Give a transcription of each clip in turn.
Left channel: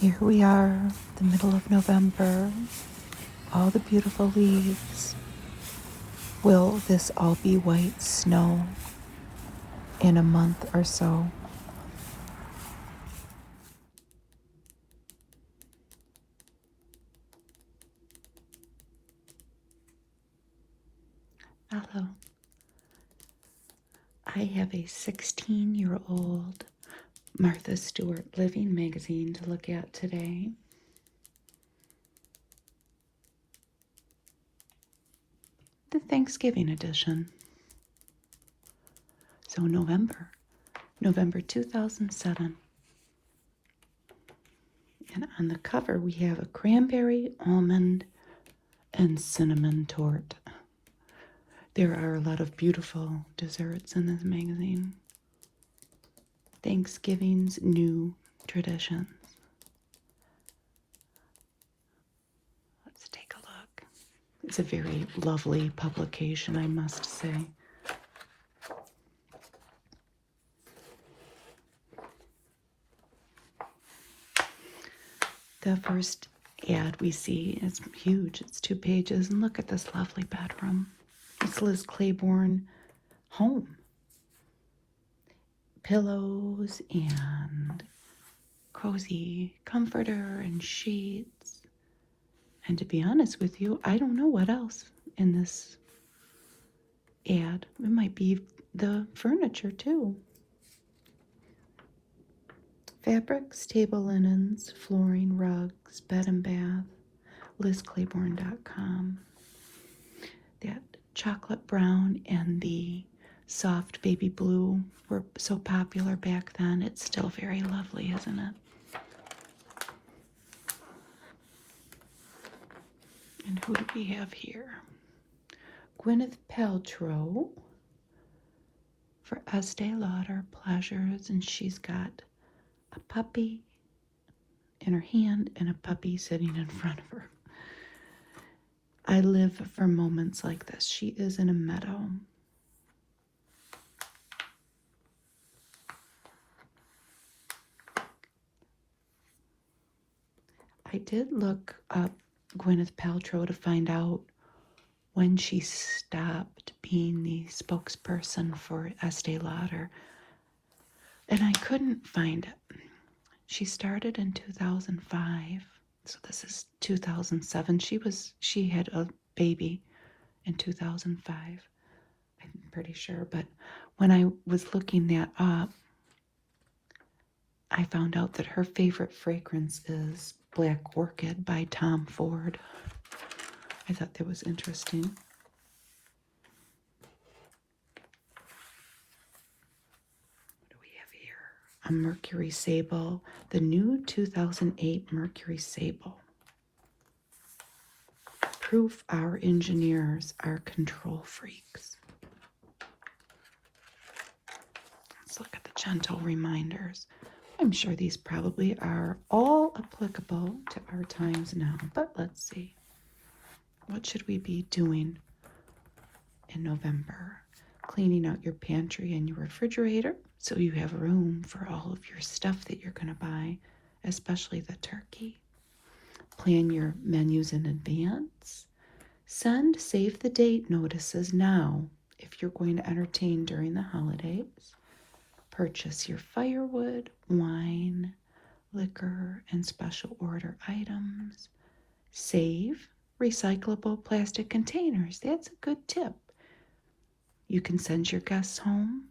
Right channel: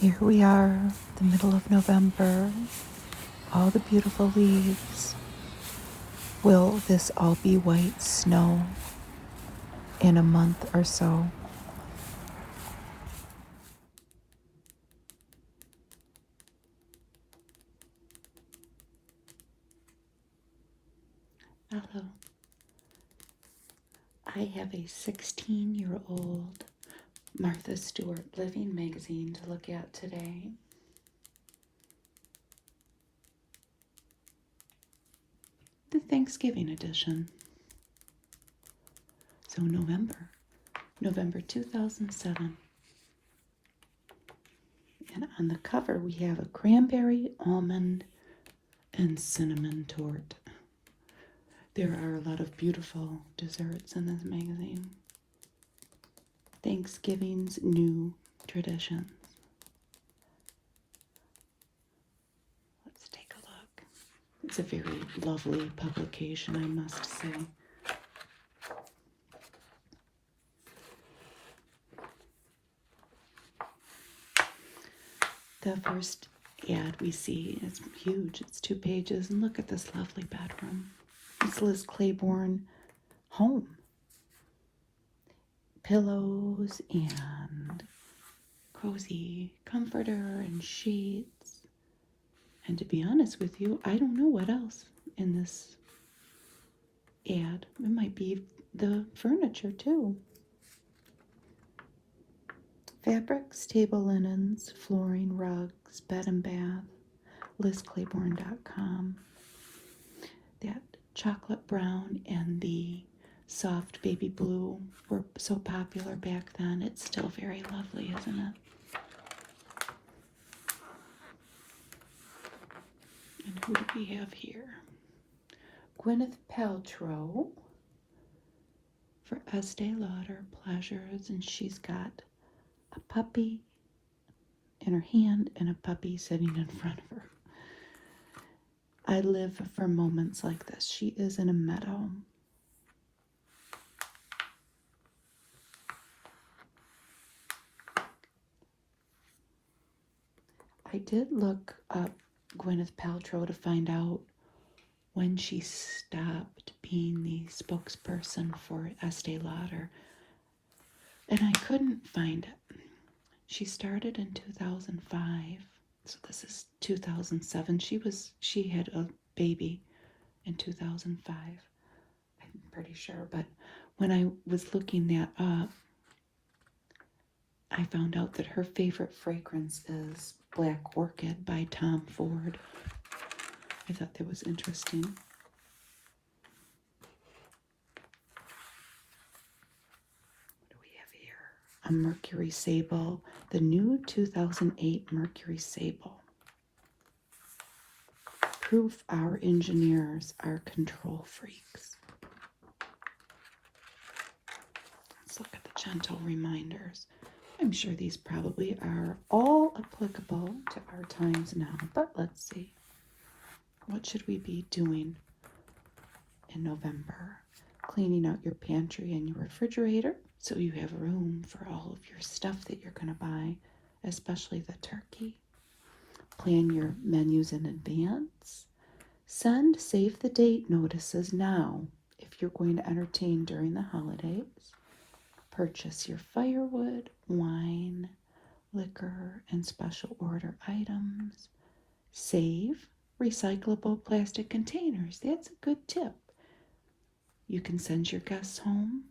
Here we are, the middle of November, all the beautiful leaves. Will this all be white snow in a month or so? Hello. I have a 16-year-old Martha Stewart Living magazine to look at today. The Thanksgiving edition. So November 2007. And on the cover we have a cranberry, almond, and cinnamon tort. There are a lot of beautiful desserts in this magazine. Thanksgiving's new traditions. Let's take a look. It's a very lovely publication, I must say. The first ad we see is huge. It's 2 pages, and look at this lovely bedroom. It's Liz Claiborne home. Pillows and cozy comforter and sheets. And to be honest with you, I don't know what else in this ad. It might be the furniture too. Fabrics, table linens, flooring, rugs, bed and bath, LizClaiborne.com. That chocolate brown and the soft baby blue were so popular back then. It's still very lovely, isn't it? And who do we have here? Gwyneth Paltrow for Estee Lauder Pleasures, and she's got a puppy in her hand and a puppy sitting in front of her. I live for moments like this. She is in a meadow. I did look up Gwyneth Paltrow to find out when she stopped being the spokesperson for Estee Lauder, and I couldn't find it. She started in 2005, so this is 2007. She had a baby in 2005, I'm pretty sure, but when I was looking that up, I found out that her favorite fragrance is Black Orchid by Tom Ford. I thought that was interesting. What do we have here? A Mercury Sable, the new 2008 Mercury Sable. Proof our engineers are control freaks. Let's look at the gentle reminders. I'm sure these probably are all applicable to our times now, but let's see. What should we be doing in November? Cleaning out your pantry and your refrigerator so you have room for all of your stuff that you're going to buy, especially the turkey. Plan your menus in advance. Send save the date notices now if you're going to entertain during the holidays. Purchase your firewood, wine, liquor, and special order items. Save recyclable plastic containers. That's a good tip. You can send your guests home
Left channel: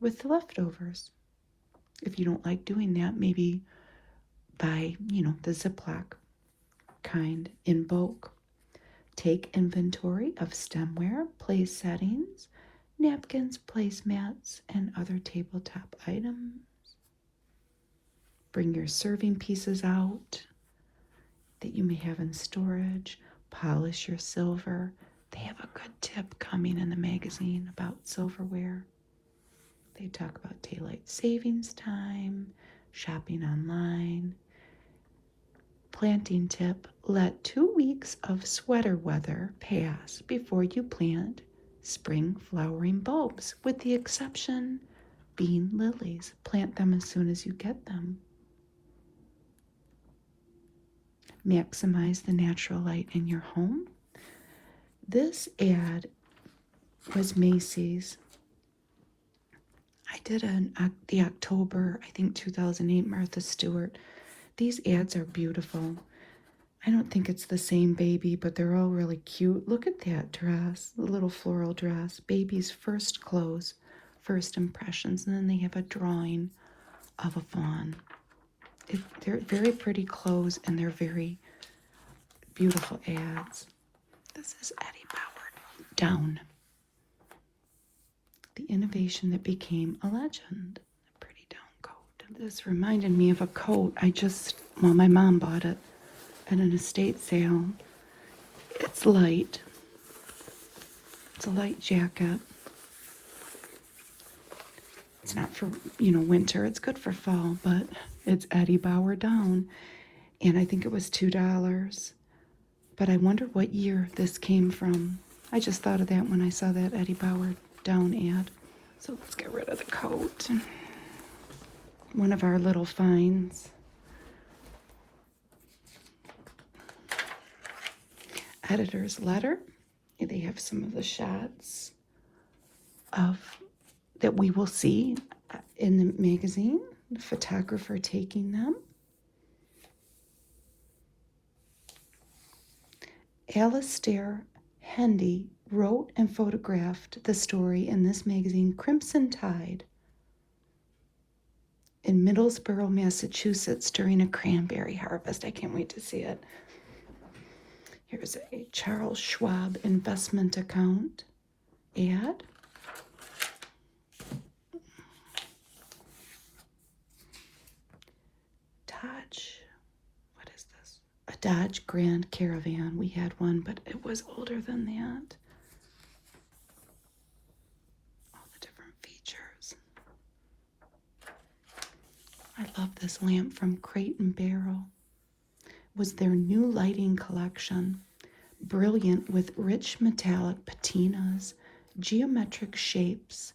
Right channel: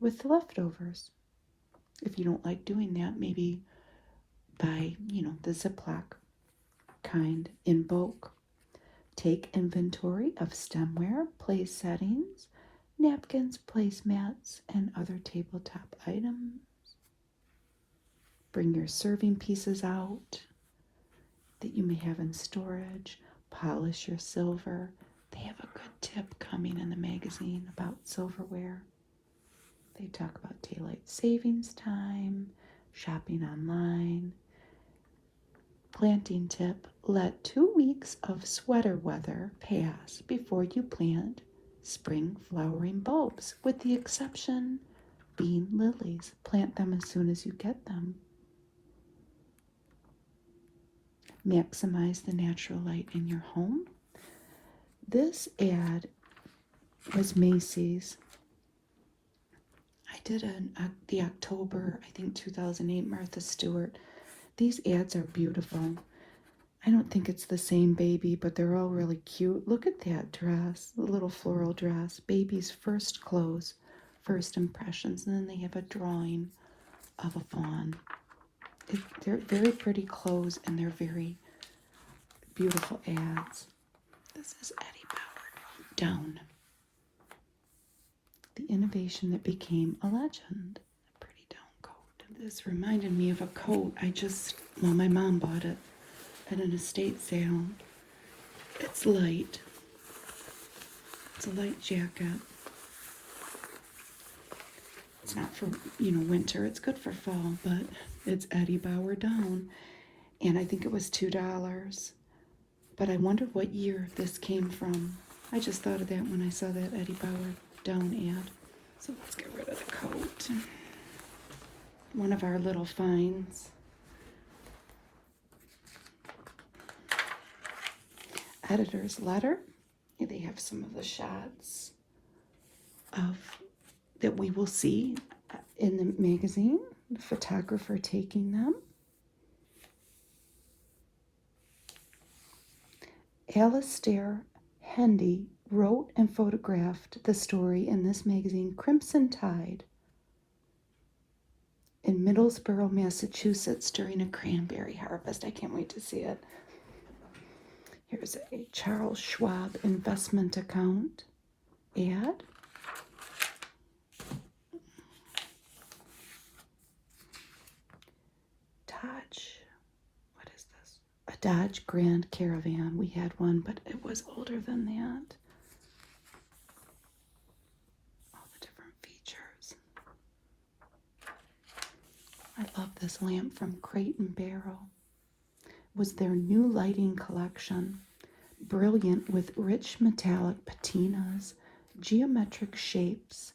with the leftovers. If you don't like doing that, maybe buy, the Ziploc kind in bulk. Take inventory of stemware, place settings, napkins, placemats, and other tabletop items. Bring your serving pieces out that you may have in storage. Polish your silver. They have a good tip coming in the magazine about silverware. They talk about daylight savings time, shopping online. Planting tip, let 2 weeks of sweater weather pass before you plant spring flowering bulbs, with the exception being lilies. Plant them as soon as you get them. maximize the natural light in your home. This ad was Macy's. I did the October, I think 2008 Martha Stewart. These ads are beautiful. I don't think it's the same baby, but they're all really cute. Look at that dress, a little floral dress. Baby's first clothes, first impressions. And then they have a drawing of a fawn. They're very pretty clothes, and they're very beautiful ads. This is Eddie Bauer. Down. The innovation that became a legend. A pretty down coat. This reminded me of a coat my mom bought it at an estate sale. It's light. It's a light jacket. It's not for, winter. It's good for fall, but it's Eddie Bauer down. And I think it was $2. But I wonder what year this came from. I just thought of that when I saw that Eddie Bauer down ad. So let's get rid of the coat. One of our little finds. Editor's letter. They have some of the shots that we will see in the magazine, the photographer taking them. Alistair Hendy wrote and photographed the story in this magazine, Crimson Tide, in Middlesboro, Massachusetts during a cranberry harvest. I can't wait to see it. Here's a Charles Schwab investment account ad. Dodge. What is this? A Dodge Grand Caravan. We had one, but it was older than that. Different features. I love this lamp from Crate and Barrel. Was their new lighting collection, brilliant with rich metallic patinas, geometric shapes,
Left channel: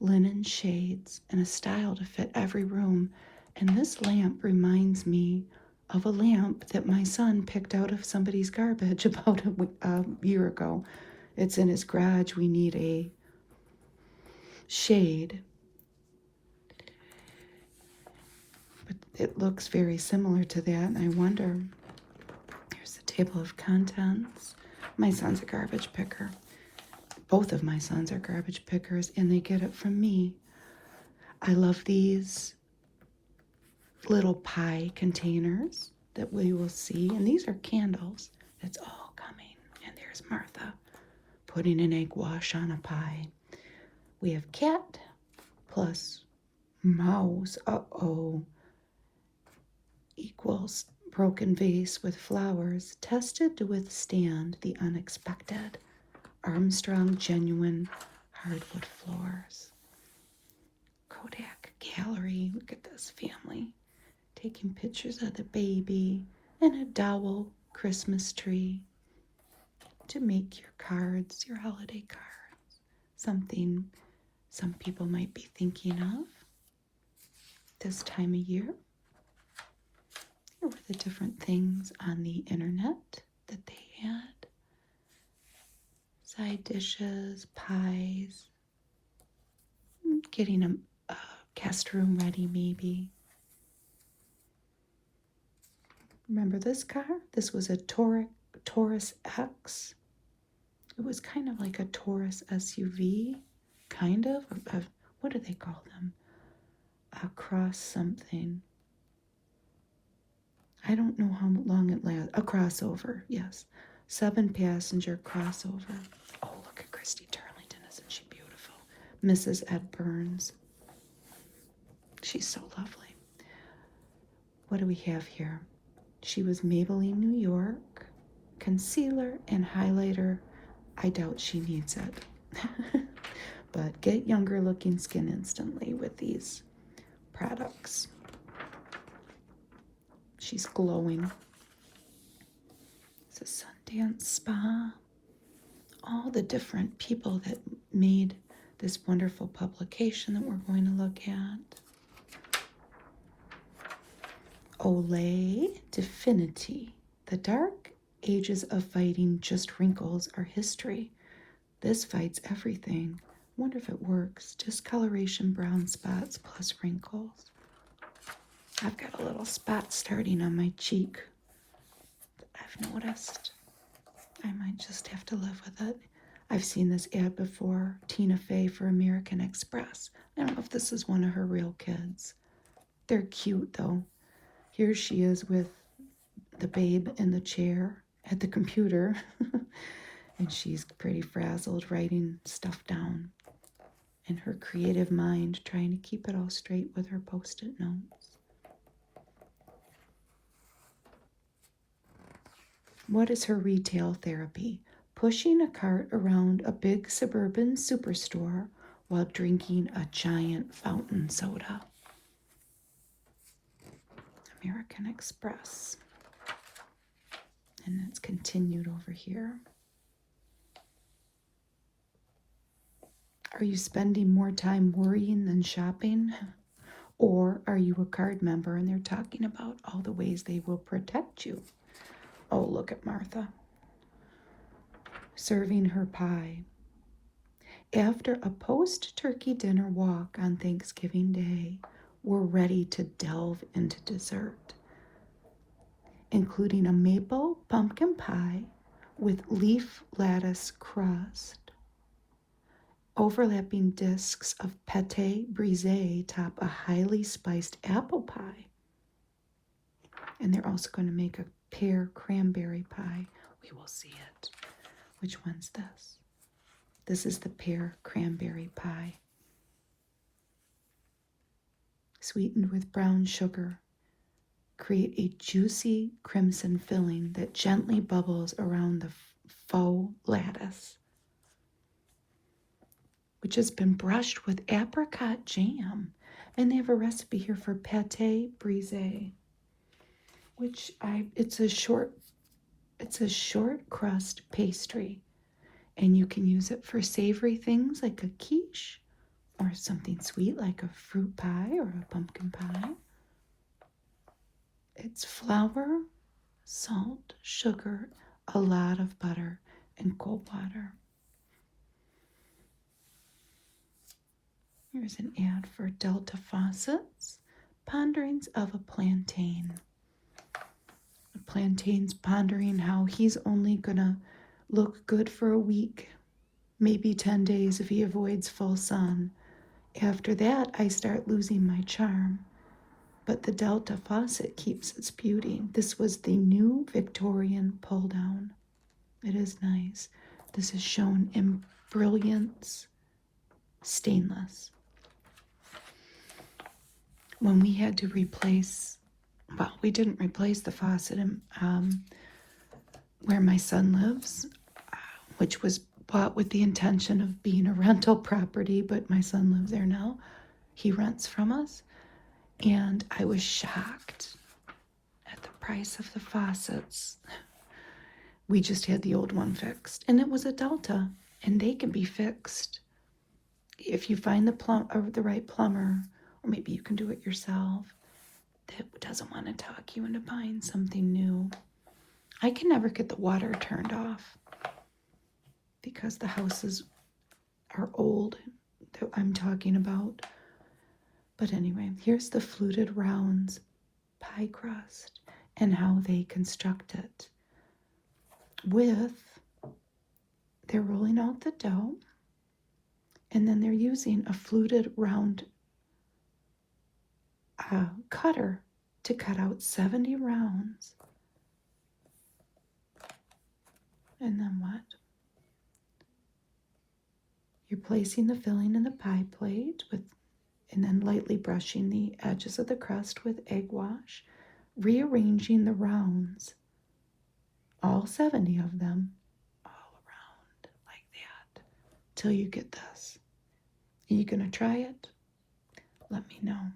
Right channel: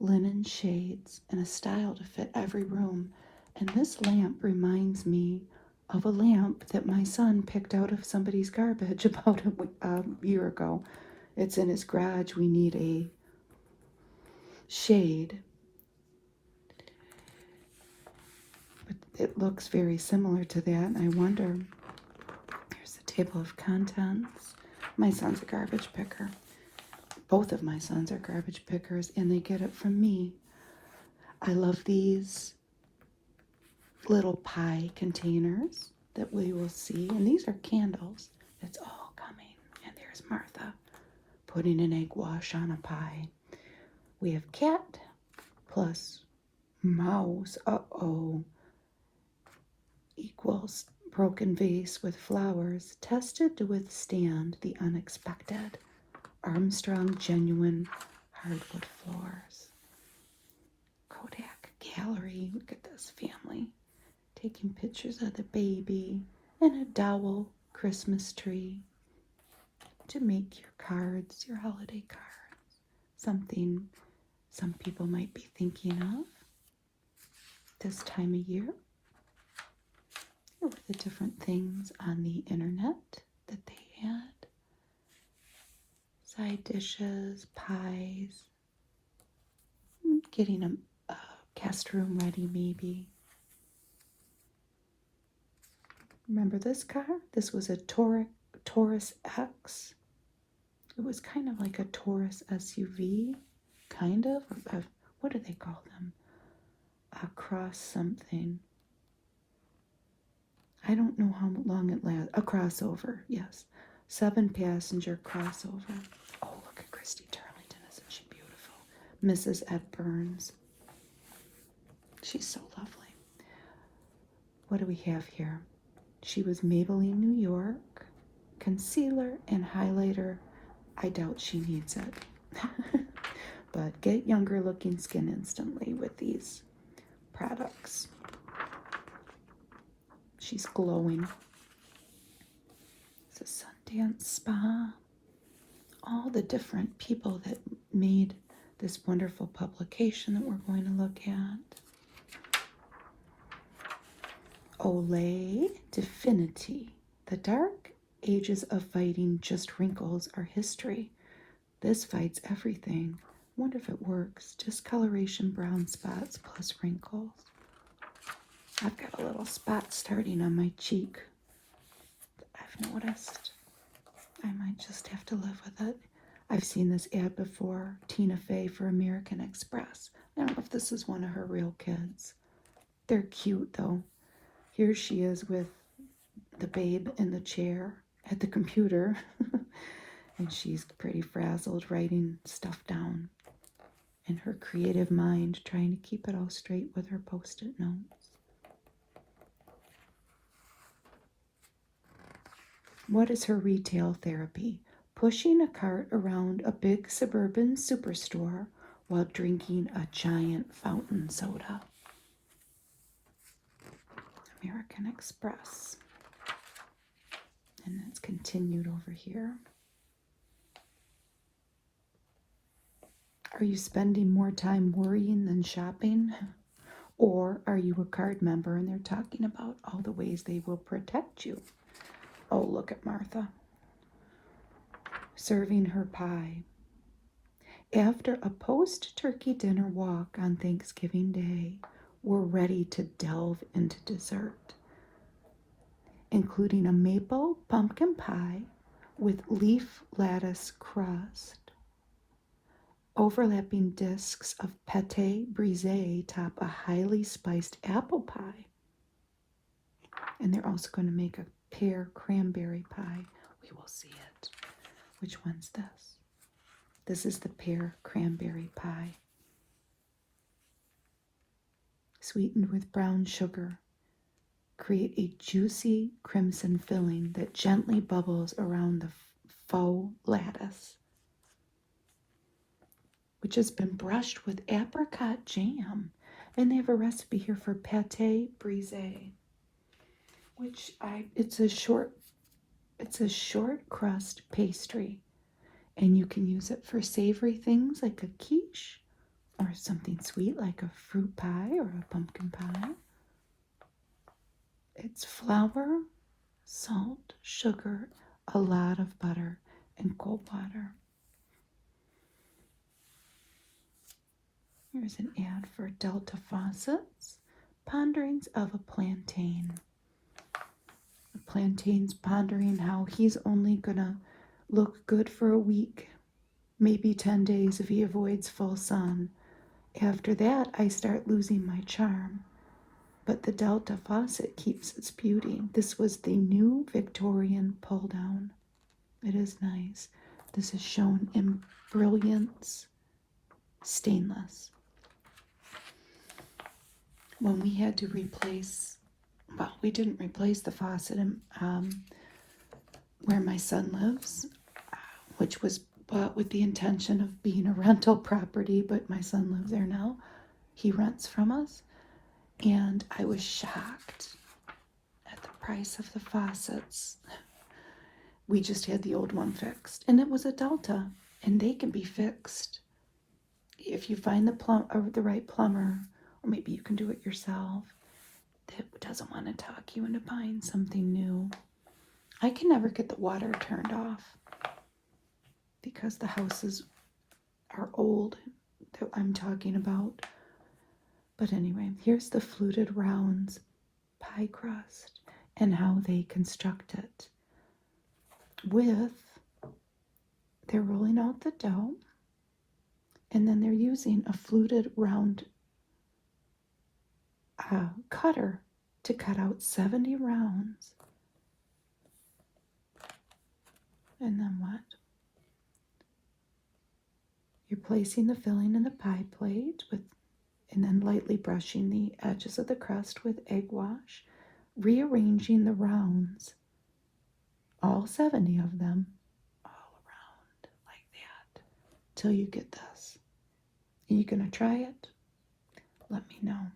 linen shades, and a style to fit every room. And this lamp reminds me of a lamp that my son picked out of somebody's garbage about a year ago. It's in his garage. We need a shade. It looks very similar to that, and I wonder. Here's the table of contents. My son's a garbage picker. Both of my sons are garbage pickers, and they get it from me. I love these little pie containers that we will see, and these are candles. It's all coming. And there's Martha putting an egg wash on a pie. We have cat plus mouse. Equals broken vase with flowers, tested to withstand the unexpected. Armstrong genuine hardwood floors. Kodak gallery. Look at this family taking pictures of the baby and a dowel Christmas tree to make your cards, your holiday cards, something some people might be thinking of this time of year. Here were the different things on the internet that they had. Side dishes, pies, getting a guest room ready maybe. Remember this car? This was a Taurus X. It was kind of like a Taurus SUV, kind of. What do they call them? A cross something. I don't know how long it lasts. A crossover, yes. 7-passenger crossover. Oh, look at Christy Turlington. Isn't she beautiful? Mrs. Ed Burns. She's so lovely. What do we have here? She was Maybelline, New York. Concealer and highlighter. I doubt she needs it. But get younger looking skin instantly with these products. She's glowing. It's a Sundance Spa. All the different people that made this wonderful publication that we're going to look at. Olay Definity, The dark ages of fighting just wrinkles are history. This fights everything. Wonder if it works. Discoloration, brown spots plus wrinkles. I've got a little spot starting on my cheek that I've noticed. I might just have to live with it. I've seen this ad before, Tina Fey for American Express. I don't know if this is one of her real kids. They're cute though. Here she is with the babe in the chair at the computer. And she's pretty frazzled writing stuff down in her creative mind, trying to keep it all straight with her post-it notes. What is her retail therapy? Pushing a cart around a big suburban superstore while drinking a giant fountain soda. American Express. And it's continued over here. Are you spending more time worrying than shopping? Or are you a card member and they're talking about all the ways they will protect you? Oh, look at Martha serving her pie. After a post-turkey dinner walk on Thanksgiving Day, we're ready to delve into dessert, including a maple pumpkin pie with leaf lattice crust. Overlapping discs of pâté brisé top a highly spiced apple pie. And they're also going to make a pear cranberry pie. We will see it. Which one's this? This is the pear cranberry pie. Sweetened with brown sugar. Create a juicy crimson filling that gently bubbles around the faux lattice, which has been brushed with apricot jam. And they have a recipe here for pâté brisé, which it's a short crust pastry, and you can use it for savory things like a quiche or something sweet like a fruit pie or a pumpkin pie. It's flour, salt, sugar, a lot of butter, and cold water. Here's an ad for Delta Faucets, Ponderings of a Plantain. A plantain's pondering how he's only gonna look good for a week, maybe 10 days if he avoids full sun. After that, I start losing my charm. But the Delta faucet keeps its beauty. This was the new Victorian pull-down. It is nice. This is shown in Brilliance Stainless. When we had to replace, well, we didn't replace the faucet in, where my son lives, which was bought with the intention of being a rental property, but my son lives there now. He rents from us, and I was shocked at the price of the faucets. We just had the old one fixed, and it was a Delta, and they can be fixed if you find the right plumber, or maybe you can do it yourself, that doesn't want to talk you into buying something new. I can never get the water turned off because the houses are old that I'm talking about. But anyway, here's the fluted rounds pie crust and how they construct it. They're rolling out the dough, and then they're using a fluted round cutter to cut out 70 rounds. And then what? You're placing the filling in the pie plate and then lightly brushing the edges of the crust with egg wash, rearranging the rounds, all 70 of them, all around like that, till you get this. Are you going to try it? Let me know.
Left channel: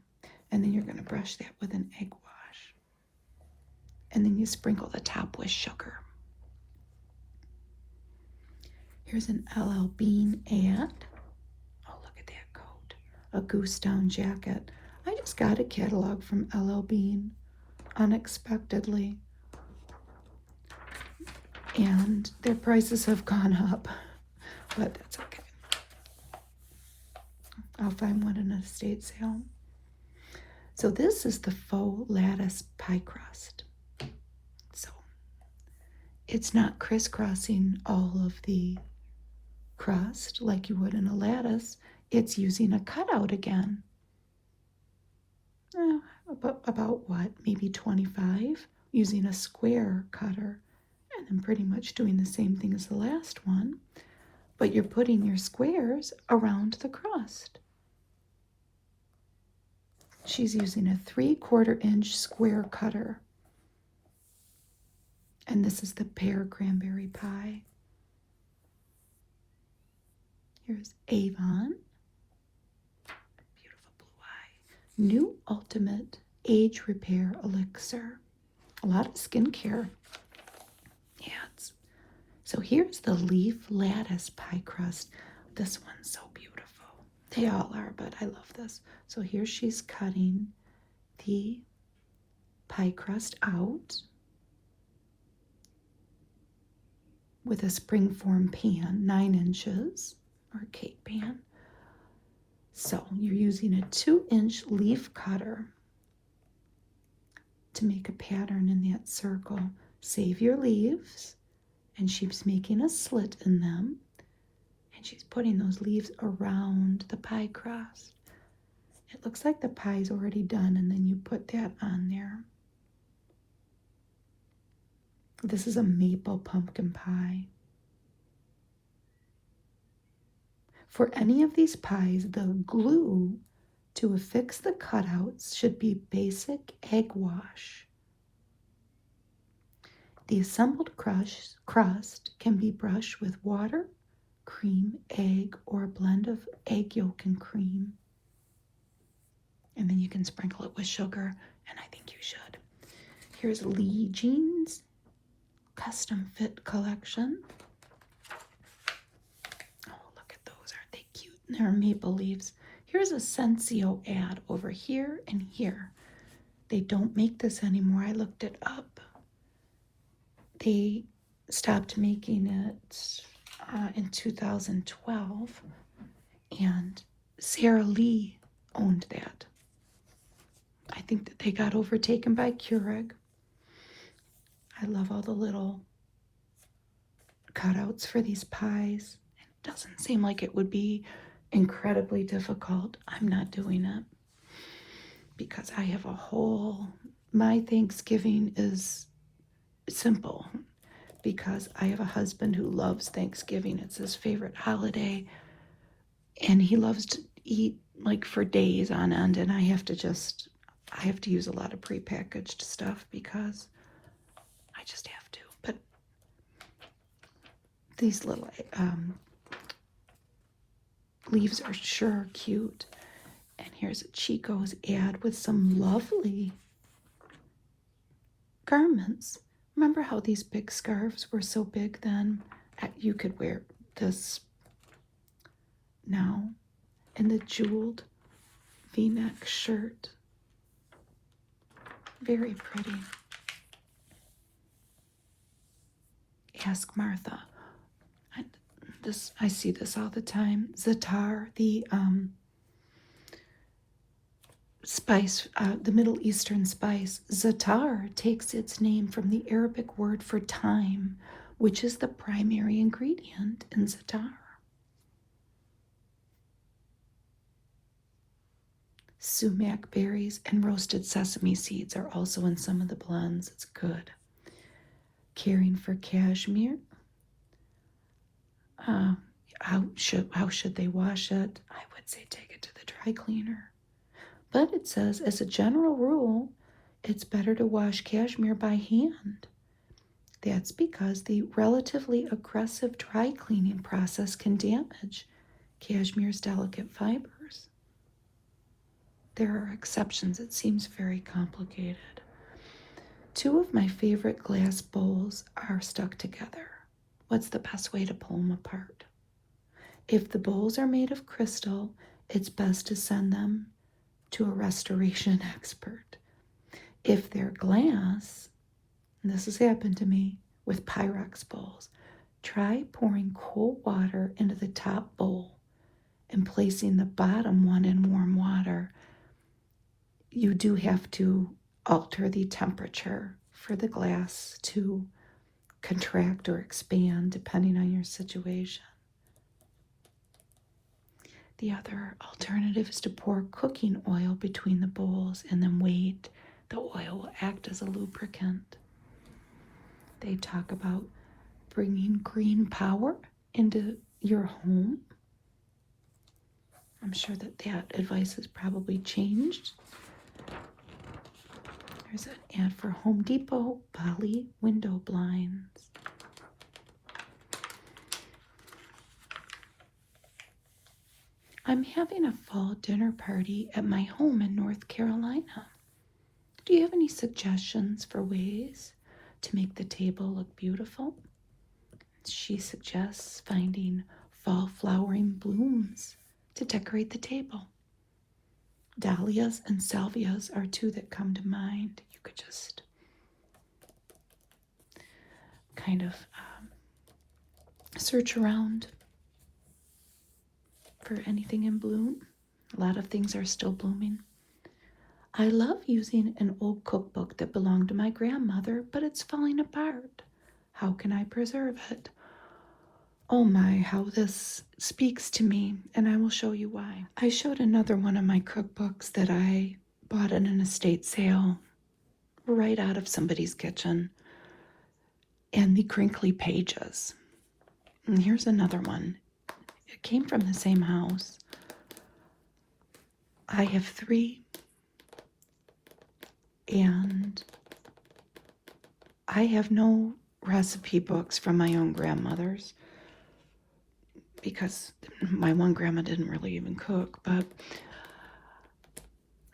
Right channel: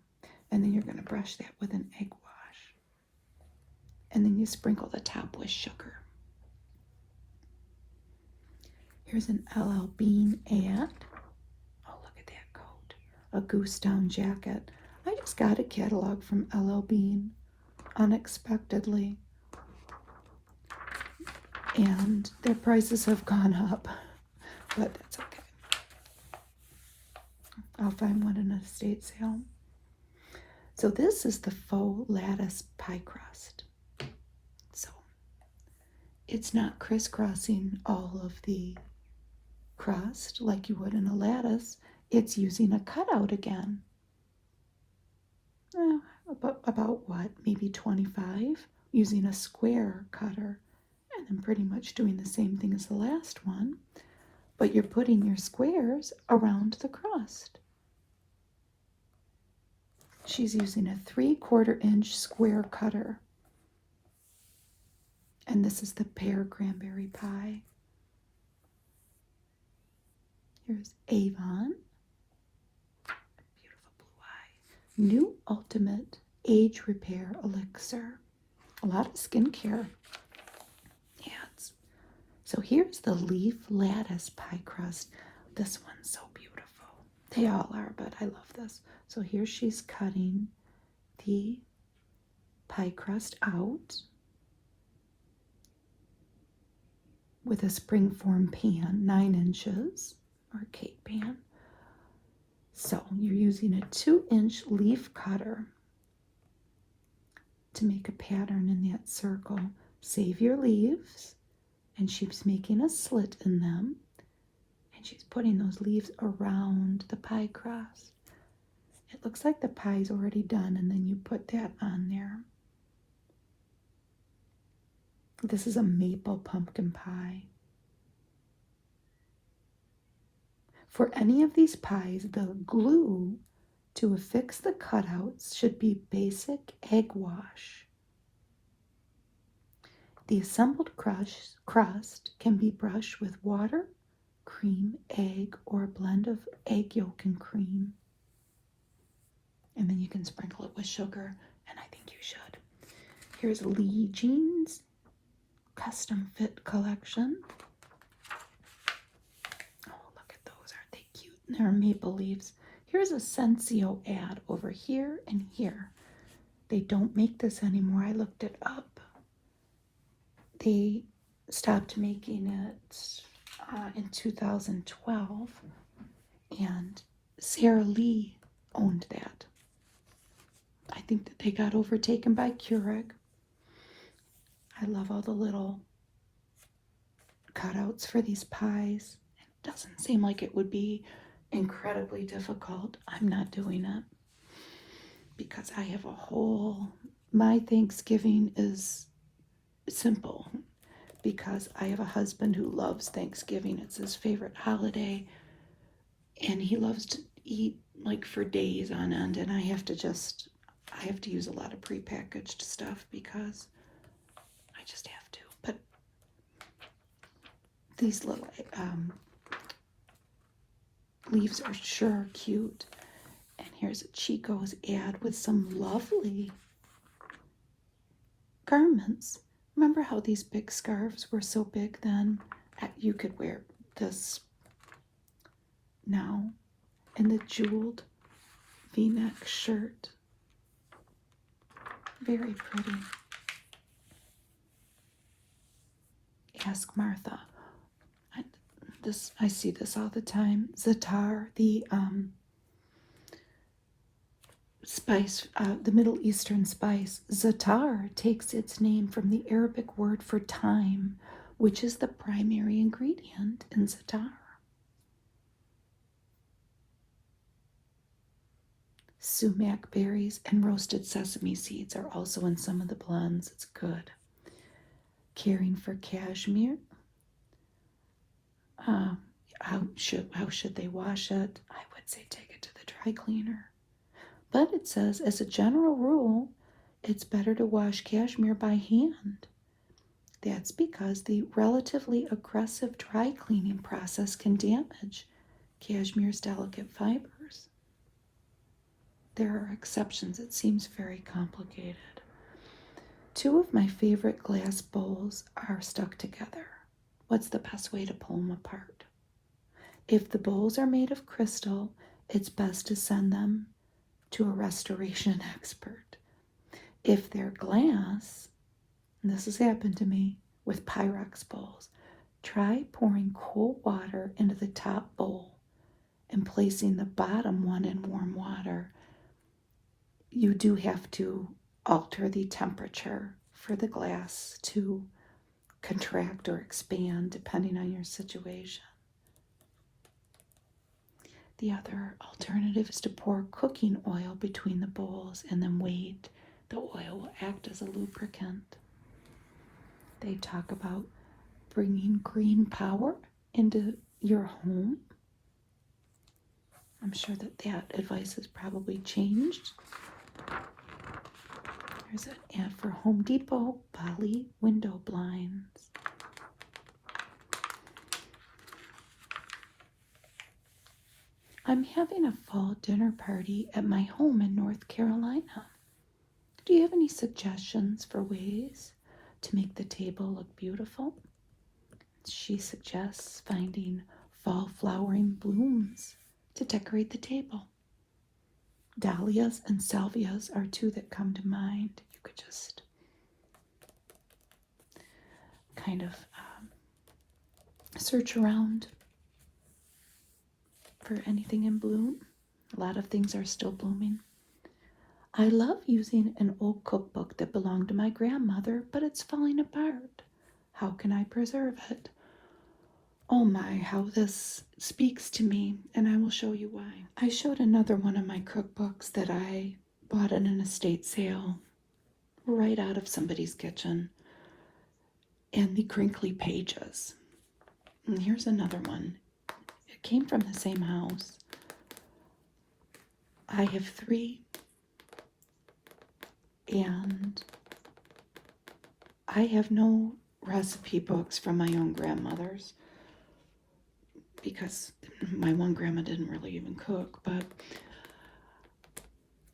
And then you're going to brush that with an egg wash. And then you sprinkle the top with sugar. Here's an LL Bean ad. Oh, look at that coat. A goose down jacket. I just got a catalog from LL Bean unexpectedly. and their prices have gone up, but that's okay. I'll find one in an estate sale. So this is the faux lattice pie crust. So it's not crisscrossing all of the crust like you would in a lattice. It's using a cutout again. About what? Maybe 25, using a square cutter, and then pretty much doing the same thing as the last one, but you're putting your squares around the crust. She's using a 3/4 inch square cutter. And this is the pear cranberry pie. Here's Avon. Beautiful blue eye. New Ultimate Age Repair Elixir. A lot of skincare ads. So here's the leaf lattice pie crust. This one's so beautiful. They all are, but I love this. So here she's cutting the pie crust out with a springform pan, 9 inches, or cake pan. So you're using a 2-inch leaf cutter to make a pattern in that circle. Save your leaves, and she's making a slit in them, and she's putting those leaves around the pie crust. It looks like the pie's already done, and then you put that on there. This is a maple pumpkin pie. For any of these pies, the glue to affix the cutouts should be basic egg wash. The assembled crust can be brushed with water, cream, egg, or a blend of egg yolk and cream. And then you can sprinkle it with sugar, and I think you should. Here's Lee Jeans Custom Fit Collection. Oh, look at those. Aren't they cute? They're maple leaves. Here's a Sensio ad over here and here. They don't make this anymore. I looked it up. They stopped making it in 2012, and Sara Lee owned that. I think that they got overtaken by Keurig. I love all the little cutouts for these pies. It doesn't seem like it would be incredibly difficult. I'm not doing it because I have my Thanksgiving is simple because I have a husband who loves Thanksgiving. It's his favorite holiday, and he loves to eat like for days on end, and I have to use a lot of prepackaged stuff because I just have to. But these little leaves are sure cute. And here's a Chico's ad with some lovely garments. Remember how these big scarves were so big then? You could wear this now in the jeweled V-neck shirt. Very pretty. Ask Martha. I see this all the time. Za'atar, the spice, the Middle Eastern spice. Za'atar takes its name from the Arabic word for thyme, which is the primary ingredient in za'atar. Sumac berries and roasted sesame seeds are also in some of the blends. It's good. Caring for cashmere. How should they wash it? I would say take it to the dry cleaner. But it says, as a general rule, it's better to wash cashmere by hand. That's because the relatively aggressive dry cleaning process can damage cashmere's delicate fibers. There are exceptions. It seems very complicated. 2 of my favorite glass bowls are stuck together. What's the best way to pull them apart? If the bowls are made of crystal, it's best to send them to a restoration expert. If they're glass, and this has happened to me, with Pyrex bowls. Try pouring cold water into the top bowl and placing the bottom one in warm water. You do have to alter the temperature for the glass to contract or expand depending on your situation. The other alternative is to pour cooking oil between the bowls and then wait. The oil will act as a lubricant. They talk about bringing green power into your home. I'm sure that advice has probably changed. There's an ad for Home Depot poly window blinds. I'm having a fall dinner party at my home in North Carolina. Do you have any suggestions for ways to make the table look beautiful? She suggests finding fall flowering blooms to decorate the table. Dahlias and salvias are two that come to mind. You could just kind of search around for anything in bloom. A lot of things are still blooming. I love using an old cookbook that belonged to my grandmother, but it's falling apart. How can I preserve it? Oh my, how this speaks to me, and I will show you why. I showed another one of my cookbooks that I bought in an estate sale right out of somebody's kitchen, and the crinkly pages. And here's another one. It came from the same house. I have 3, and I have no recipe books from my own grandmother's because my one grandma didn't really even cook, but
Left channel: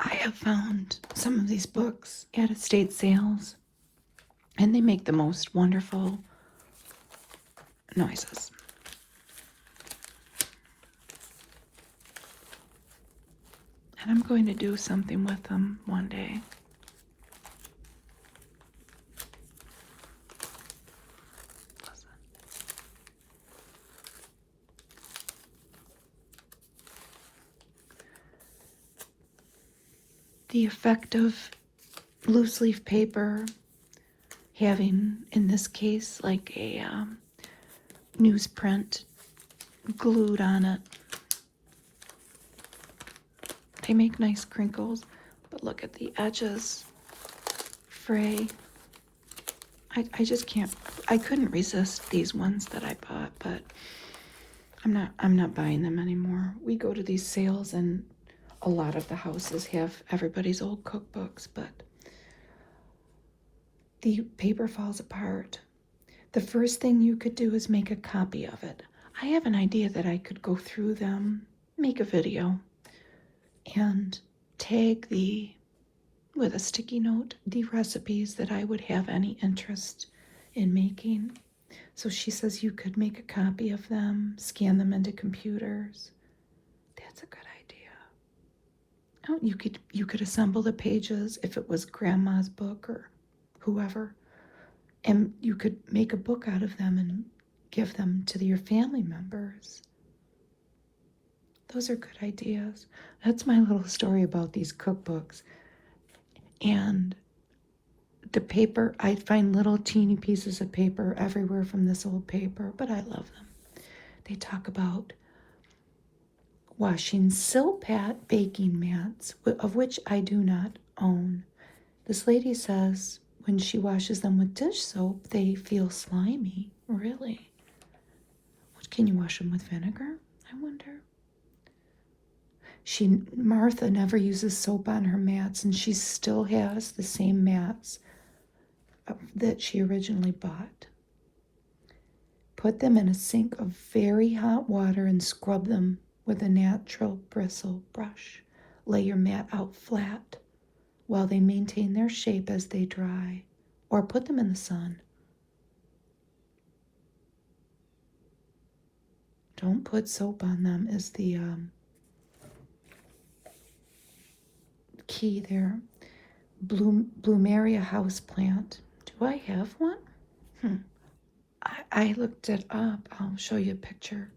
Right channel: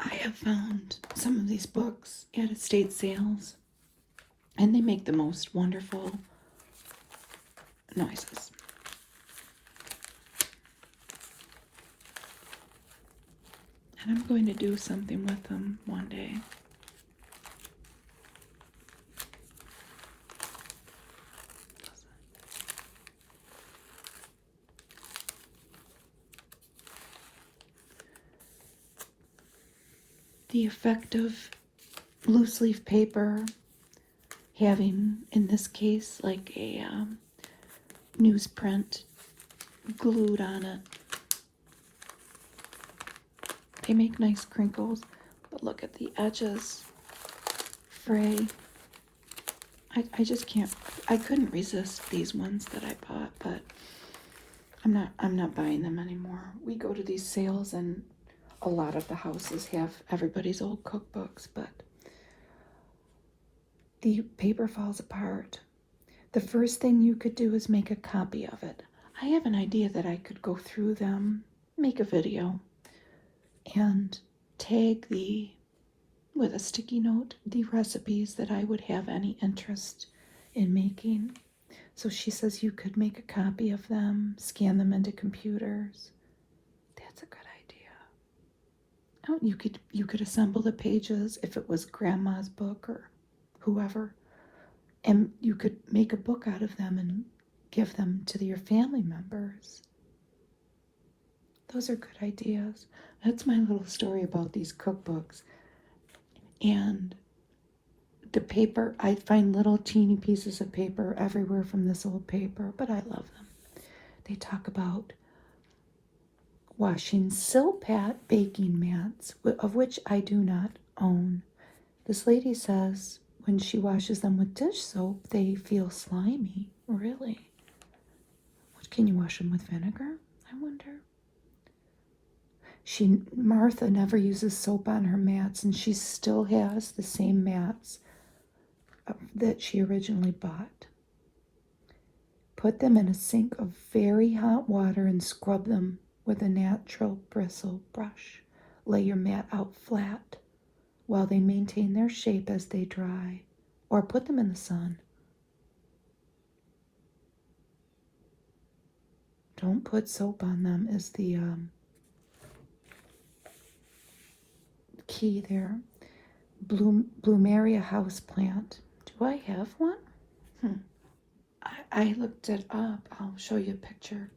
I have found some of these books at estate sales, and they make the most wonderful noises. And I'm going to do something with them one day. The effect of loose leaf paper having, in this case, like a newsprint glued on it. They make nice crinkles, but look at the edges fray. I just can't, I couldn't resist these ones that I bought, but I'm not buying them anymore. We go to these sales and a lot of the houses have everybody's old cookbooks, but the paper falls apart. The first thing you could do is make a copy of it. I have an idea that I could go through them, make a video, and tag with a sticky note, the recipes that I would have any interest in making. So she says you could make a copy of them, scan them into computers. That's a good idea. Oh, you could assemble the pages if it was grandma's book or whoever, and you could make a book out of them and give them to your family members. Those are good ideas. That's my little story about these cookbooks. And the paper, I find little teeny pieces of paper everywhere from this old paper, but I love them. They talk about washing Silpat baking mats, of which I do not own. This lady says when she washes them with dish soap, they feel slimy. Really? Can you wash them with vinegar? I wonder. Martha never uses soap on her mats, and she still has the same mats that she originally bought. Put them in a sink of very hot water and scrub them with a natural bristle brush. Lay your mat out flat while they maintain their shape as they dry, or put them in the sun. Don't put soap on them is the key there. Bloomeria houseplant. Do I have one? I looked it up. I'll show you a picture.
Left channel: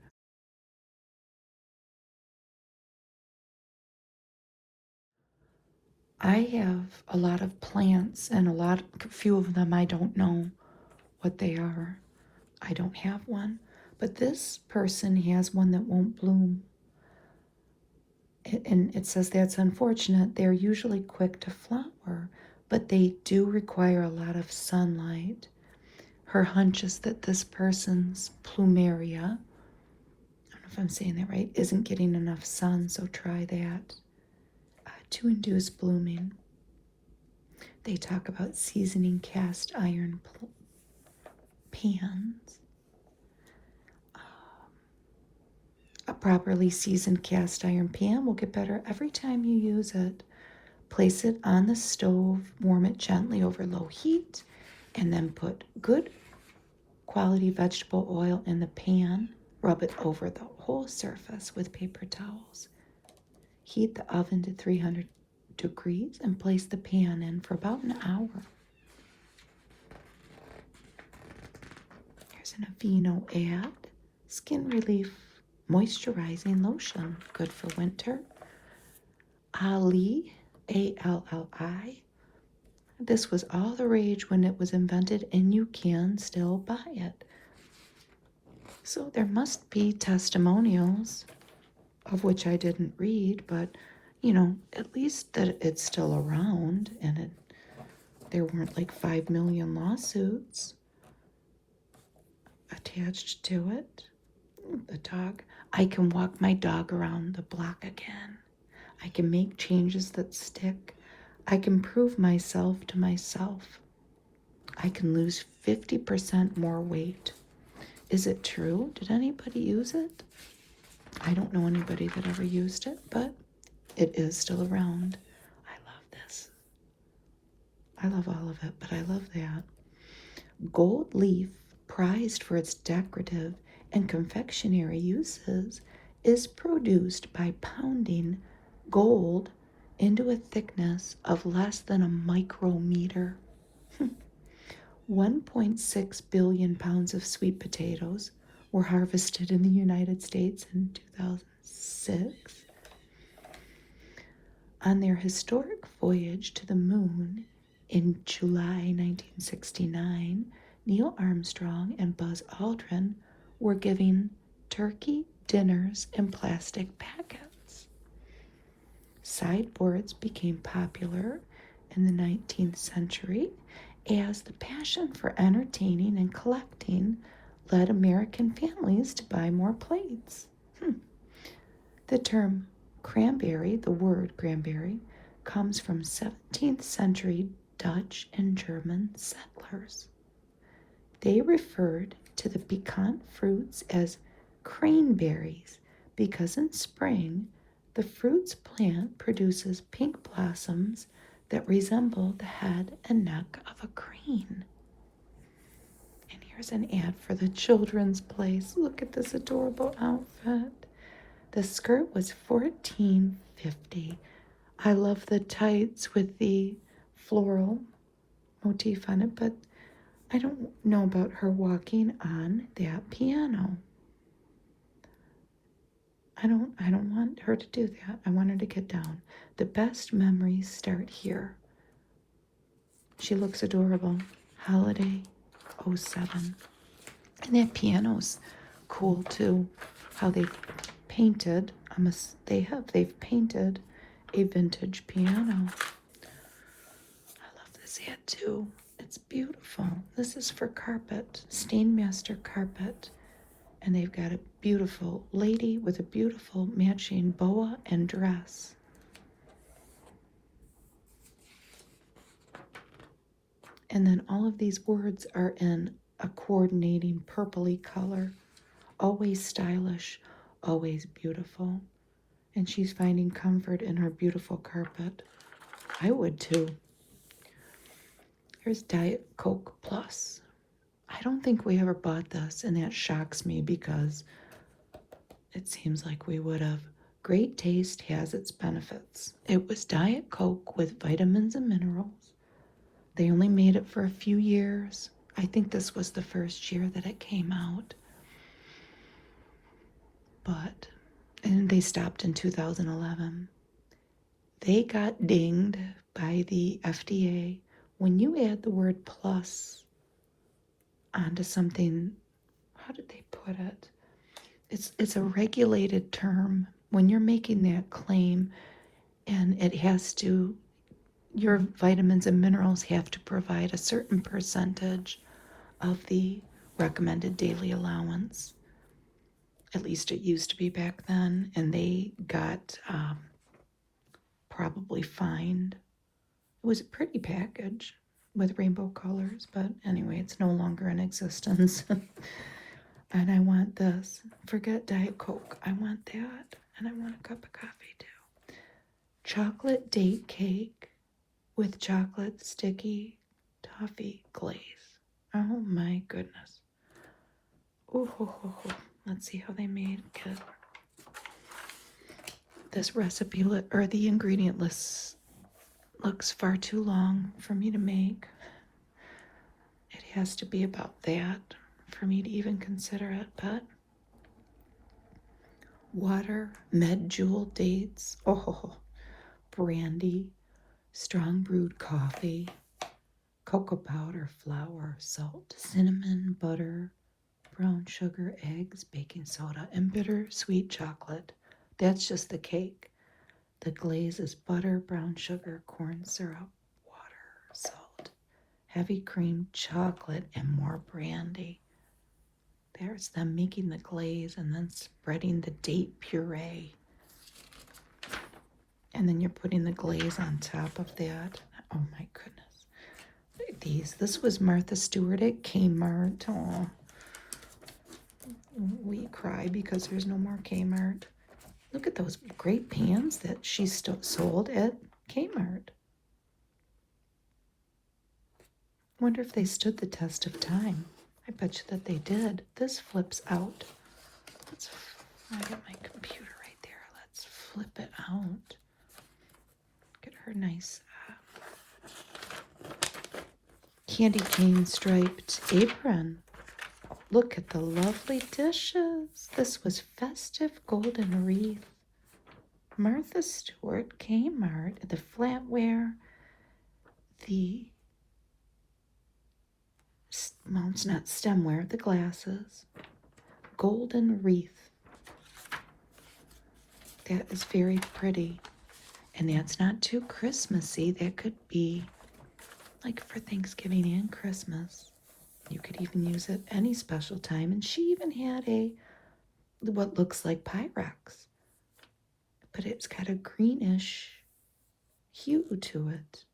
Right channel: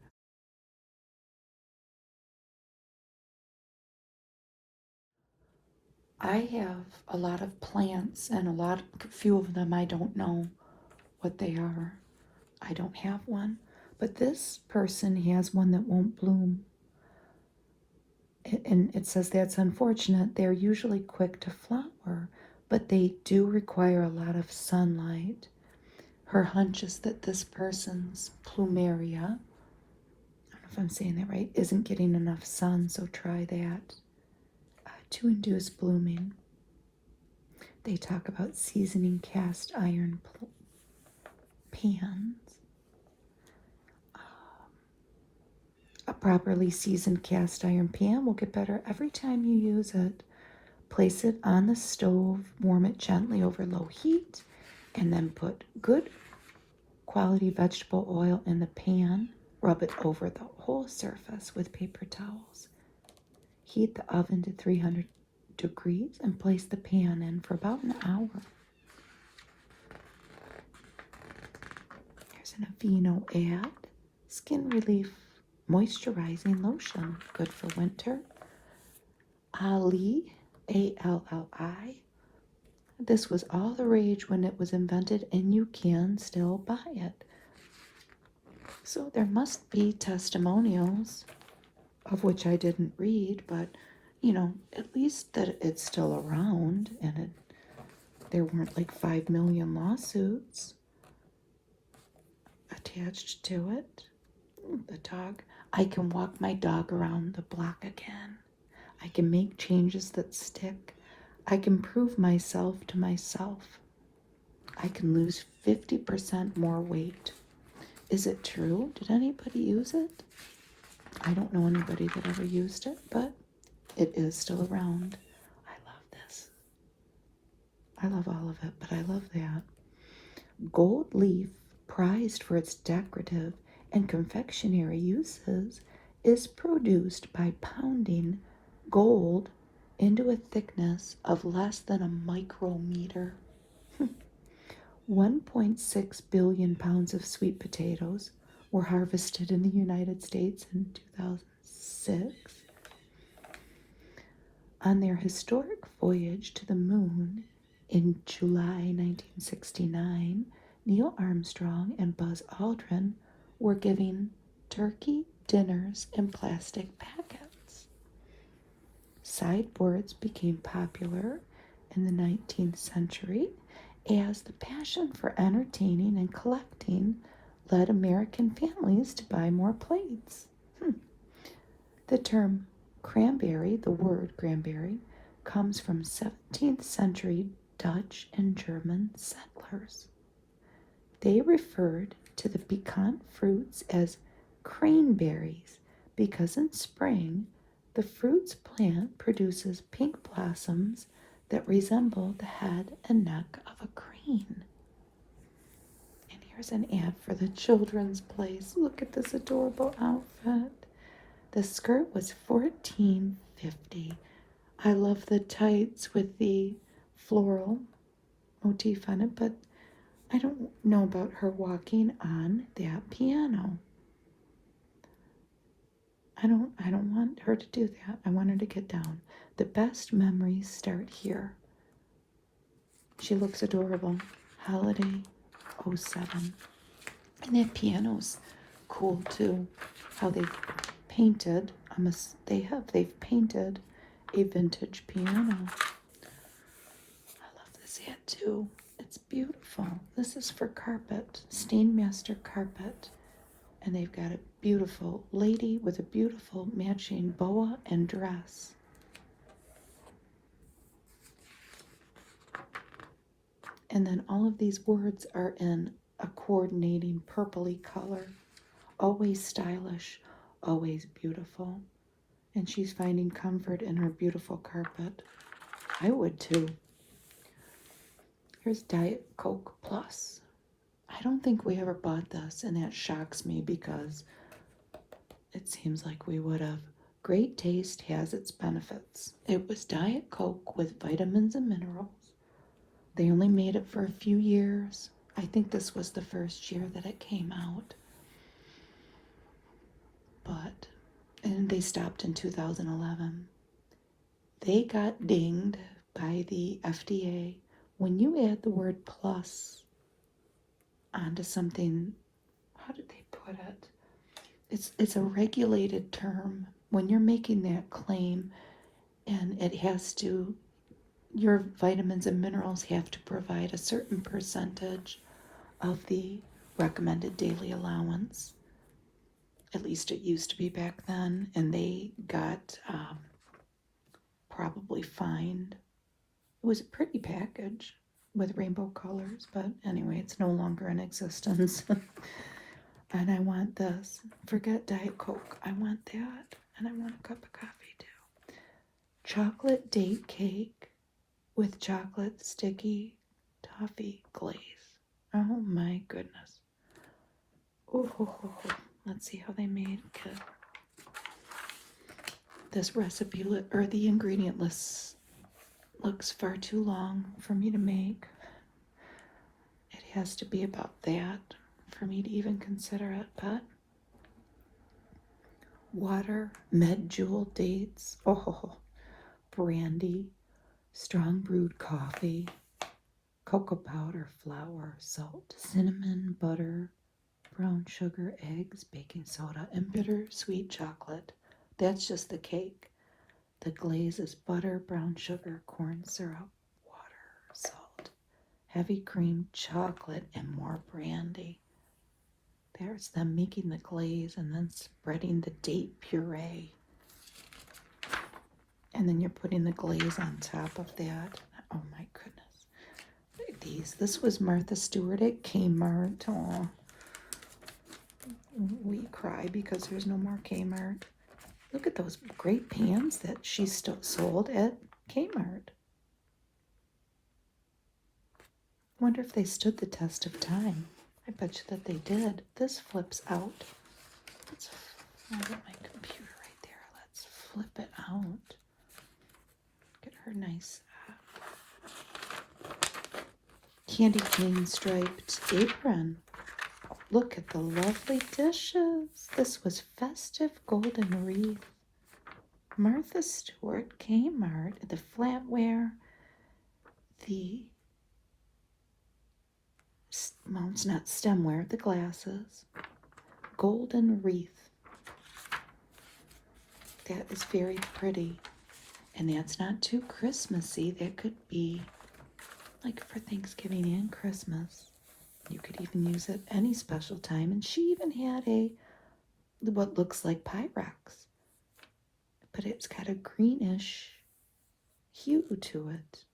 I have a lot of plants and a few of them I don't know what they are. I don't have one. But this person has one that won't bloom. And it says that's unfortunate. They're usually quick to flower, but they do require a lot of sunlight. Her hunch is that this person's plumeria, I don't know if I'm saying that right, isn't getting enough sun, so try that to induce blooming. They talk about seasoning cast iron pans. A properly seasoned cast iron pan will get better every time you use it. Place it on the stove, warm it gently over low heat, and then put good quality vegetable oil in the pan. Rub it over the whole surface with paper towels. Heat the oven to 300 degrees and place the pan in for about an hour. Here's an Aveeno ad. Skin Relief Moisturizing Lotion. Good for winter. Ali, A-L-L-I. This was all the rage when it was invented, and you can still buy it. So there must be testimonials, of which I didn't read, but, you know, at least that it's still around, and there weren't like 5 million lawsuits attached to it. The dog. I can walk my dog around the block again. I can make changes that stick. I can prove myself to myself. I can lose 50% more weight. Is it true? Did anybody use it? I don't know anybody that ever used it, but it is still around. I love this. I love all of it, but I love that. Gold leaf, prized for its decorative and confectionery uses, is produced by pounding gold into a thickness of less than a micrometer. 1.6 billion pounds of sweet potatoes were harvested in the United States in 2006. On their historic voyage to the moon in July 1969, Neil Armstrong and Buzz Aldrin were giving turkey dinners in plastic packets. Sideboards became popular in the 19th century as the passion for entertaining and collecting led American families to buy more plates. The term cranberry, the word cranberry, comes from 17th century Dutch and German settlers. They referred to the piquant fruits as cranberries because in spring the fruit's plant produces pink blossoms that resemble the head and neck of a crane. And here's an ad for the children's place. Look at this adorable outfit. The skirt was $14.50. I love the tights with the floral motif on it, but I don't know about her walking on that piano. I don't want her to do that. I want her to get down. The best memories start here. She looks adorable. Holiday 07. And that piano's cool too. How they painted. They've painted a vintage piano. I love this hat too. It's beautiful. This is for carpet, Stainmaster carpet. And they've got a beautiful lady with a beautiful matching boa and dress. And then all of these words are in a coordinating purpley color. Always stylish, always beautiful. And she's finding comfort in her beautiful carpet. I would too. Here's Diet Coke Plus. I don't think we ever bought this, and that shocks me because it seems like we would have. Great taste has its benefits. It was Diet Coke with vitamins and minerals. They only made it for a few years. I think this was the first year that it came out. And they stopped in 2011. They got dinged by the FDA. When you add the word plus onto something, how did they put it? It's a regulated term. When you're making that claim, and it has to, your vitamins and minerals have to provide a certain percentage of the recommended daily allowance. At least it used to be back then, and they got probably fined. It was a pretty package with rainbow colors, but anyway, it's no longer in existence. And I want this. Forget Diet Coke. I want that, and I want a cup of coffee too. Chocolate date cake with chocolate sticky toffee glaze. Oh my goodness. Oh. Let's see how they made it. This recipe or the ingredient list looks far too long for me to make. It has to be about that for me to even consider it, but water, medjool dates, brandy, strong brewed coffee, cocoa powder, flour, salt, cinnamon, butter, brown sugar, eggs, baking soda, and bitter sweet chocolate. That's just the cake. The glaze is butter, brown sugar, corn syrup, water, salt, heavy cream, chocolate, and more brandy. There's them making the glaze and then spreading the date puree. And then you're putting the glaze on top of that. Oh my goodness. This was Martha Stewart at Kmart. Oh. We cry because there's no more Kmart. Look at those great pans that she sold at Kmart. Wonder if they stood the test of time. I bet you that they did. This flips out. I got my computer right there. Let's flip it out. Get her nice candy cane striped apron. Look at the lovely dishes. This was festive golden wreath. Martha Stewart, Kmart, the flatware, well, it's not stemware, the glasses. Golden wreath. That is very pretty. And that's not too Christmassy. That could be like for Thanksgiving and Christmas. You could even use it any special time. And she even had what looks like Pyrex. But it's got a greenish hue to it.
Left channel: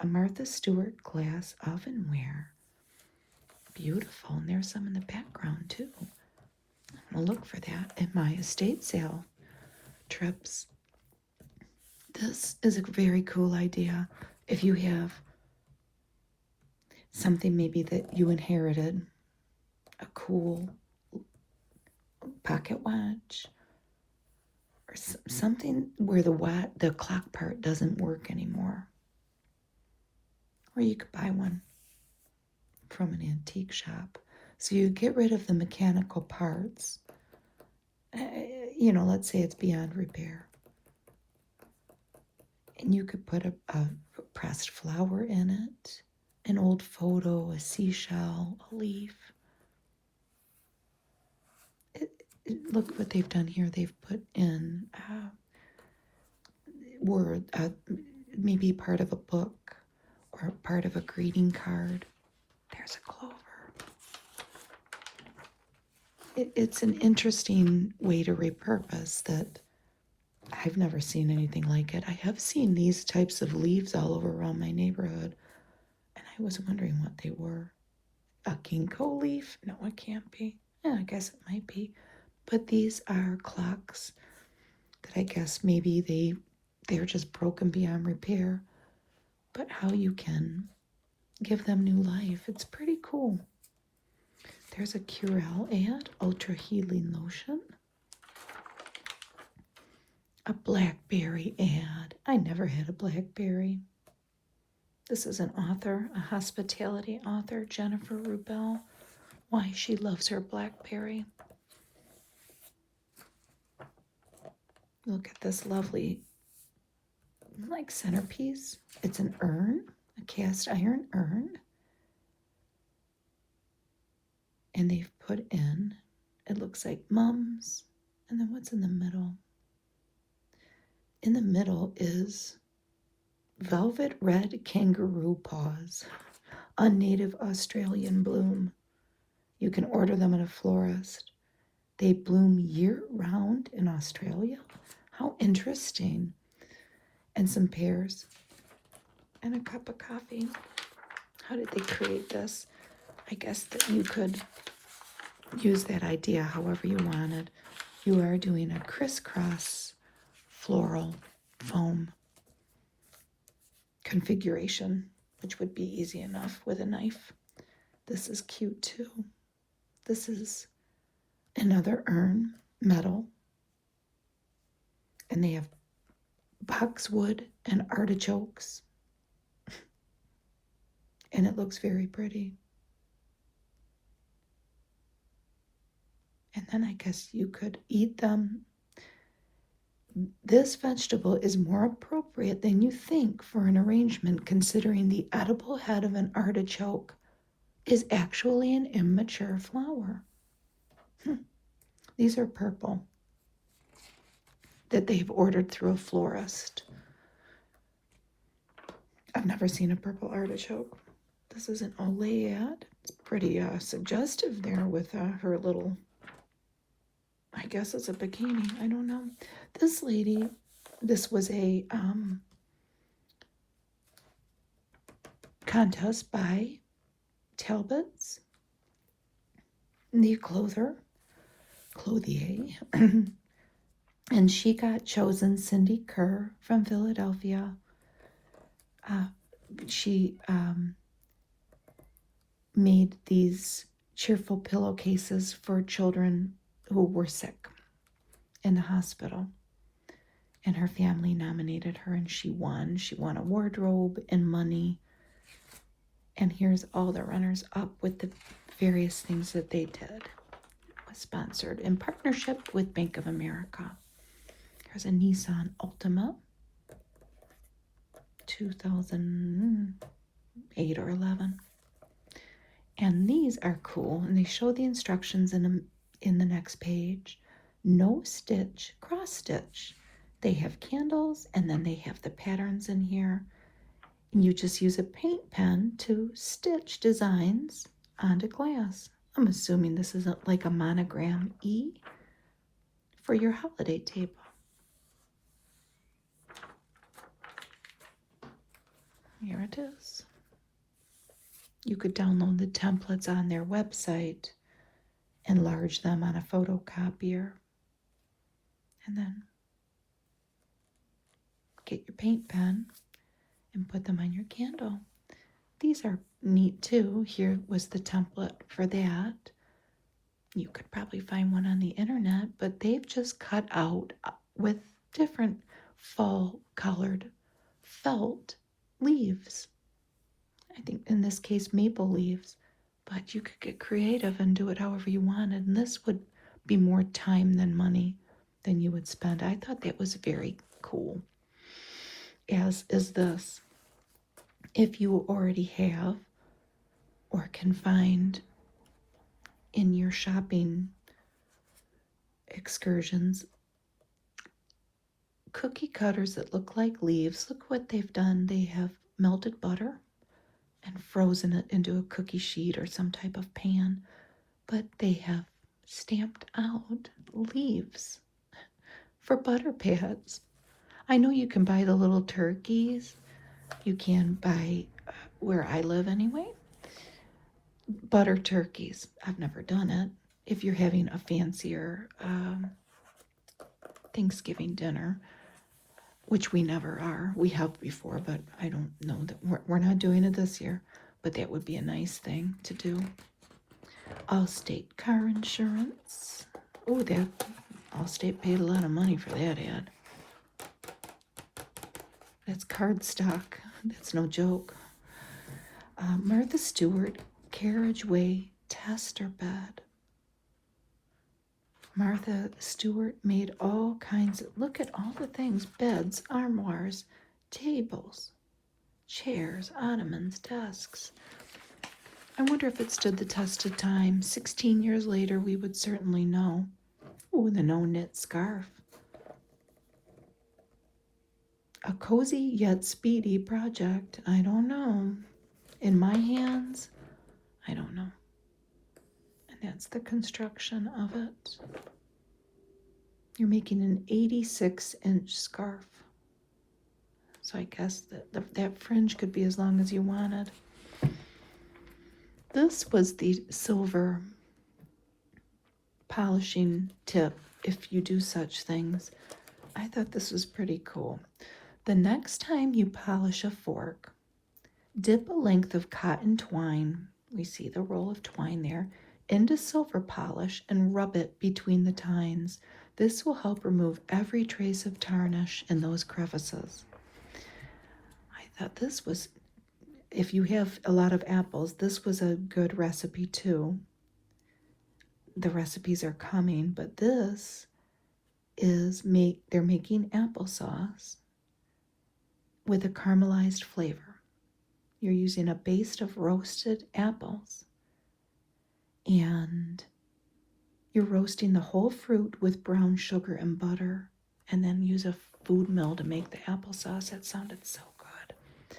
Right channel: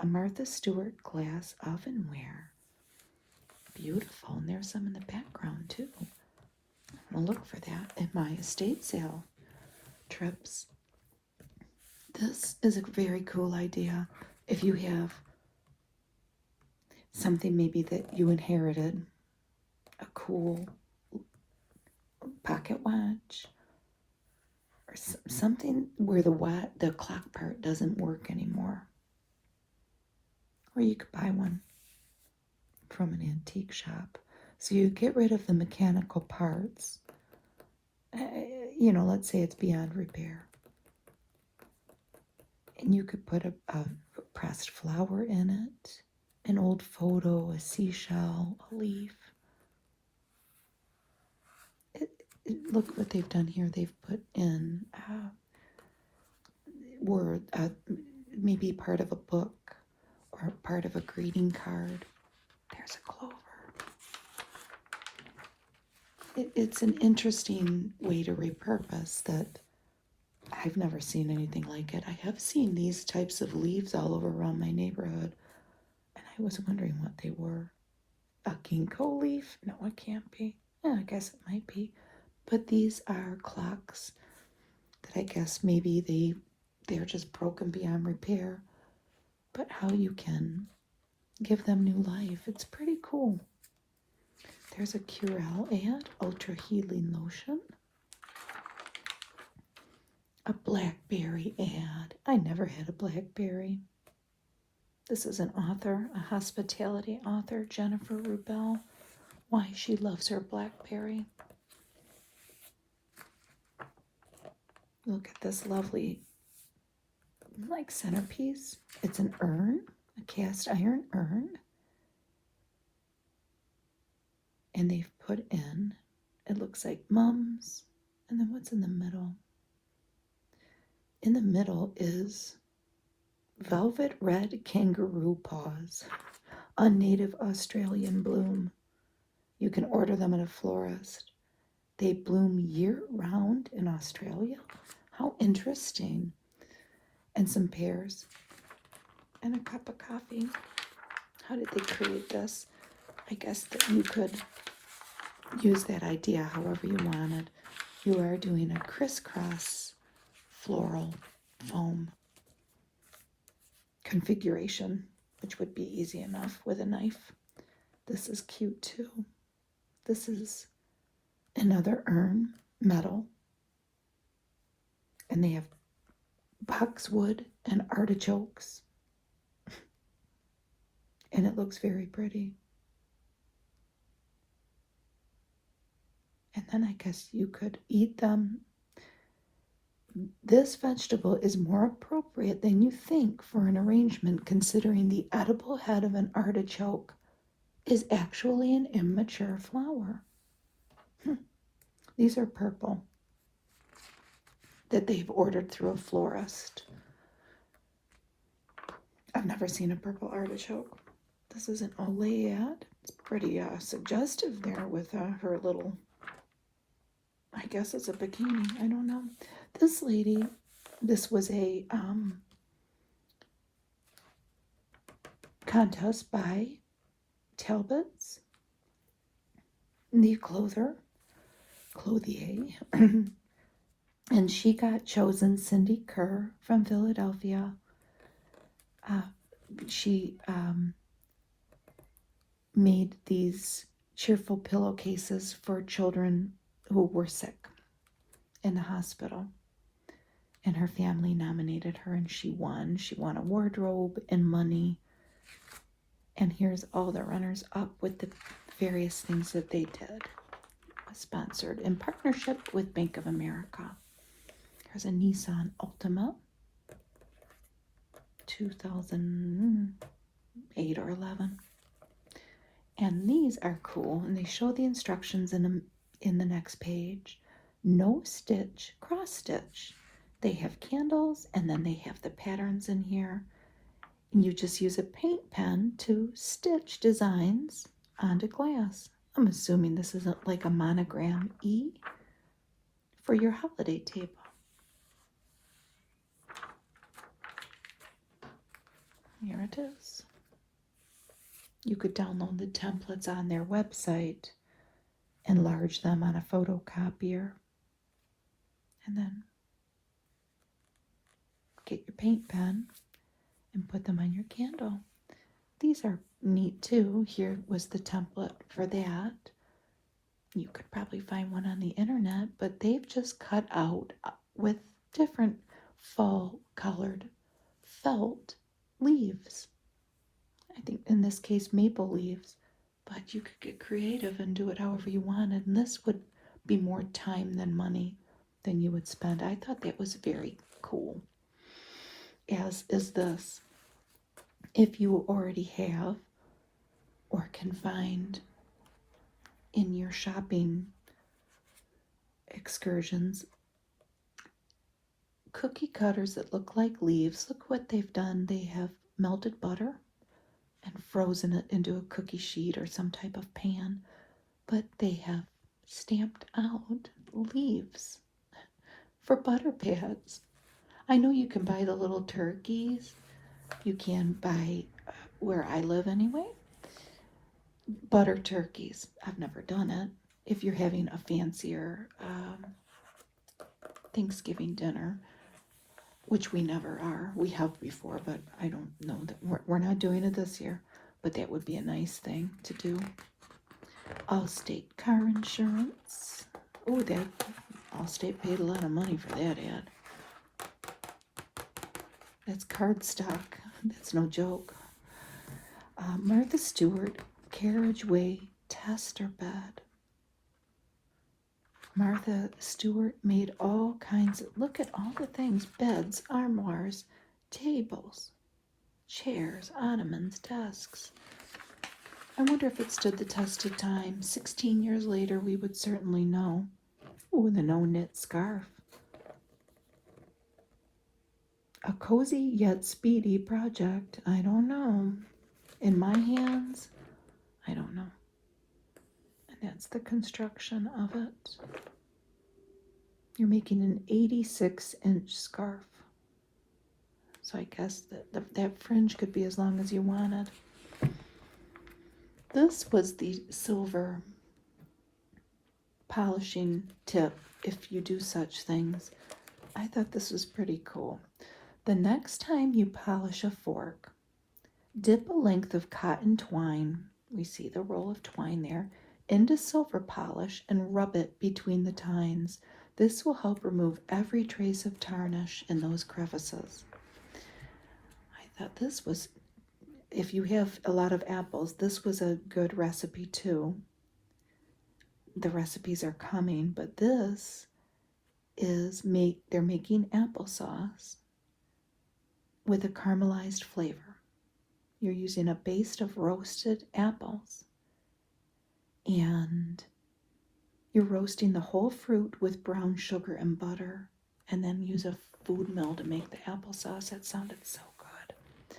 A Martha Stewart glass ovenware. Beautiful. And there's some in the background too. I'll look for that in my estate sale trips. This is a very cool idea. If you have something maybe that you inherited, a cool pocket watch, or something where the clock part doesn't work anymore. Or you could buy one from an antique shop. So you get rid of the mechanical parts. Let's say it's beyond repair. And you could put a pressed flower in it, an old photo, a seashell, a leaf. Look what they've done here. They've put in maybe part of a book or part of a greeting card. There's a clover. It's an interesting way to repurpose that I've never seen anything like it. I have seen these types of leaves all over around my neighborhood, and I was wondering what they were. A ginkgo leaf? No, it can't be. Yeah, I guess it might be. But these are clocks that I guess maybe they're just broken beyond repair. But how you can give them new life, it's pretty cool. There's a Curel ad, Ultra Healing Lotion. A blackberry ad. I never had a blackberry. This is an author, a hospitality author, Jennifer Rubel. Why she loves her blackberry. Look at this lovely, like, centerpiece. It's an urn, a cast iron urn. And they've put in, it looks like mums. And then what's in the middle? In the middle is velvet red kangaroo paws, a native Australian bloom. You can order them at a florist. They bloom year-round in Australia. How interesting. And some pears. And a cup of coffee. How did they create this? I guess that you could use that idea however you wanted. You are doing a crisscross floral foam configuration, which would be easy enough with a knife. This is cute too. This is another urn, metal. And they have boxwood and artichokes. And it looks very pretty. And then I guess you could eat them. This vegetable is more appropriate than you think for an arrangement, considering the edible head of an artichoke is actually an immature flower. These are purple that they've ordered through a florist. I've never seen a purple artichoke. This is an Olayad. It's pretty suggestive there with her little, I guess it's a bikini. I don't know. This lady, this was a contest by Talbot's, the clothier, and she got chosen, Cindy Kerr from Philadelphia. She made these cheerful pillowcases for children who were sick in the hospital. And her family nominated her, and she won. She won a wardrobe and money. And here's all the runners up with the various things that they did. Sponsored in partnership with Bank of America. Here's a Nissan Altima, 2008 or 11. And these are cool, and they show the instructions in the next page. No stitch, cross stitch. They have candles, and then they have the patterns in here. And you just use a paint pen to stitch designs onto glass. I'm assuming this isn't like a monogram E for your holiday table. Here it is. You could download the templates on their website, enlarge them on a photocopier, and then get your paint pen and put them on your candle. These are neat too. Here was the template for that. You could probably find one on the internet, but they've just cut out with different fall colored felt leaves. I think in this case maple leaves, but you could get creative and do it however you wanted, and this would be more time than money than you would spend. I thought that was very cool, as is this. If you already have or can find in your shopping excursions cookie cutters that look like leaves. Look what they've done. They have melted butter and frozen it into a cookie sheet or some type of pan, but they have stamped out leaves for butter pads. I know you can buy the little turkeys. You can buy, where I live anyway, butter turkeys. I've never done it. If you're having a fancier Thanksgiving dinner, which we never are. We have before, but I don't know that we're not doing it this year. But that would be a nice thing to do. Allstate car insurance. Oh, that Allstate paid a lot of money for that ad. That's cardstock. That's no joke. Martha Stewart carriageway tester bed. Martha Stewart made all kinds of, look at all the things, beds, armoires, tables, chairs, ottomans, desks. I wonder if it stood the test of time. 16 years later, we would certainly know. Oh, the no-knit scarf. A cozy yet speedy project. I don't know. In my hands, I don't know. And that's the construction of it. You're making an 86-inch scarf. So I guess that fringe could be as long as you wanted. This was the silver polishing tip if you do such things. I thought this was pretty cool. The next time you polish a fork, dip a length of cotton twine, we see the roll of twine there, into silver polish and rub it between the tines. This will help remove every trace of tarnish in those crevices. I thought this was, if you have a lot of apples, this was a good recipe too. The recipes are coming, but this is they're making applesauce with a caramelized flavor. You're using a base of roasted apples, and you're roasting the whole fruit with brown sugar and butter, and then use a food mill to make the applesauce. That sounded so good.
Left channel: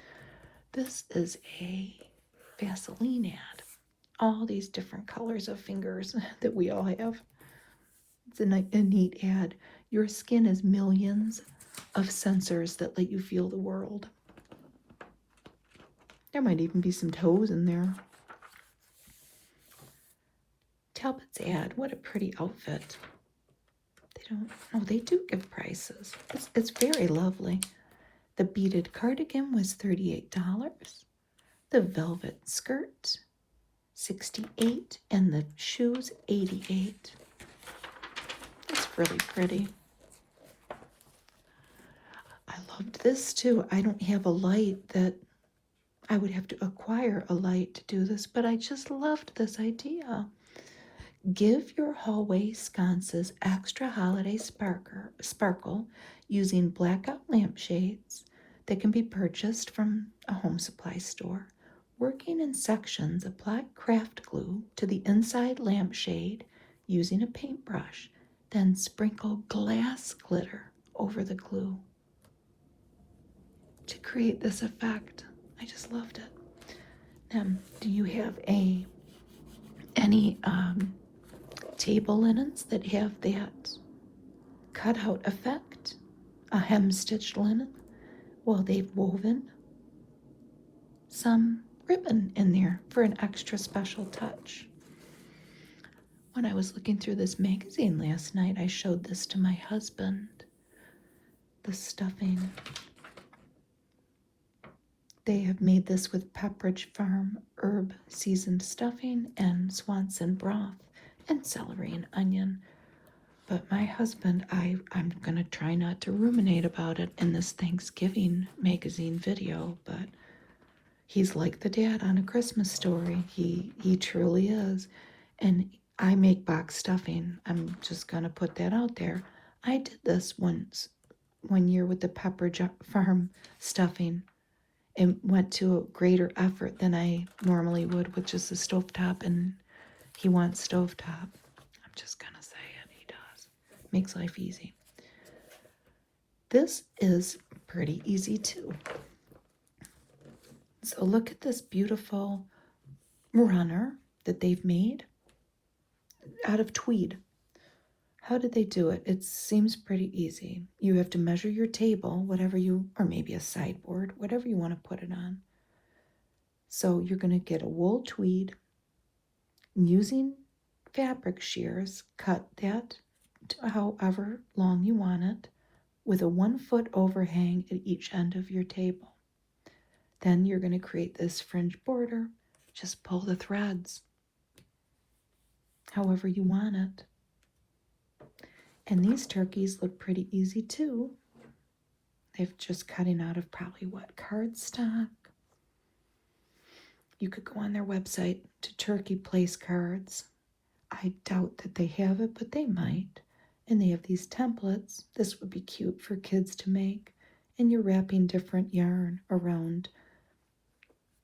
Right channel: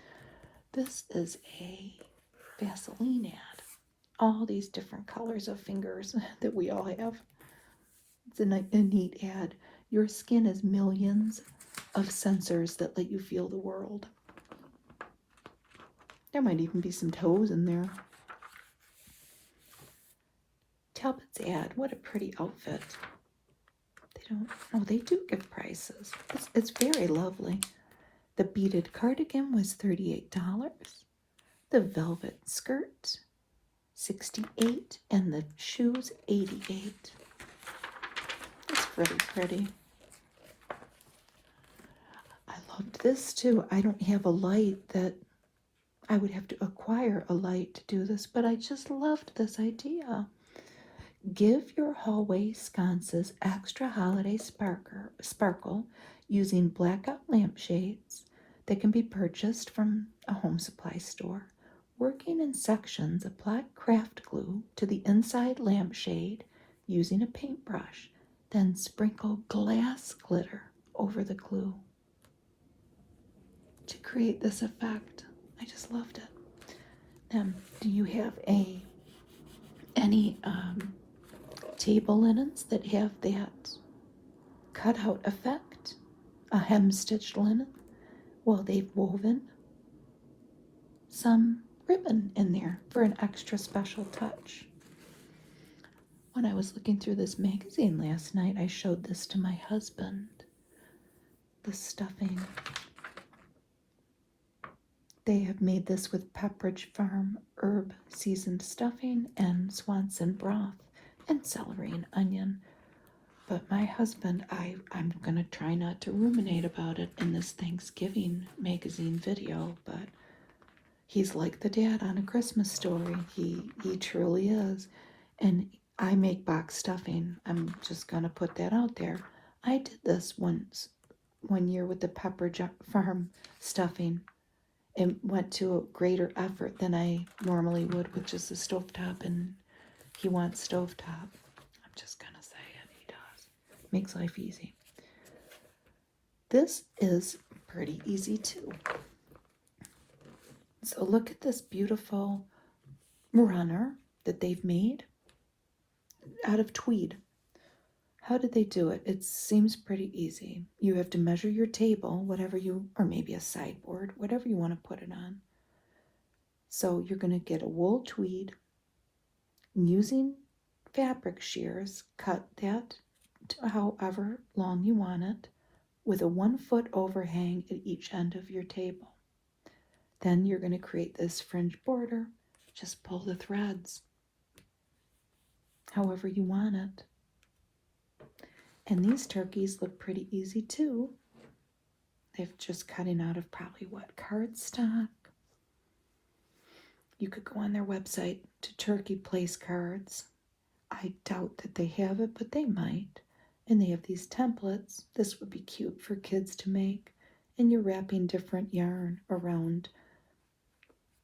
This is a Vaseline ad. All these different colors of fingers that we all have. It's a neat ad. Your skin is millions of sensors that let you feel the world. There might even be some toes in there. Talbot's ad, what a pretty outfit. They do give prices. It's very lovely. The beaded cardigan was $38. The velvet skirt, $68, and the shoes, $88. It's really pretty. I loved this too. I don't have a light that I would have to acquire a light to do this, but I just loved this idea. Give your hallway sconces extra holiday sparkle using blackout lampshades that can be purchased from a home supply store. Working in sections, apply craft glue to the inside lampshade using a paintbrush. Then sprinkle glass glitter over the glue to create this effect. I just loved it. Do you have any table linens that have that cutout effect? A hem-stitched linen? Well, they've woven some ribbon in there for an extra special touch. When I was looking through this magazine last night, I showed this to my husband. The stuffing. They have made this with Pepperidge Farm herb seasoned stuffing and Swanson broth and celery and onion. But my husband, I'm going to try not to ruminate about it in this Thanksgiving magazine video, but he's like the dad on A Christmas Story. He truly is. And I make box stuffing. I'm just going to put that out there. I did this one year with the Pepperidge Farm stuffing. It went to a greater effort than I normally would, which is the stovetop, and he wants stovetop. I'm just going to say it. He does. Makes life easy. This is pretty easy too. So look at this beautiful runner that they've made out of tweed. How did they do it? It seems pretty easy. You have to measure your table, or maybe a sideboard, whatever you want to put it on. So you're going to get a wool tweed. Using fabric shears, cut that to however long you want it, with a 1-foot overhang at each end of your table. Then you're going to create this fringe border. Just pull the threads however you want it. And these turkeys look pretty easy too. They've just cutting out of probably cardstock. You could go on their website to turkey place cards. I doubt that they have it, but they might. And they have these templates. This would be cute for kids to make. And you're wrapping different yarn around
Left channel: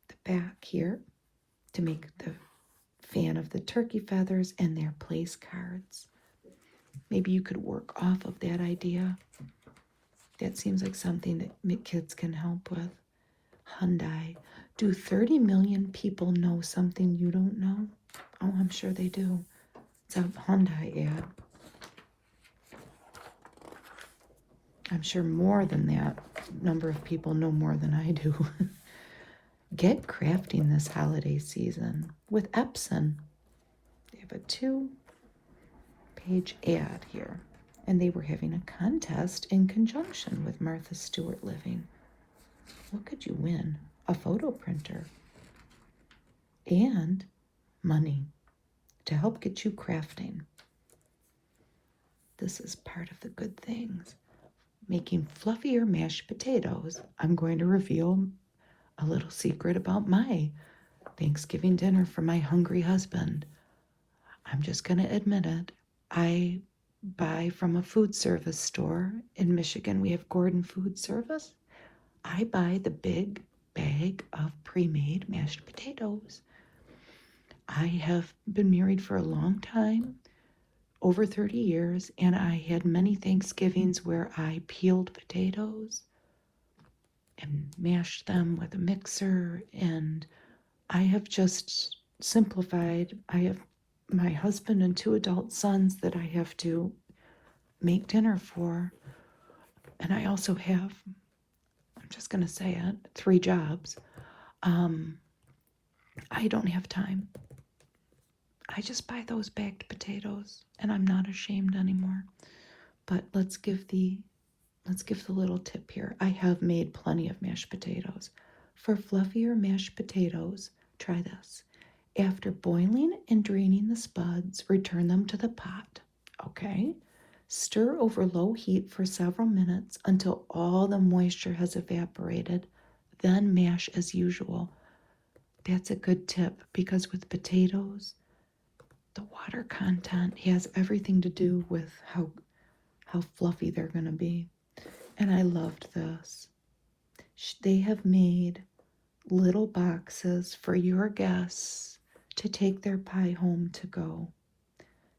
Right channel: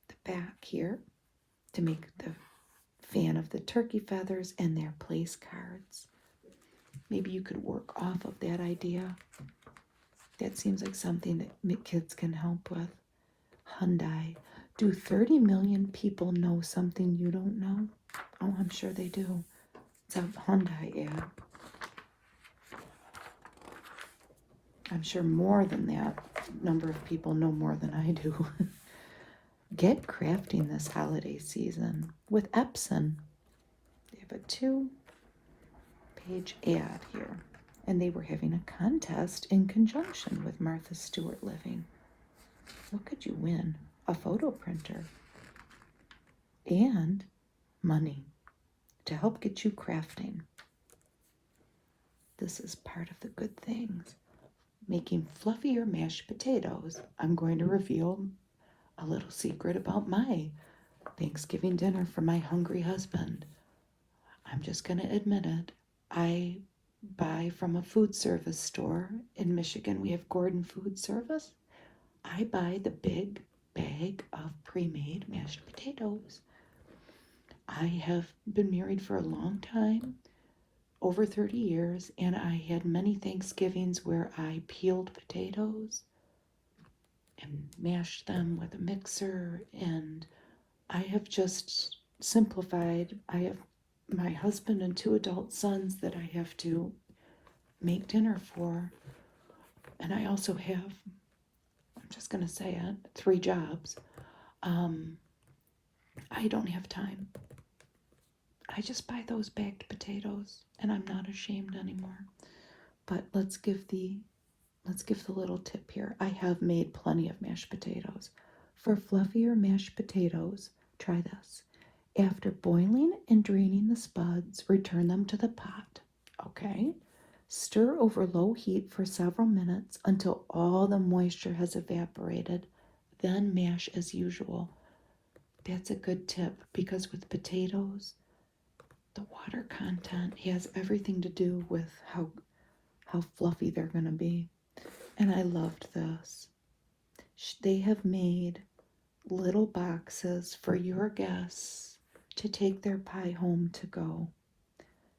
the back here to make the fan of the turkey feathers and their place cards. Maybe you could work off of that idea. That seems like something that kids can help with. Hyundai. Do 30 million people know something you don't know? Oh, I'm sure they do. It's a Hyundai ad. I'm sure more than that number of people know more than I do. Get crafting this holiday season with Epson. They have a 2-page ad here. And they were having a contest in conjunction with Martha Stewart Living. What could you win? A photo printer and money to help get you crafting. This is part of the good things. Making fluffier mashed potatoes. I'm going to reveal a little secret about my Thanksgiving dinner for my hungry husband. I'm just going to admit it. I buy from a food service store in Michigan. We have Gordon Food Service. I buy the big bag of pre-made mashed potatoes. I have been married for a long time, over 30 years, and I had many Thanksgivings where I peeled potatoes and mashed them with a mixer, and I have just simplified. I have my husband and 2 adult sons that I have to make dinner for, and I also have, I'm just going to say it, 3 jobs. I don't have time. I just buy those bagged potatoes, and I'm not ashamed anymore. But let's give the little tip here. I have made plenty of mashed potatoes. For fluffier mashed potatoes, try this. After boiling and draining the spuds, return them to the pot. Okay? Stir over low heat for several minutes until all the moisture has evaporated. Then mash as usual. That's a good tip because with potatoes, the water content has everything to do with how fluffy they're going to be. And I loved this. They have made little boxes for your guests to take their pie home to go.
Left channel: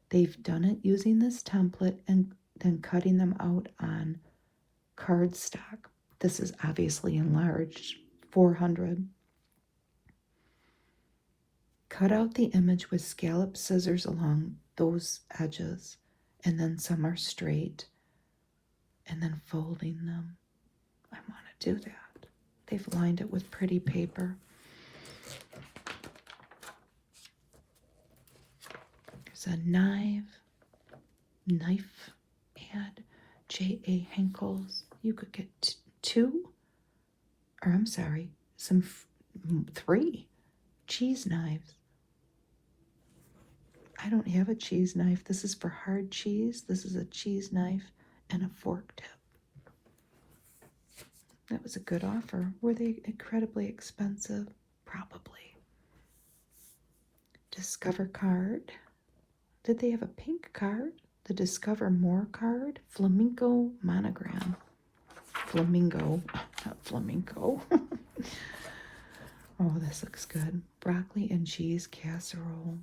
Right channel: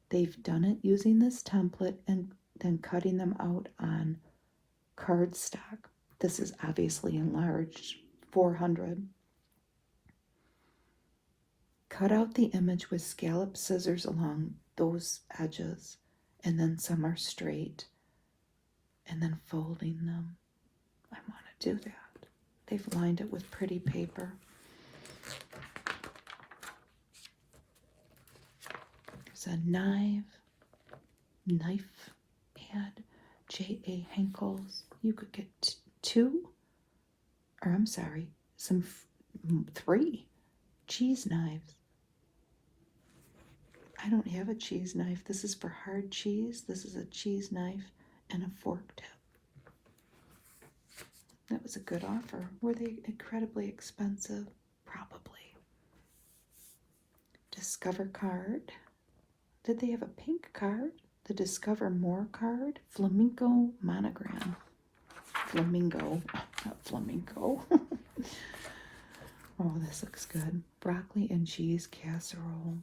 They've done it using this template and then cutting them out on cardstock. This is obviously enlarged, 400. Cut out the image with scallop scissors along those edges, and then some are straight, and then folding them. I want to do that. They've lined it with pretty paper. There's a knife ad, J.A. Henkel's. You could get 3 cheese knives. I don't have a cheese knife. This is for hard cheese. This is a cheese knife and a fork tip. That was a good offer. Were they incredibly expensive? Probably. Discover card. Did they have a pink card? The Discover More card? Flamingo monogram. Flamingo, not flamenco. Oh, this looks good. Broccoli and cheese casserole.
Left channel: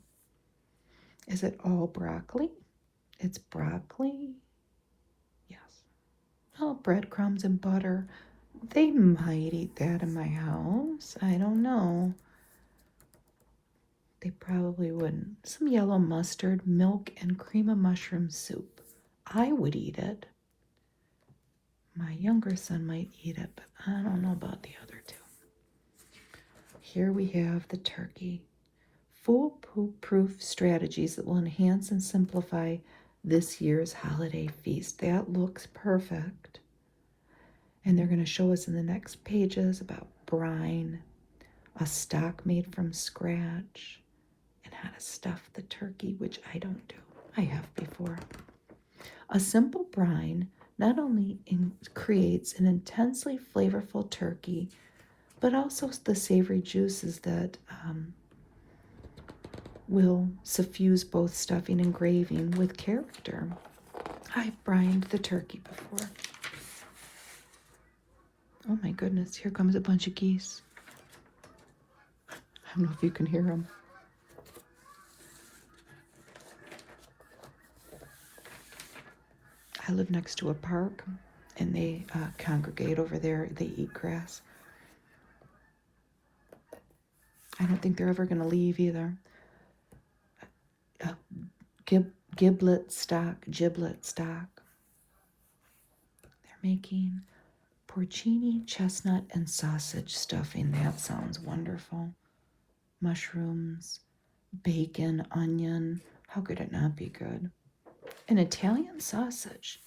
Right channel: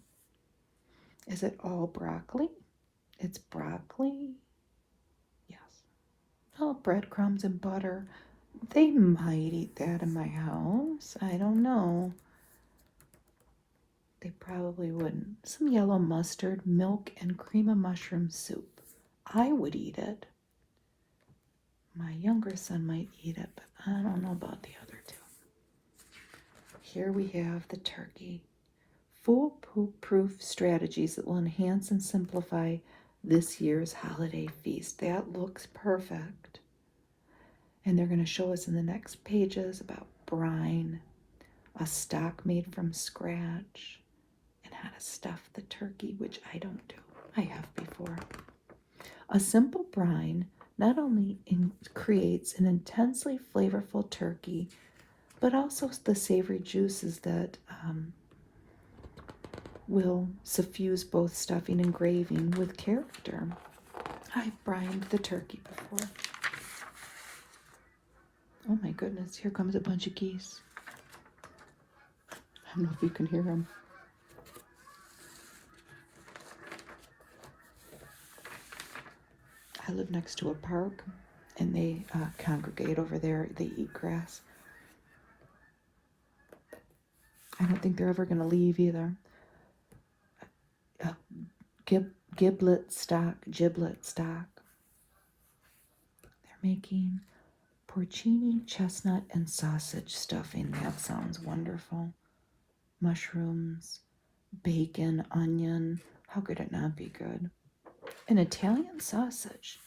Is it all broccoli? It's broccoli. Yes. Oh, breadcrumbs and butter. They might eat that in my house. I don't know. They probably wouldn't. Some yellow mustard, milk, and cream of mushroom soup. I would eat it. My younger son might eat it, but I don't know about the other 2. Here we have the turkey. Foolproof strategies that will enhance and simplify this year's holiday feast. That looks perfect. And they're going to show us in the next pages about brine, a stock made from scratch, and how to stuff the turkey, which I don't do. I have before. A simple brine not only creates an intensely flavorful turkey, but also the savory juices that will suffuse both stuffing and graving with character. I've brined the turkey before. Oh my goodness, here comes a bunch of geese. I don't know if you can hear them. I live next to a park, and they congregate over there. They eat grass. I don't think they're ever going to leave either. Giblet stock. They're making porcini, chestnut, and sausage stuffing. That sounds wonderful. Mushrooms, bacon, onion. How could it not be good? An Italian sausage.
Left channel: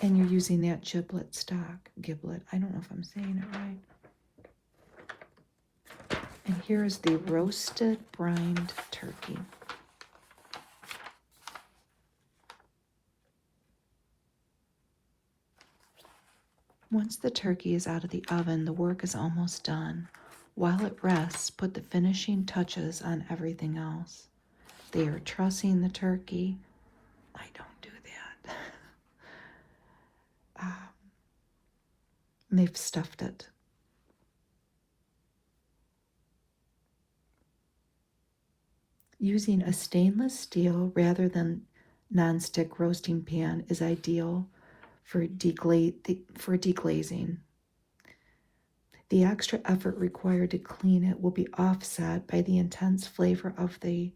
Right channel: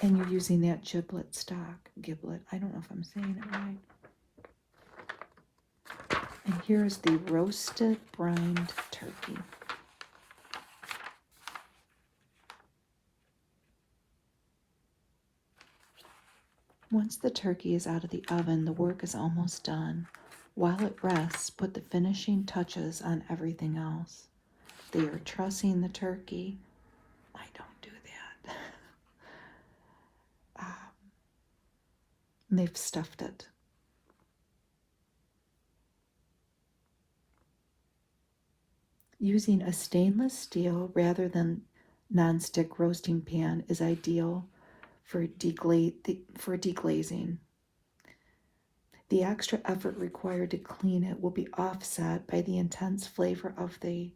And you're using that giblet stock. Giblet. I don't know if I'm saying it right. And here's the roasted brined turkey. Once the turkey is out of the oven, the work is almost done. While it rests, put the finishing touches on everything else. They are trussing the turkey. I don't do that. They've stuffed it. Using a stainless steel rather than nonstick roasting pan is ideal for deglazing. The extra effort required to clean it will be offset by the intense flavor of the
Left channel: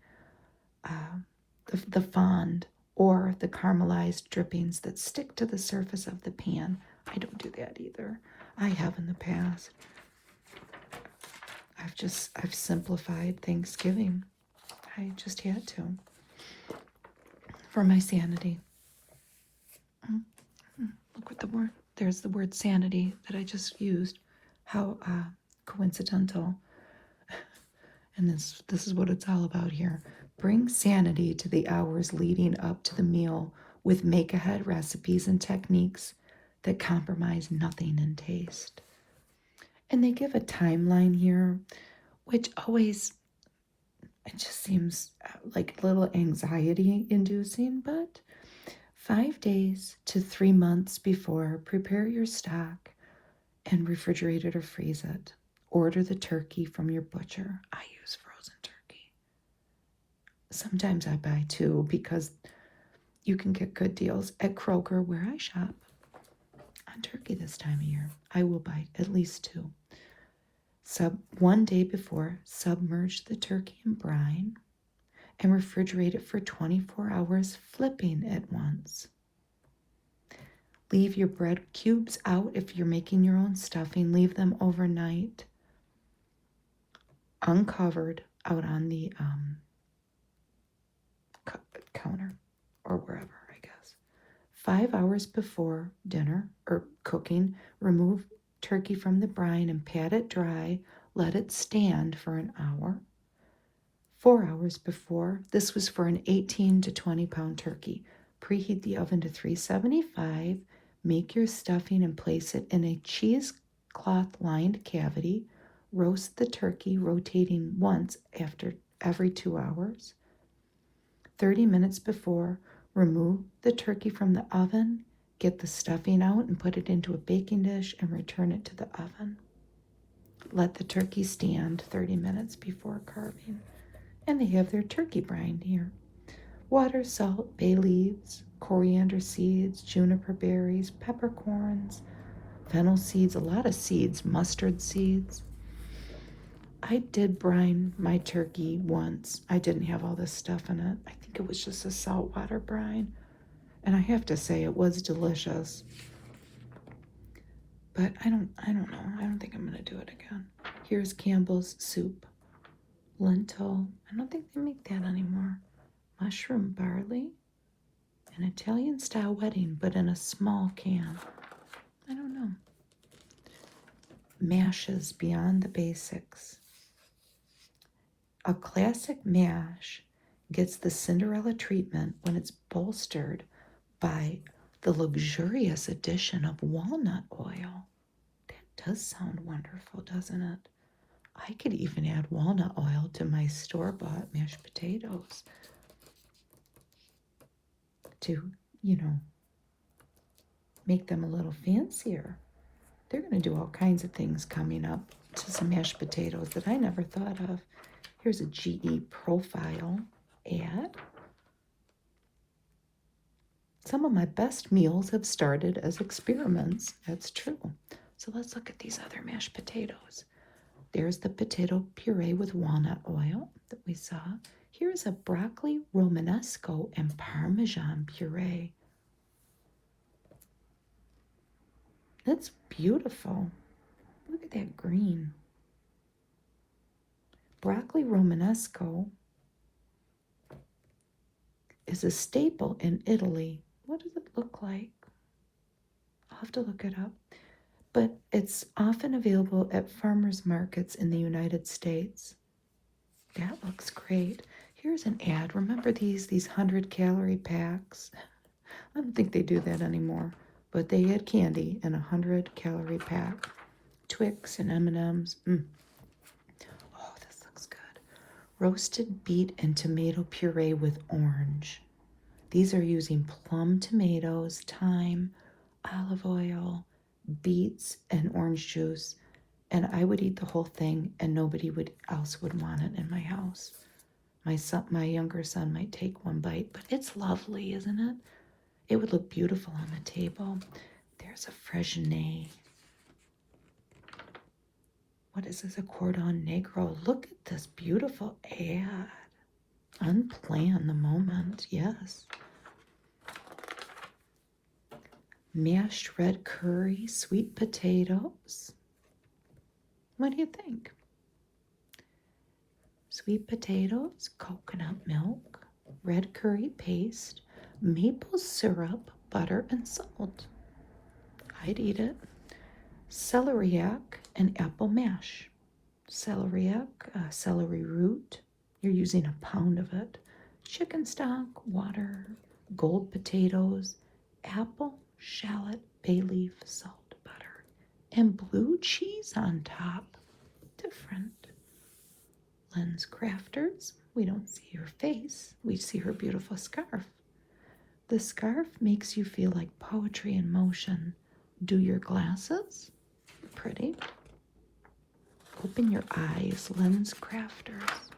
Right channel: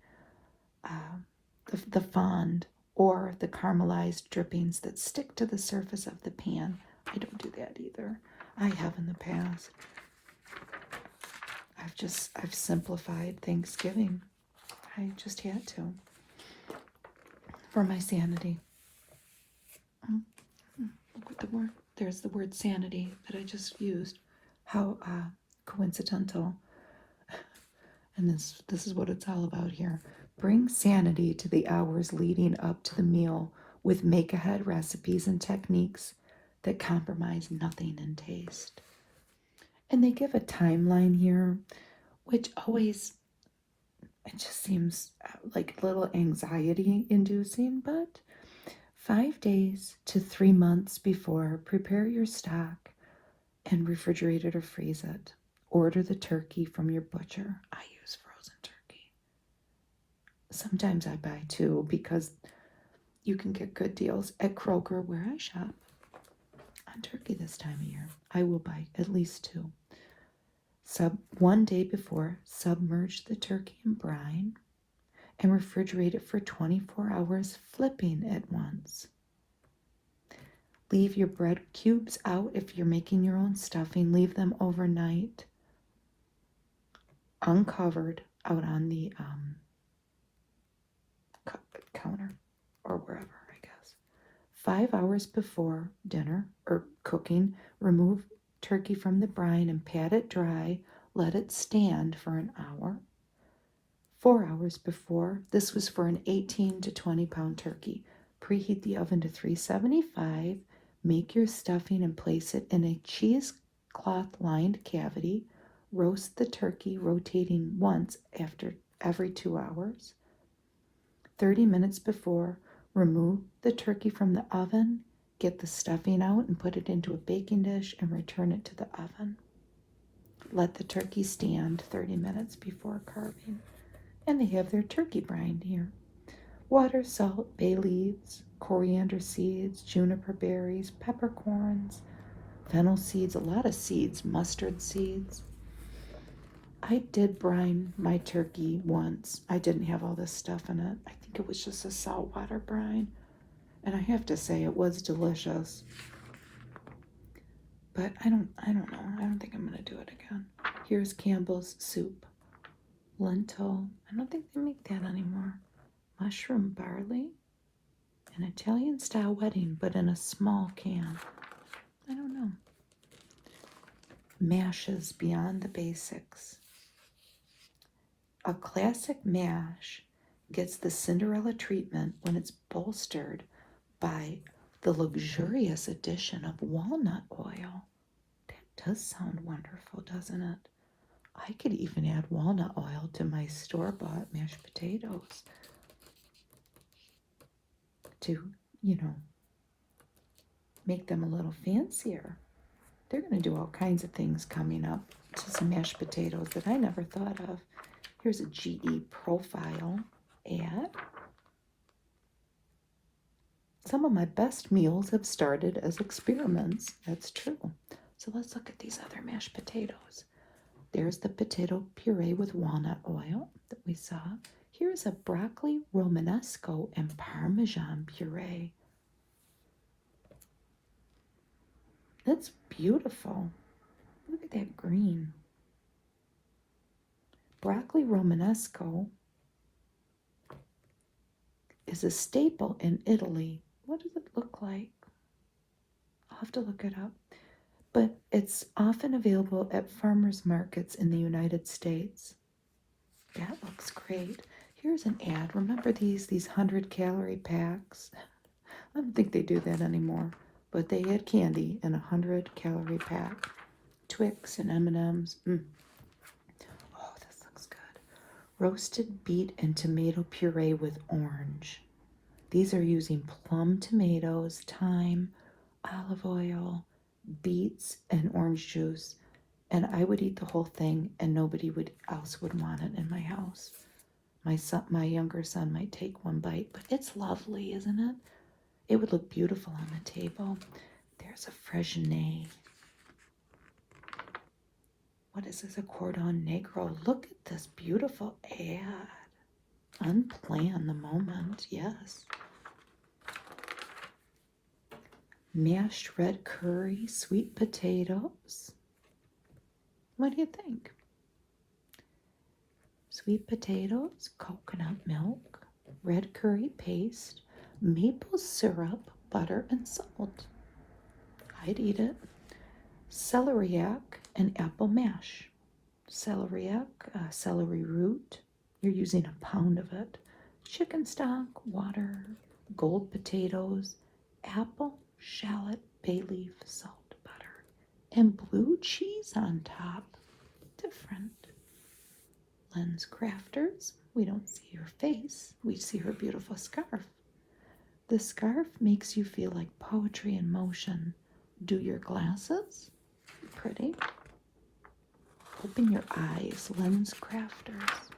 fond or the caramelized drippings that stick to the surface of the pan. I don't do that either. I have in the past. I've simplified Thanksgiving. I just had to. For my sanity. Look at the word. There's the word sanity that I just used. How coincidental. And this is what it's all about here. Bring sanity to the hours leading up to the meal with make-ahead recipes and techniques that compromise nothing in taste. And they give a timeline here, which always, it just seems like a little anxiety-inducing, but 5 days to 3 months before, prepare your stock and refrigerate it or freeze it. Order the turkey from your butcher. I use frozen turkey. Sometimes I buy two because you can get good deals at Kroger, where I shop, on turkey this time of year. I will buy at least two. 1 day before, submerge the turkey in brine and refrigerate it for 24 hours, flipping it once. Leave your bread cubes out if you're making your own stuffing. Leave them overnight, uncovered, out on the counter or wherever, I guess. 5 hours before dinner or cooking, remove turkey from the brine and pat it dry. Let it stand for an hour. 4 hours before, this was for an 18 to 20 pound turkey. Preheat the oven to 375. Make your stuffing and place it in a cheesecloth lined cavity. Roast the turkey, rotating once after every 2 hours. 30 minutes before, remove the turkey from the oven. Get the stuffing out and put it into a baking dish and return it to the oven. Let the turkey stand 30 minutes before carving. And they have their turkey brine here. Water, salt, bay leaves, coriander seeds, juniper berries, peppercorns, fennel seeds, a lot of seeds, mustard seeds. I did brine my turkey once. I didn't have all this stuff in it. I think it was just a saltwater brine. And I have to say it was delicious. But I don't know. I don't think I'm going to do it again. Here's Campbell's soup. Lentil. I don't think they make that anymore. Mushroom barley. An Italian-style wedding, but in a small can. I don't know. Mashes beyond the basics. A classic mash gets the Cinderella treatment when it's bolstered by the luxurious addition of walnut oil. Does sound wonderful, doesn't it? I could even add walnut oil to my store-bought mashed potatoes to, you know, make them a little fancier. They're going to do all kinds of things coming up to some mashed potatoes that I never thought of. Here's a GE profile ad. Some of my best meals have started as experiments. That's true. So let's look at these other mashed potatoes. There's the potato puree with walnut oil that we saw. Here's a broccoli romanesco and parmesan puree. That's beautiful. Look at that green. Broccoli romanesco is a staple in Italy. What does it look like? I'll have to look it up. But it's often available at farmers markets in the United States. That looks great. Here's an ad. Remember these 100-calorie packs? I don't think they do that anymore. But they had candy in a 100-calorie pack. Twix and M&Ms. Oh, this looks good. Roasted beet and tomato puree with orange. These are using plum tomatoes, thyme, olive oil, beets, and orange juice. And I would eat the whole thing, and nobody else would want it in my house. My younger son might take one bite, but it's lovely, isn't it? It would look beautiful on the table. There's a Fresnay. What is this? A Cordon Negro. Look at this beautiful ad. Unplanned the moment, yes. Mashed red curry, sweet potatoes. What do you think? Sweet potatoes, coconut milk, red curry paste, maple syrup, butter, and salt. I'd eat it. Celeriac and apple mash. Celeriac, celery root. You're using a pound of it. Chicken stock, water, gold potatoes, apple, shallot, bay leaf, salt, butter, and blue cheese on top. Different. Lens Crafters. We don't see her face. We see her beautiful scarf. The scarf makes you feel like poetry in motion. Do your glasses. Pretty. Open your eyes. Lens Crafters.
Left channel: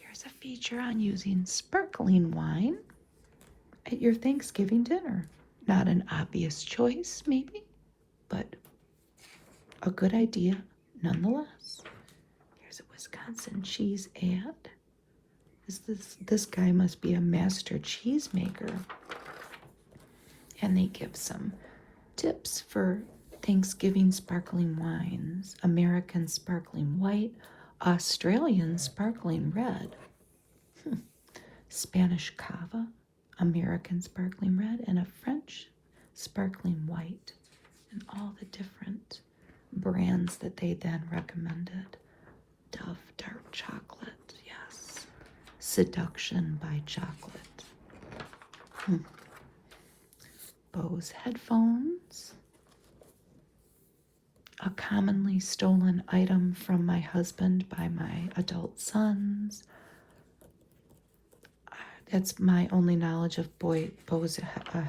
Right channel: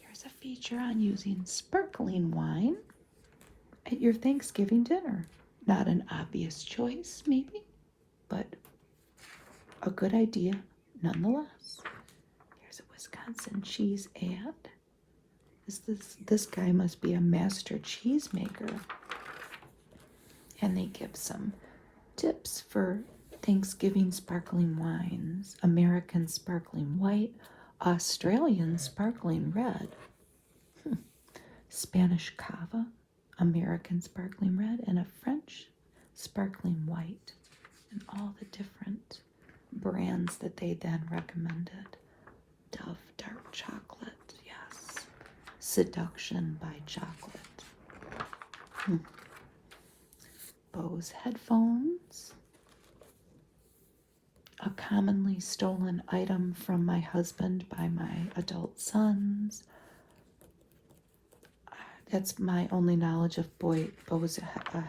Here's a feature on using sparkling wine at your Thanksgiving dinner. Not an obvious choice, maybe, but a good idea nonetheless. Here's a Wisconsin cheese ad. This guy must be a master cheesemaker. And they give some tips for Thanksgiving sparkling wines. American sparkling white, Australian sparkling red, Spanish cava, American sparkling red, and a French sparkling white. And all the different brands that they then recommended. Dove dark chocolate, yes. Seduction by chocolate. Bose headphones. A commonly stolen item from my husband by my adult sons. That's my only knowledge of Bose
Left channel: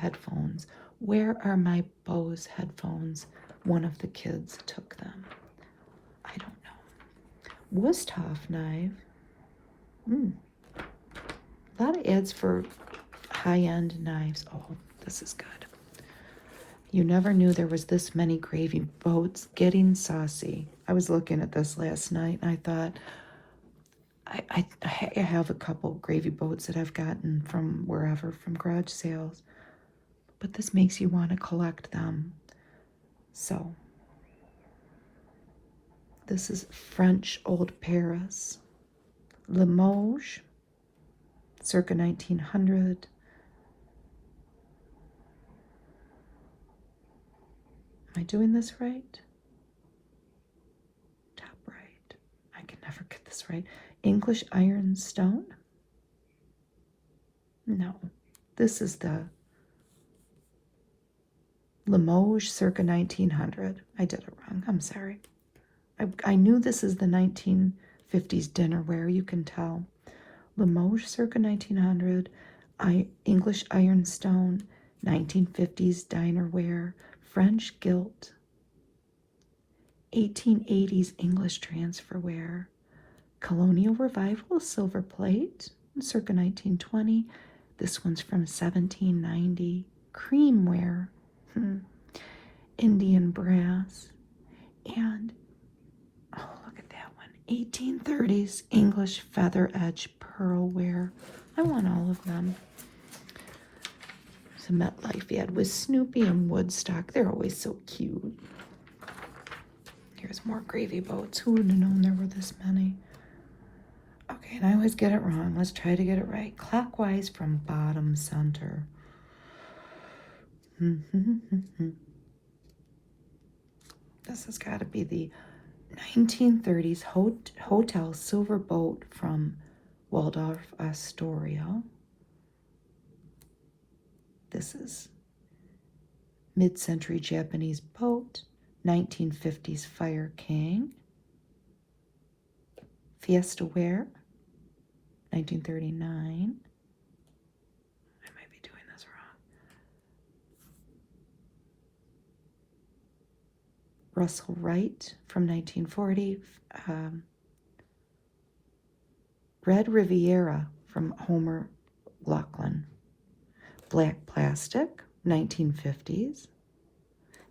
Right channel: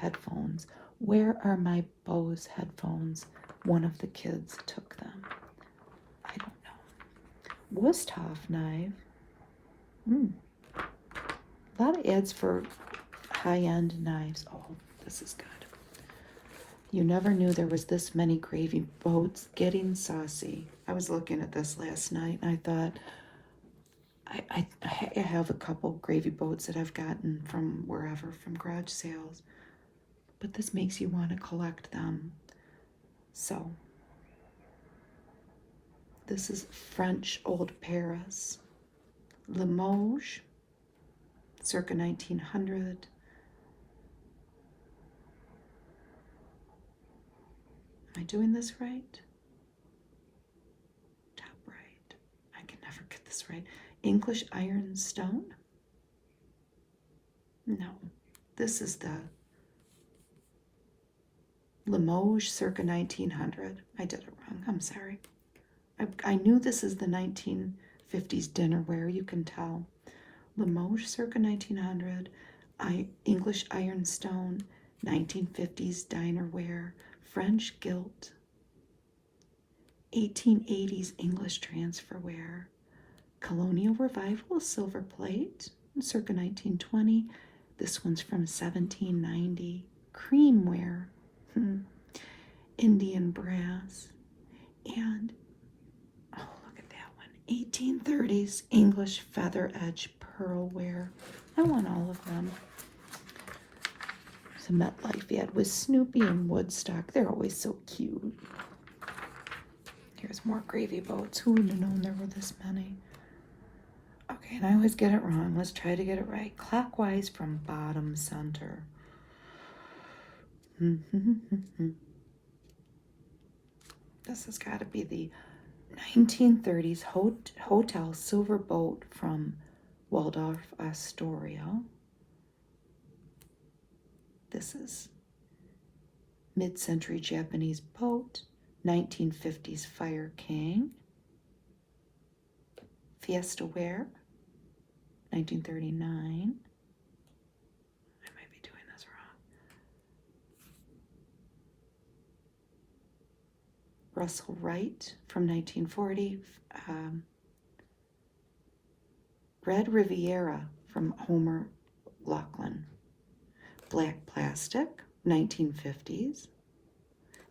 headphones. Where are my Bose headphones? One of the kids took them. I don't know. Wusthof knife. A lot of ads for high-end knives. Oh, this is good. You never knew there was this many gravy boats. Getting saucy. I was looking at this last night and I thought, I have a couple gravy boats that I've gotten from wherever, from garage sales. But this makes you want to collect them. So, this is French Old Paris. Limoges, circa 1900. Am I doing this right? Top right. I can never get this right. English ironstone? No. This is the Limoges circa 1900. I did it wrong. I'm sorry. I knew this is the 1950s dinnerware, you can tell. Limoges circa 1900. English ironstone, 1950s dinerware. French gilt, 1880s English transferware. Colonial Revival silver plate, circa 1920. This one's from 1790. Creamware, Indian brass, and oh, look at that one, 1830s English feather edge pearlware. I want all of them. There's a MetLife ad with Snoopy and Woodstock. They're always so cute. Here's more gravy boats. Who would have known there were this many? Okay, and I always get it wrong. Let's try to get it right. Clockwise from bottom center. This has got to be the 1930s Hotel Silver Boat from Waldorf Astoria. This is mid-century Japanese boat, 1950s Fire King. Fiesta Ware, 1939. I might be doing this wrong. Russell Wright from 1940. Red Riviera from Homer Laughlin. Black Plastic, 1950s.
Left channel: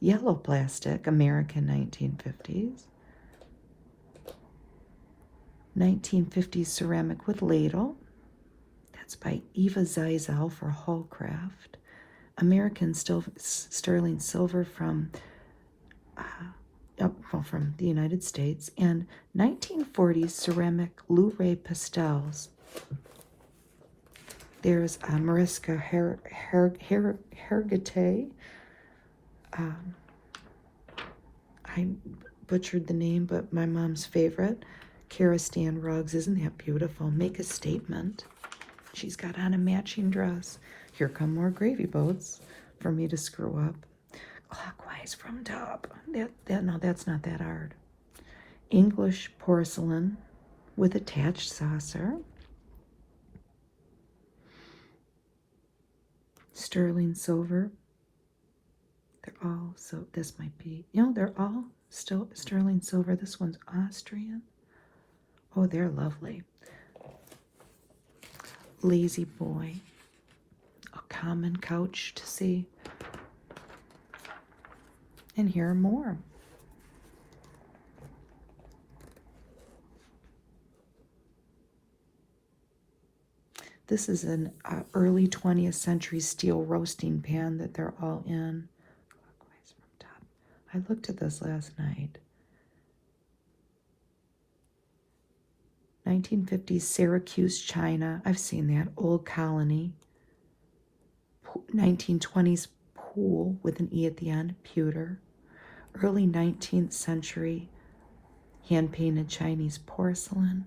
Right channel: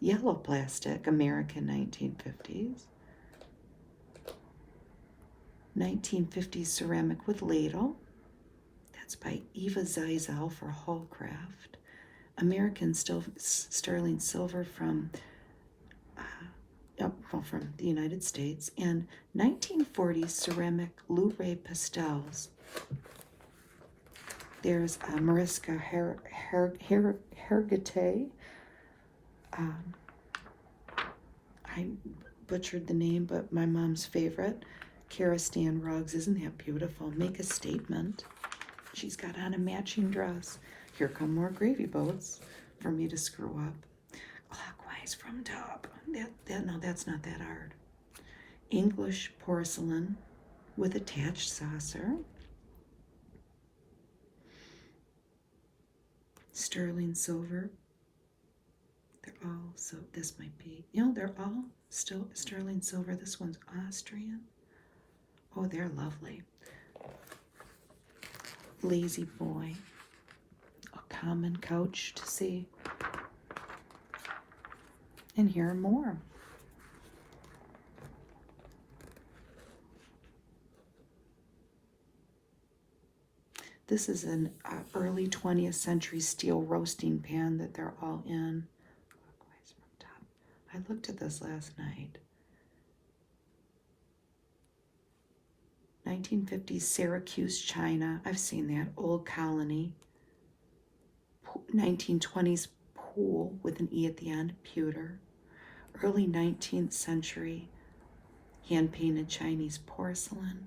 Yellow Plastic, American 1950s. 1950s Ceramic with Ladle. That's by Eva Zeisel for Hallcraft. American Sterling Silver from from the United States. And 1940s Ceramic Luray Pastels. There's Mariska Hargitay. I butchered the name, but my mom's favorite. Karastan rugs. Isn't that beautiful? Make a statement. She's got on a matching dress. Here come more gravy boats for me to screw up. Clockwise from top. No, that's not that hard. English porcelain with attached saucer. Sterling silver. They're all, so this might be, they're all still sterling silver. This one's Austrian. Oh, they're lovely. Lazy Boy. A common couch to see. And here are more. This is an early 20th century steel roasting pan that they're all in. I looked at this last night. 1950s Syracuse china. I've seen that. Old Colony. 1920s pool with an E at the end. Pewter. Early 19th century hand-painted Chinese porcelain.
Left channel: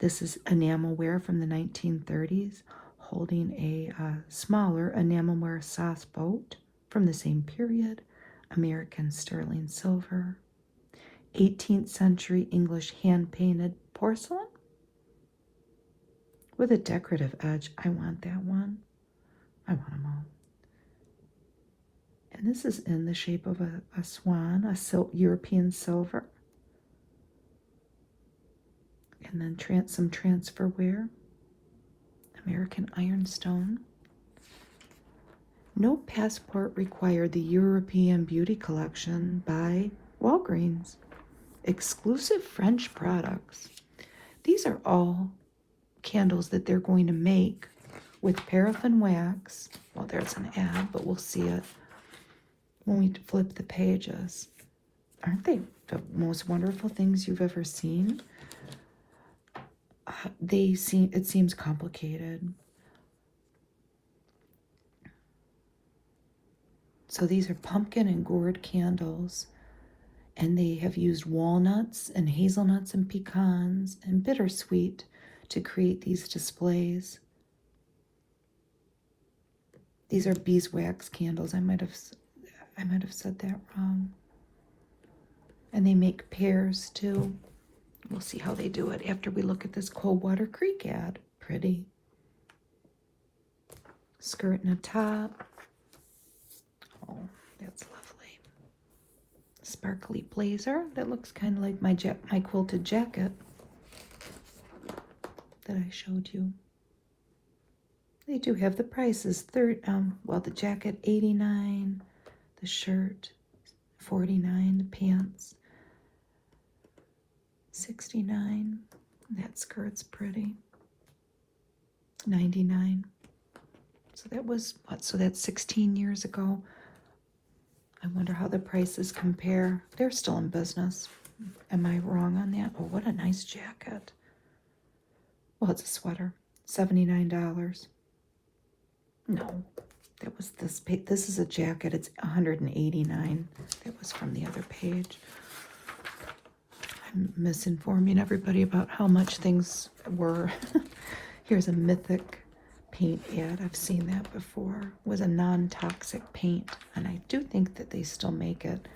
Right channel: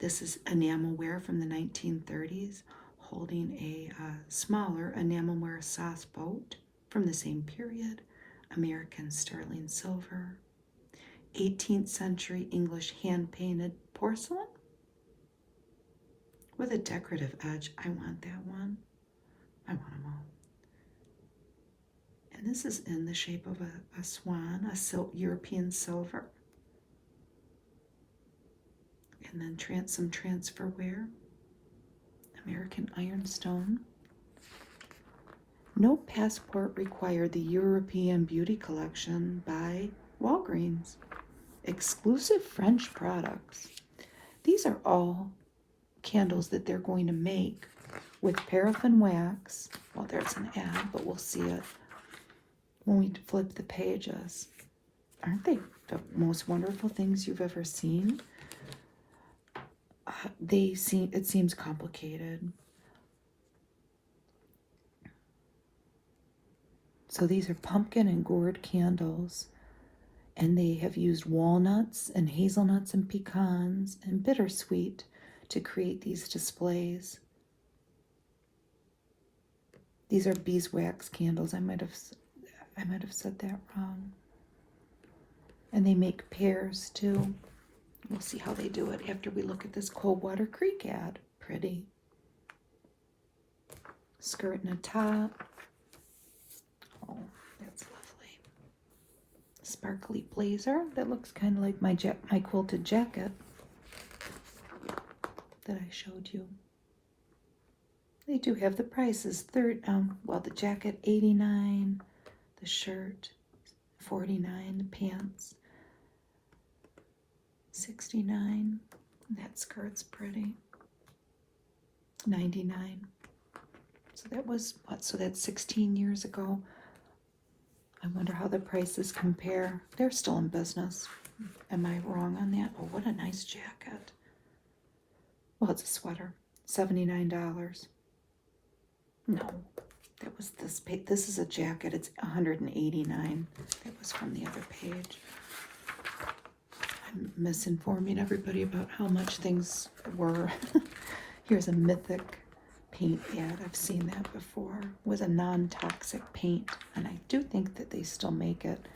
This is enamelware from the 1930s, holding a smaller enamelware sauce boat from the same period. American sterling silver. 18th century English hand-painted porcelain with a decorative edge. I want that one. I want them all. And this is in the shape of a swan, a European silver. And then some transferware. American ironstone. No passport required. The European Beauty Collection by Walgreens. Exclusive French products. These are all candles that they're going to make with paraffin wax. Well, there's an ad, but we'll see it when we flip the pages. Aren't they the most wonderful things you've ever seen? It seems complicated. So these are pumpkin and gourd candles. And they have used walnuts and hazelnuts and pecans and bittersweet to create these displays. These are beeswax candles. I might have said that wrong. And they make pairs too. We'll see how they do it after we look at this Coldwater Creek ad. Pretty. Skirt and a top. Oh, that's lovely. Sparkly blazer. That looks kind of like my quilted jacket that I showed you. They do have the prices. Well, the jacket $89, the shirt $49, the pants $69. That skirt's pretty. $99. So that was what? So that's 16 years ago. I wonder how the prices compare. They're still in business. Am I wrong on that? Oh, what a nice jacket. Well, it's a sweater. $79. No, that was this page. This is a jacket. It's $189. That was from the other page. I'm misinforming everybody about how much things were. Here's a Mythic paint ad. I've seen that before. It was a non-toxic paint, and I do think that they still make it.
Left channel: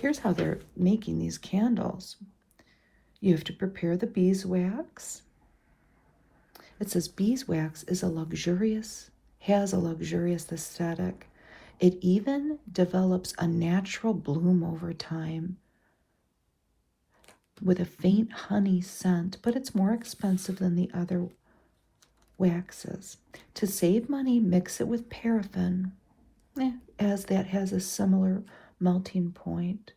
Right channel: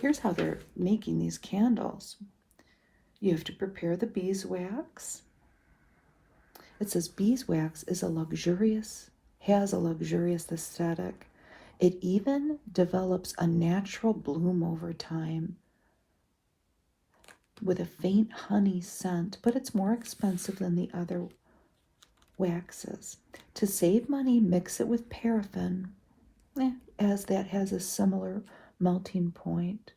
Here's how they're making these candles. You have to prepare the beeswax. It says beeswax has a luxurious aesthetic. It even develops a natural bloom over time with a faint honey scent, but it's more expensive than the other waxes. To save money, mix it with paraffin, as that has a similar melting point,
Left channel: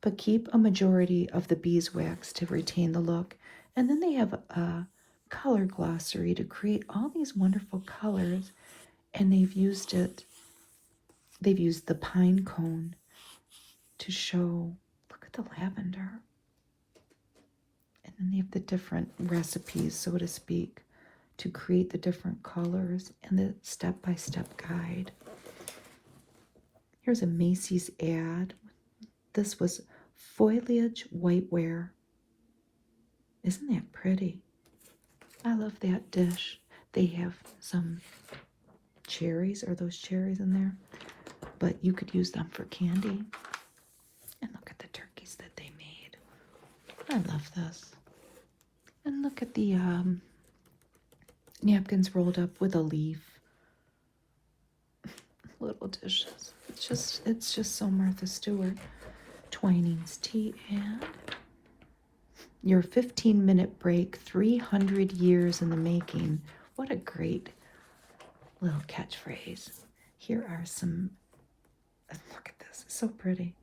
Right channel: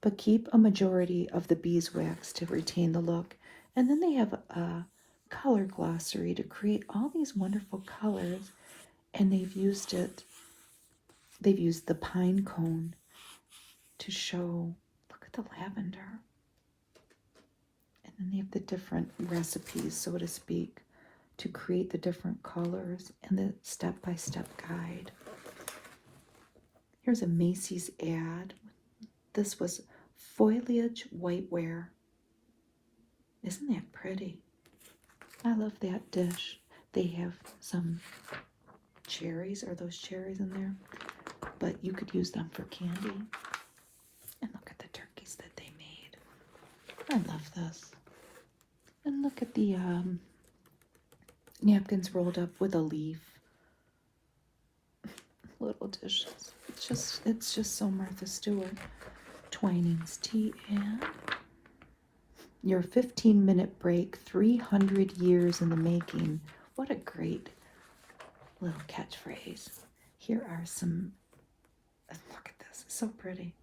but keep a majority of the beeswax to retain the look. And then they have a color glossary to create all these wonderful colors. And they've used the pine cone to show, look at the lavender. And then they have the different recipes, so to speak, to create the different colors and the step-by-step guide. Here's a Macy's ad. This was foliage whiteware. Isn't that pretty? I love that dish. They have some cherries. Are those cherries in there? But you could use them for candy. And look at the turkeys that they made. I love this. And look at the napkins rolled up with a leaf. Little dishes. It's just so Martha Stewart. Twinings tea ad. Your 15-minute break, 300 years in the making. What a great little catchphrase. Here are some, look at this, it's so pretty.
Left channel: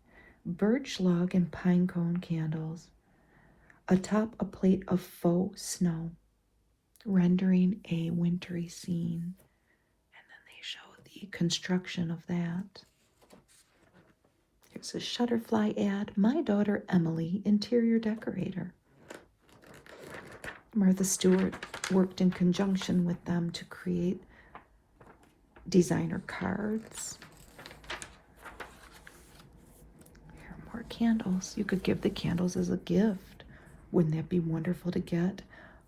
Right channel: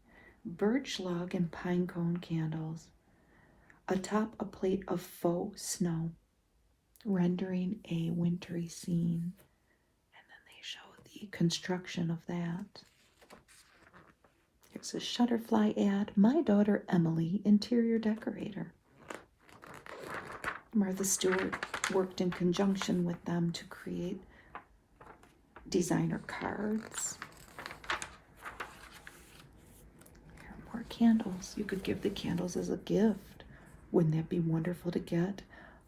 Birch log and pine cone candles. Atop a plate of faux snow, rendering a wintry scene. And then they show the construction of that. Here's a Shutterfly ad. My daughter Emily, interior decorator. Martha Stewart worked in conjunction with them to create designer cards. Or candles. You could give the candles as a gift. Wouldn't that be wonderful to get?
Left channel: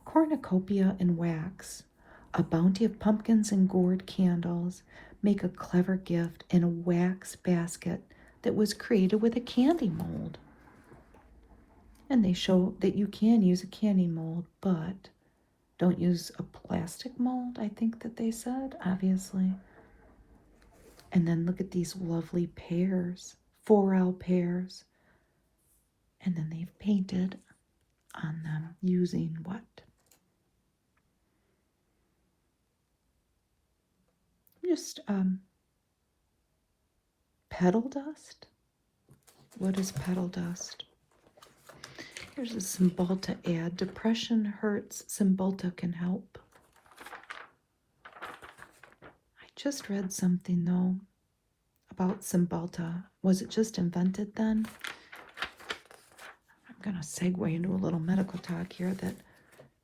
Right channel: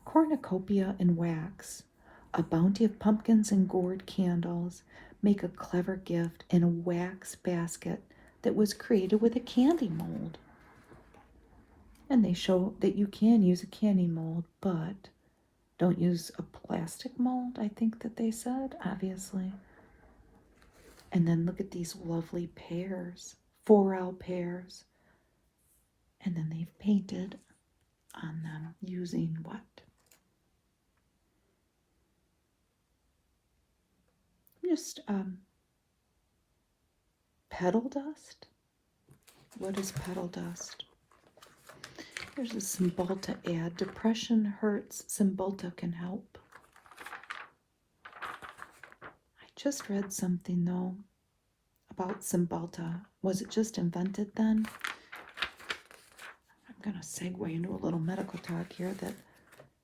Cornucopia and wax. A bounty of pumpkins and gourd candles make a clever gift in a wax basket that was created with a candy mold. And they show that you can use a candy mold, but don't use a plastic mold, I think that they said, obviously. And then look at these lovely pears, 4L pears. And then they've painted on them using what? Just petal dust. What is petal dust? Here's a Cymbalta ad. Depression hurts. Cymbalta can help. I just read something, though, about Cymbalta. Was it just invented then? I'm going to segue into a little medical talk here that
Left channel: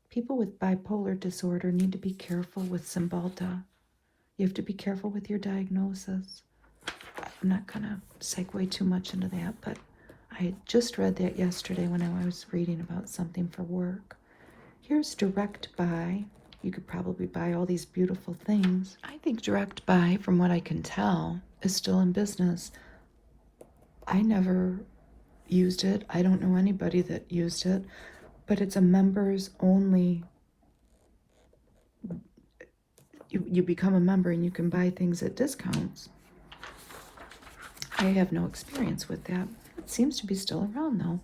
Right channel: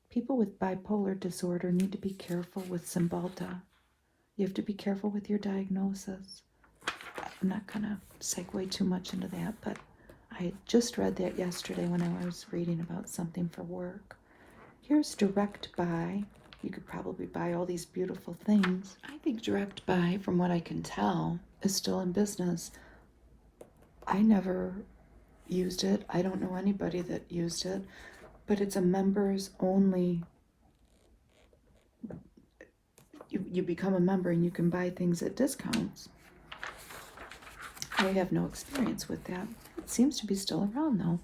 people with bipolar disorder need to be careful with Cymbalta. You have to be careful with your diagnosis. I'm not going to segue too much into that, but I just read that yesterday when I was reading about something for work. Here's Direct Buy. You could probably buy all these beautiful things. I think Direct Buy, from what I can tell, is still in business. I never used it. I don't know anybody that used it, but it's a members only. You become a member and you can buy things at discounts. I have no experience with that. It seems to be still around though.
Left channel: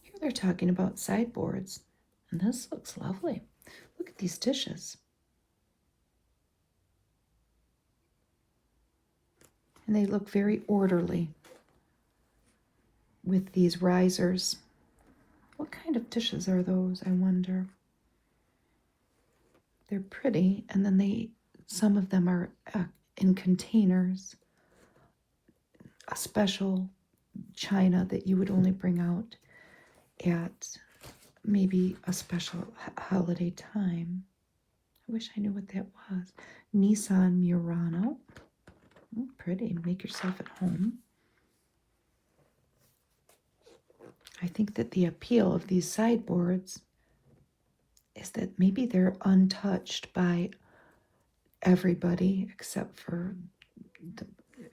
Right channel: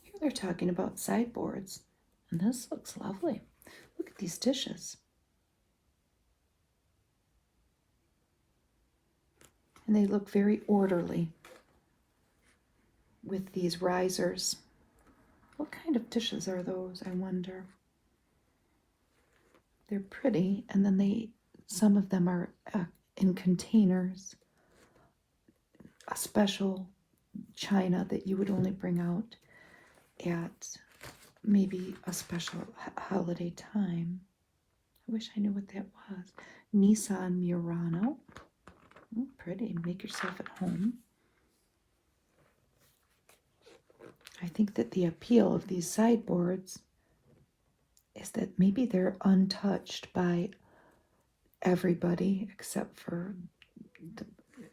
Here they're talking about sideboards, and this looks lovely. Look at these dishes. And they look very orderly with these risers. What kind of dishes are those, I wonder? They're pretty, and then some of them are in containers. A special china that you would only bring out at maybe a special holiday time. I wish I knew what that was. Nissan Murano. Pretty. Make yourself at home. I think that the appeal of these sideboards is that maybe they're untouched by everybody except for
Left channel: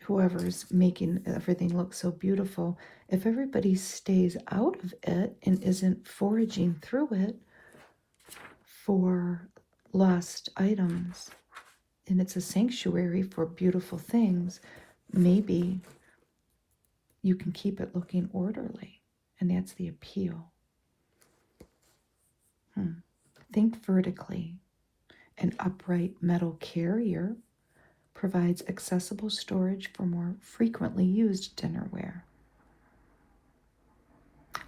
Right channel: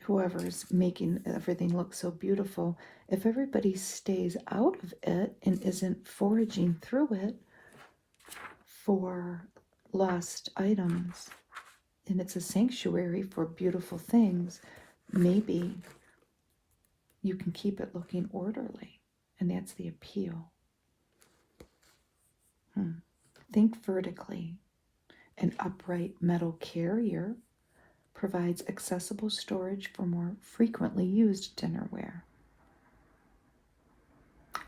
whoever's making everything look so beautiful. If everybody stays out of it and isn't foraging through it for lost items, and it's a sanctuary for beautiful things, maybe you can keep it looking orderly, and that's the appeal. Think vertically. An upright metal carrier provides accessible storage for more frequently used dinnerware.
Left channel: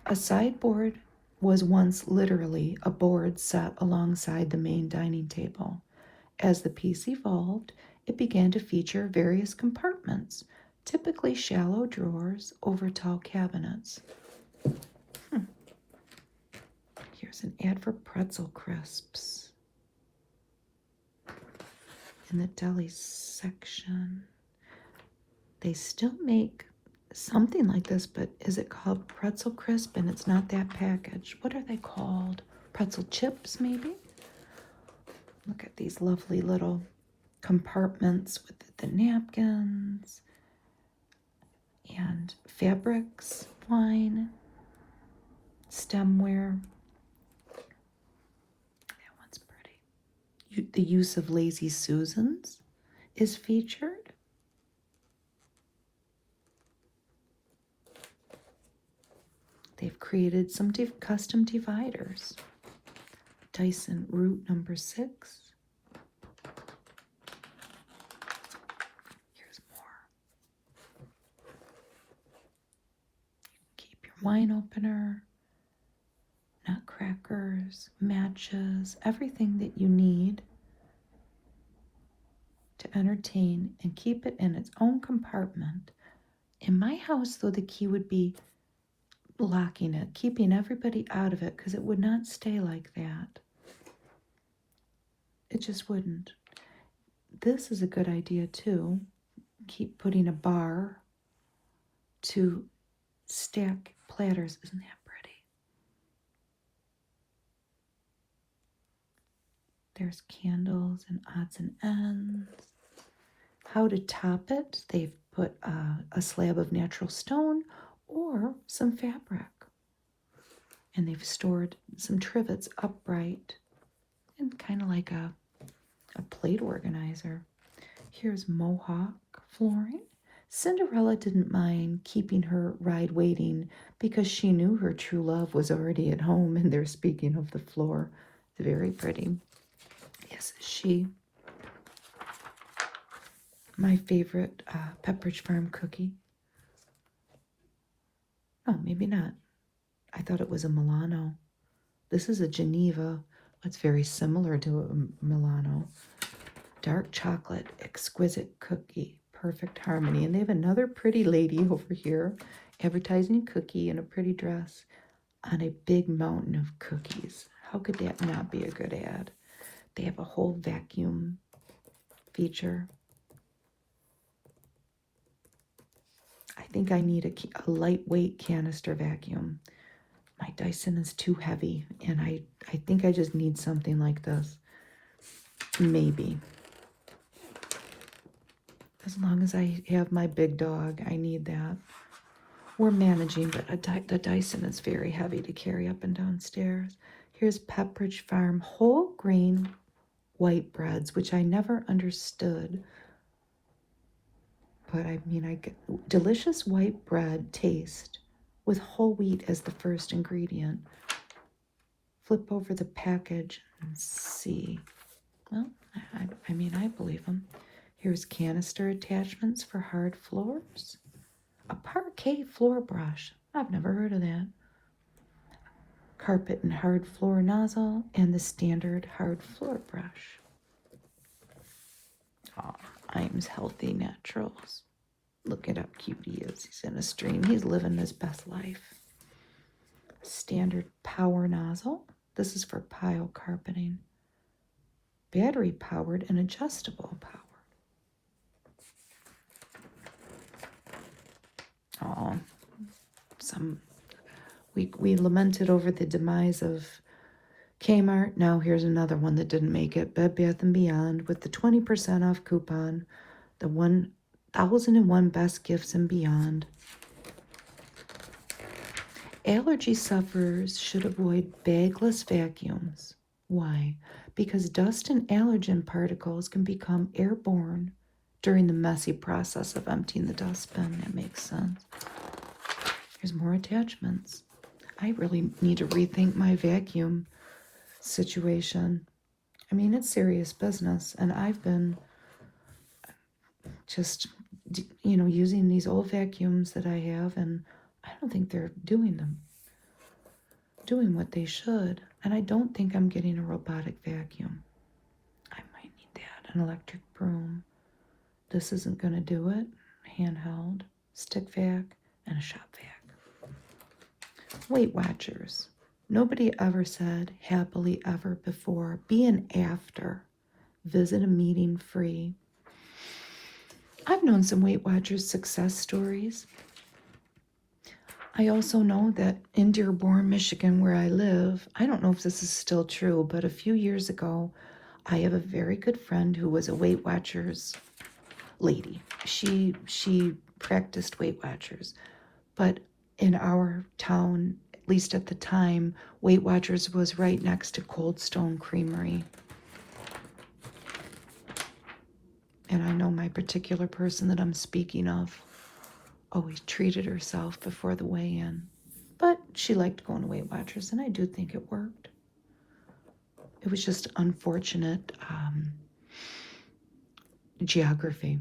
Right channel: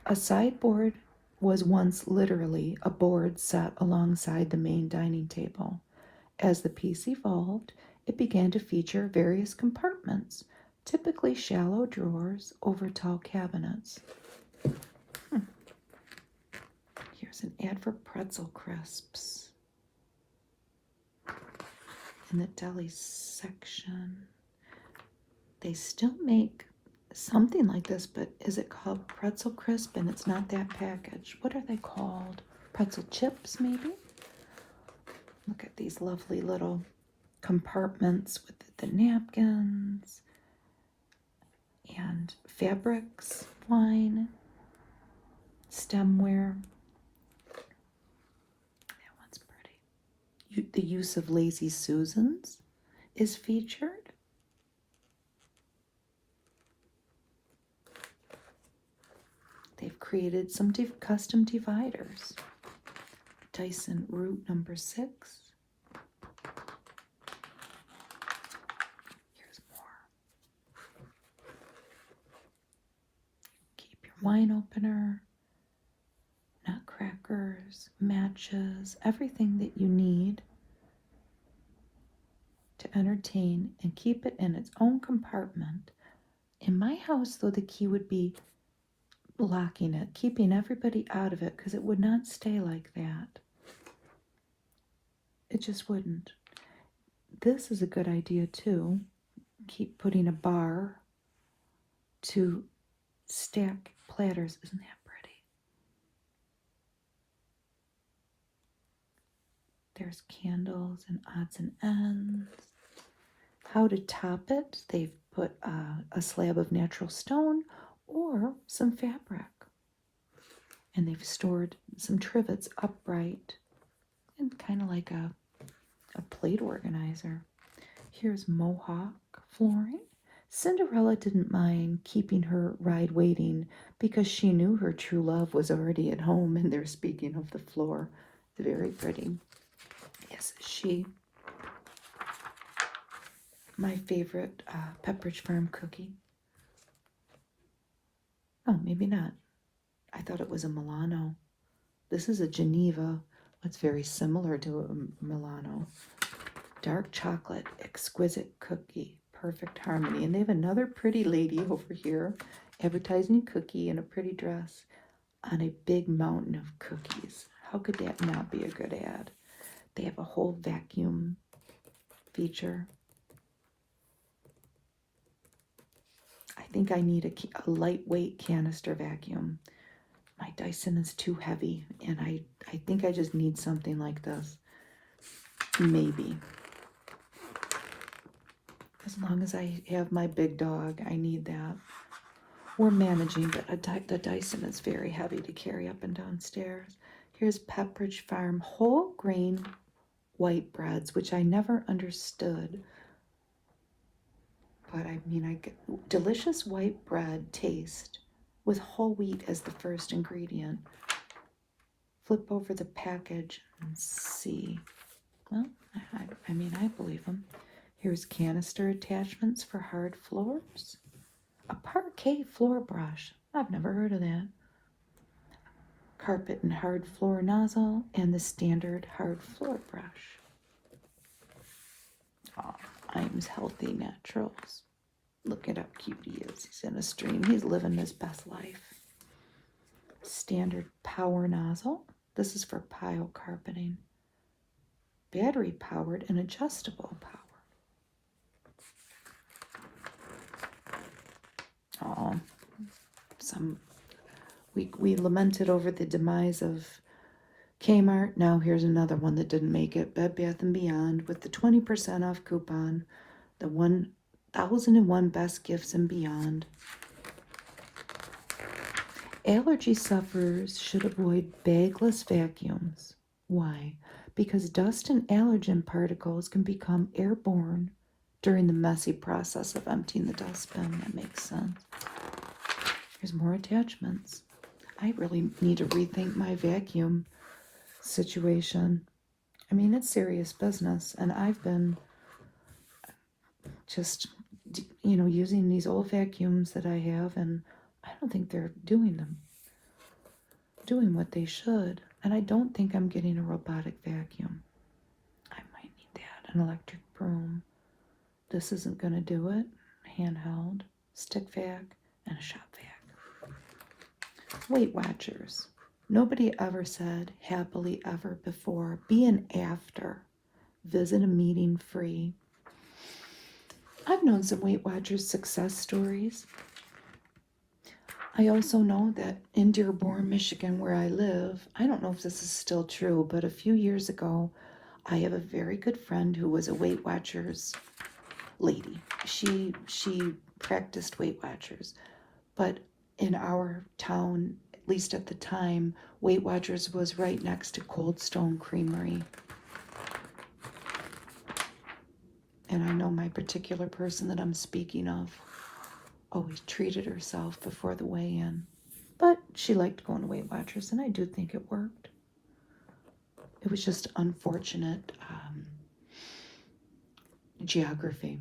A sideboard was once literally a board set alongside the main dining table. As the piece evolved, it began to feature various compartments, typically shallow drawers over tall cabinets. Here's an ad for pretzel crisps in the deli section. They still make something like this, but is it called pretzel crisp? And it's not that package. What are they called? Pretzel chips, maybe? Look at these lovely little compartments with the napkins and fabrics, wine, stemware. That one's pretty. The use of Lazy Susans is featured. They've created some custom dividers. Dyson Root number 6. Here's more. Keep your wine opener, nutcrackers, matches, everything that you need to entertain and keep it in its own compartment. In my house, though, the key would be locking it, keeping everybody out of it, because it would not stay like that. It just wouldn't. This is a good idea too. Keep putting a bar to stack platters. Isn't that pretty? There's candles and odds and ends. How to top it? They've put a slab of natural stone or some fabric. And they've stored some trivets upright and kind of like a plate organizer. Here's Mohawk flooring. Cinderella didn't mind keeping her ride waiting because she knew her true love was already at home, and they're speaking of the floor. Very pretty. Yes, she. My favorite Pepperidge Farm cookie. Oh, maybe not. I thought it was a Milano. This is a Geneva. It's very similar to a Milano. Dark chocolate, exquisite cookie, perfect harmony. And they have another pretty lady over here advertising a cookie in a pretty dress on a big mountain of cookies. How could that not be a good ad? They have a whole vacuum feature. I think I need a lightweight canister vacuum. My Dyson is too heavy, and I think I just need something like this. Maybe. As long as I have my big dog, I need that. We're managing, but the Dyson is very heavy to carry up and downstairs. Here's Pepperidge Farm whole grain white breads, which I never understood. But I mean, I get delicious white bread taste with whole wheat as the first ingredient. Flip over the package and see. Well, I mean, I believe them. Here's canister attachments for hard floors. A parquet floor brush. I've never heard of that. Carpet and hard floor nozzle and the standard hard floor brush. Oh, Iams Healthy Naturals. Look at how cute he is. He's in a stream. He's living his best life. Standard power nozzle. This is for pile carpeting. Battery powered and adjustable power. Oh, we lamented over the demise of Kmart. Now here's another one that didn't make it. Bed Bath & Beyond with the 20% off coupon. The 1001 best gifts and beyond. Allergy sufferers should avoid bagless vacuums. Why? Because dust and allergen particles can become airborne during the messy process of emptying the dustbin. That makes sense. Here's more attachments. I really need to rethink my vacuum situation. I mean, it's serious business, and I've been just, using these old vacuums that I have, and I don't think they're doing what they should. And I don't think I'm getting a robotic vacuum. I might need that, an electric broom. This isn't going to do it. Handheld, stick vac, and a shop vac. Weight Watchers. Nobody ever said happily ever before. Be an after. Visit a meeting free. I've known some Weight Watchers success stories. I also know that in Dearborn, Michigan, where I live, I don't know if this is still true, but a few years ago, I have a very good friend who was a Weight Watchers lady. She practiced Weight Watchers, but in our town, at least at the time, Weight Watchers was right next to Cold Stone Creamery. And I know my particular person that I'm speaking of always treated herself before the weigh-in. But she liked going to Weight Watchers, and I do think it worked. It was just unfortunate geography.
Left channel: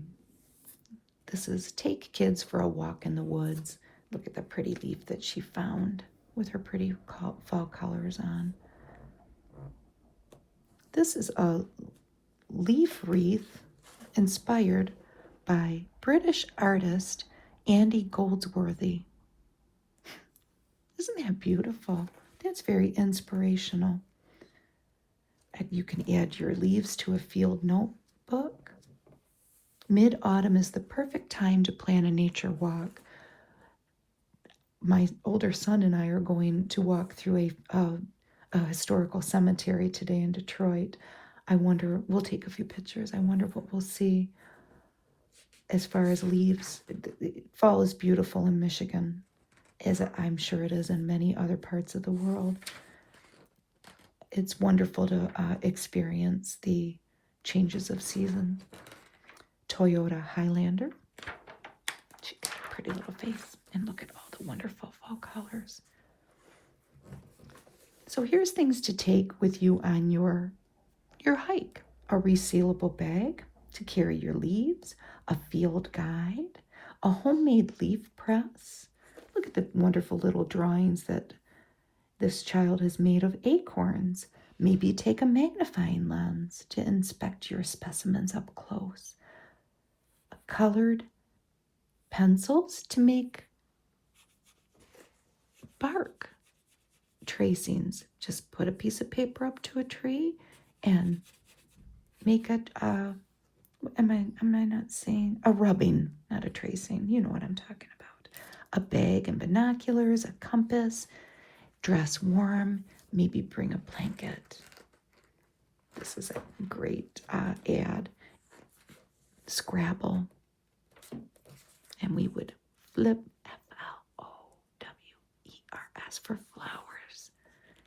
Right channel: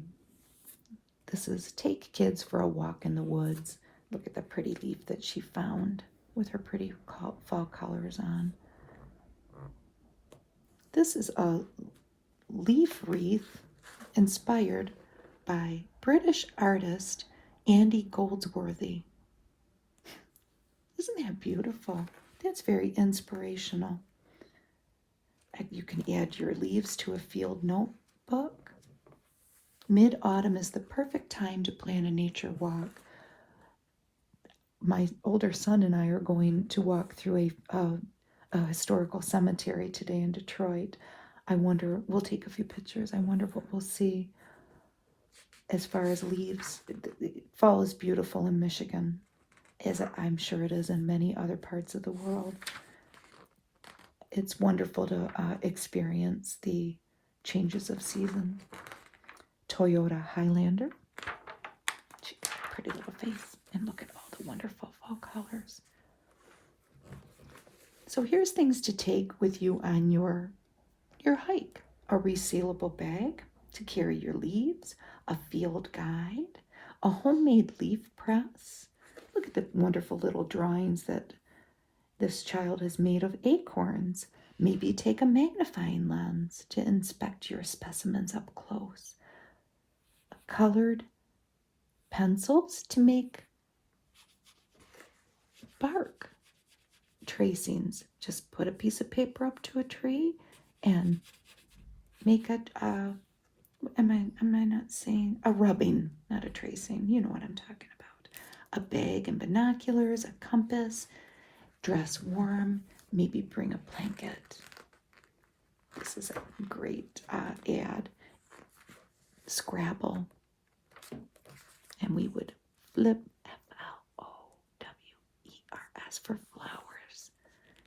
This is Take Kids for a Walk in the Woods. Look at the pretty leaf that she found with her pretty fall colors on. This is a leaf wreath inspired by British artist Andy Goldsworthy. Isn't that beautiful? That's very inspirational. And you can add your leaves to a field notebook. Mid-autumn is the perfect time to plan a nature walk. My older son and I are going to walk through a historical cemetery today in Detroit. I wonder, we'll take a few pictures. I wonder what we'll see as far as leaves. Fall is beautiful in Michigan, as I'm sure it is in many other parts of the world. It's wonderful to experience the changes of season. Toyota Highlander. She's got a pretty little face. And look at all the wonderful fall colors. So here's things to take with you on your hike. A resealable bag to carry your leaves, a field guide, a homemade leaf press. Look at the wonderful little drawings that this child has made of acorns. Maybe take a magnifying lens to inspect your specimens up close. Colored pencils to make bark tracings. Just put a piece of paper up to a tree and make it, am I not saying? A rubbing, not a tracing. You know what I'm talking about. A bag and binoculars, a compass, dress warm, maybe bring a blanket. This is a great ad. Scrabble. And we would flip Flowers for flowers.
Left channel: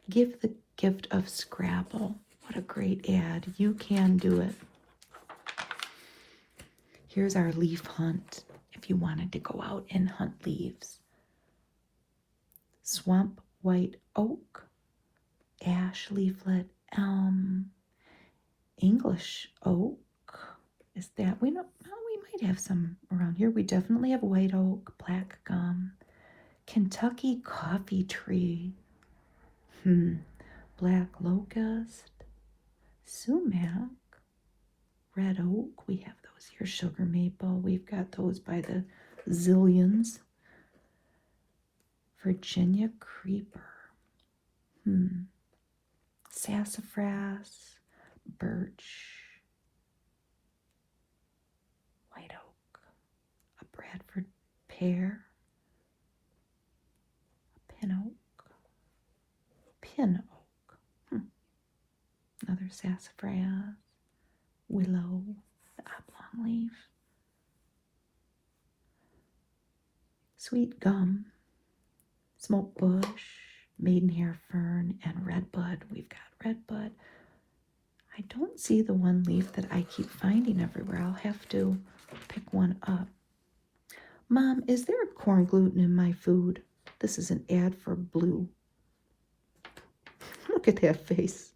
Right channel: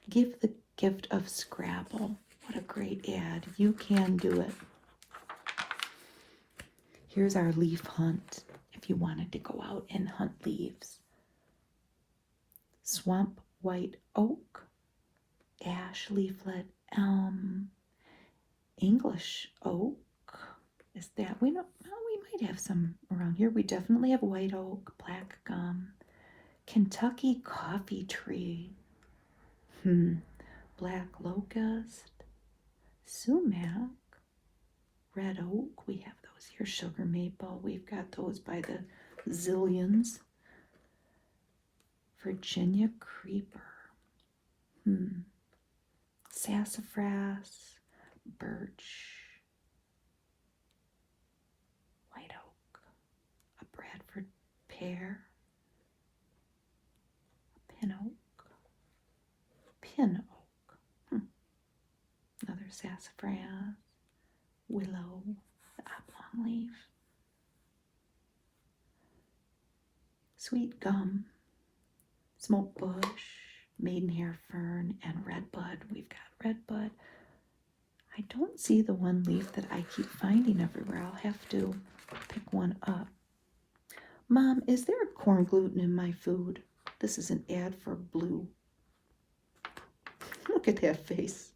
Give the gift of Scrabble. What a great ad. You can do it. Here's our leaf hunt if you wanted to go out and hunt leaves. Swamp white oak, ash leaflet, elm, English oak. Is that, we don't know, we might have some around here. We definitely have white oak, black gum, Kentucky coffee tree, black locust, sumac, red oak. We have those here. Sugar maple. We've got those by the zillions. Virginia creeper, sassafras, birch, white oak, a Bradford pear, pin oak, another sassafras, willow, the oblong leaf, sweet gum, smoke bush, maidenhair fern, and redbud. We've got redbud. I don't see the one leaf that I keep finding everywhere. I'll have to pick one up. Mom, is there corn gluten in my food? This is an ad for Blue. Look at that face.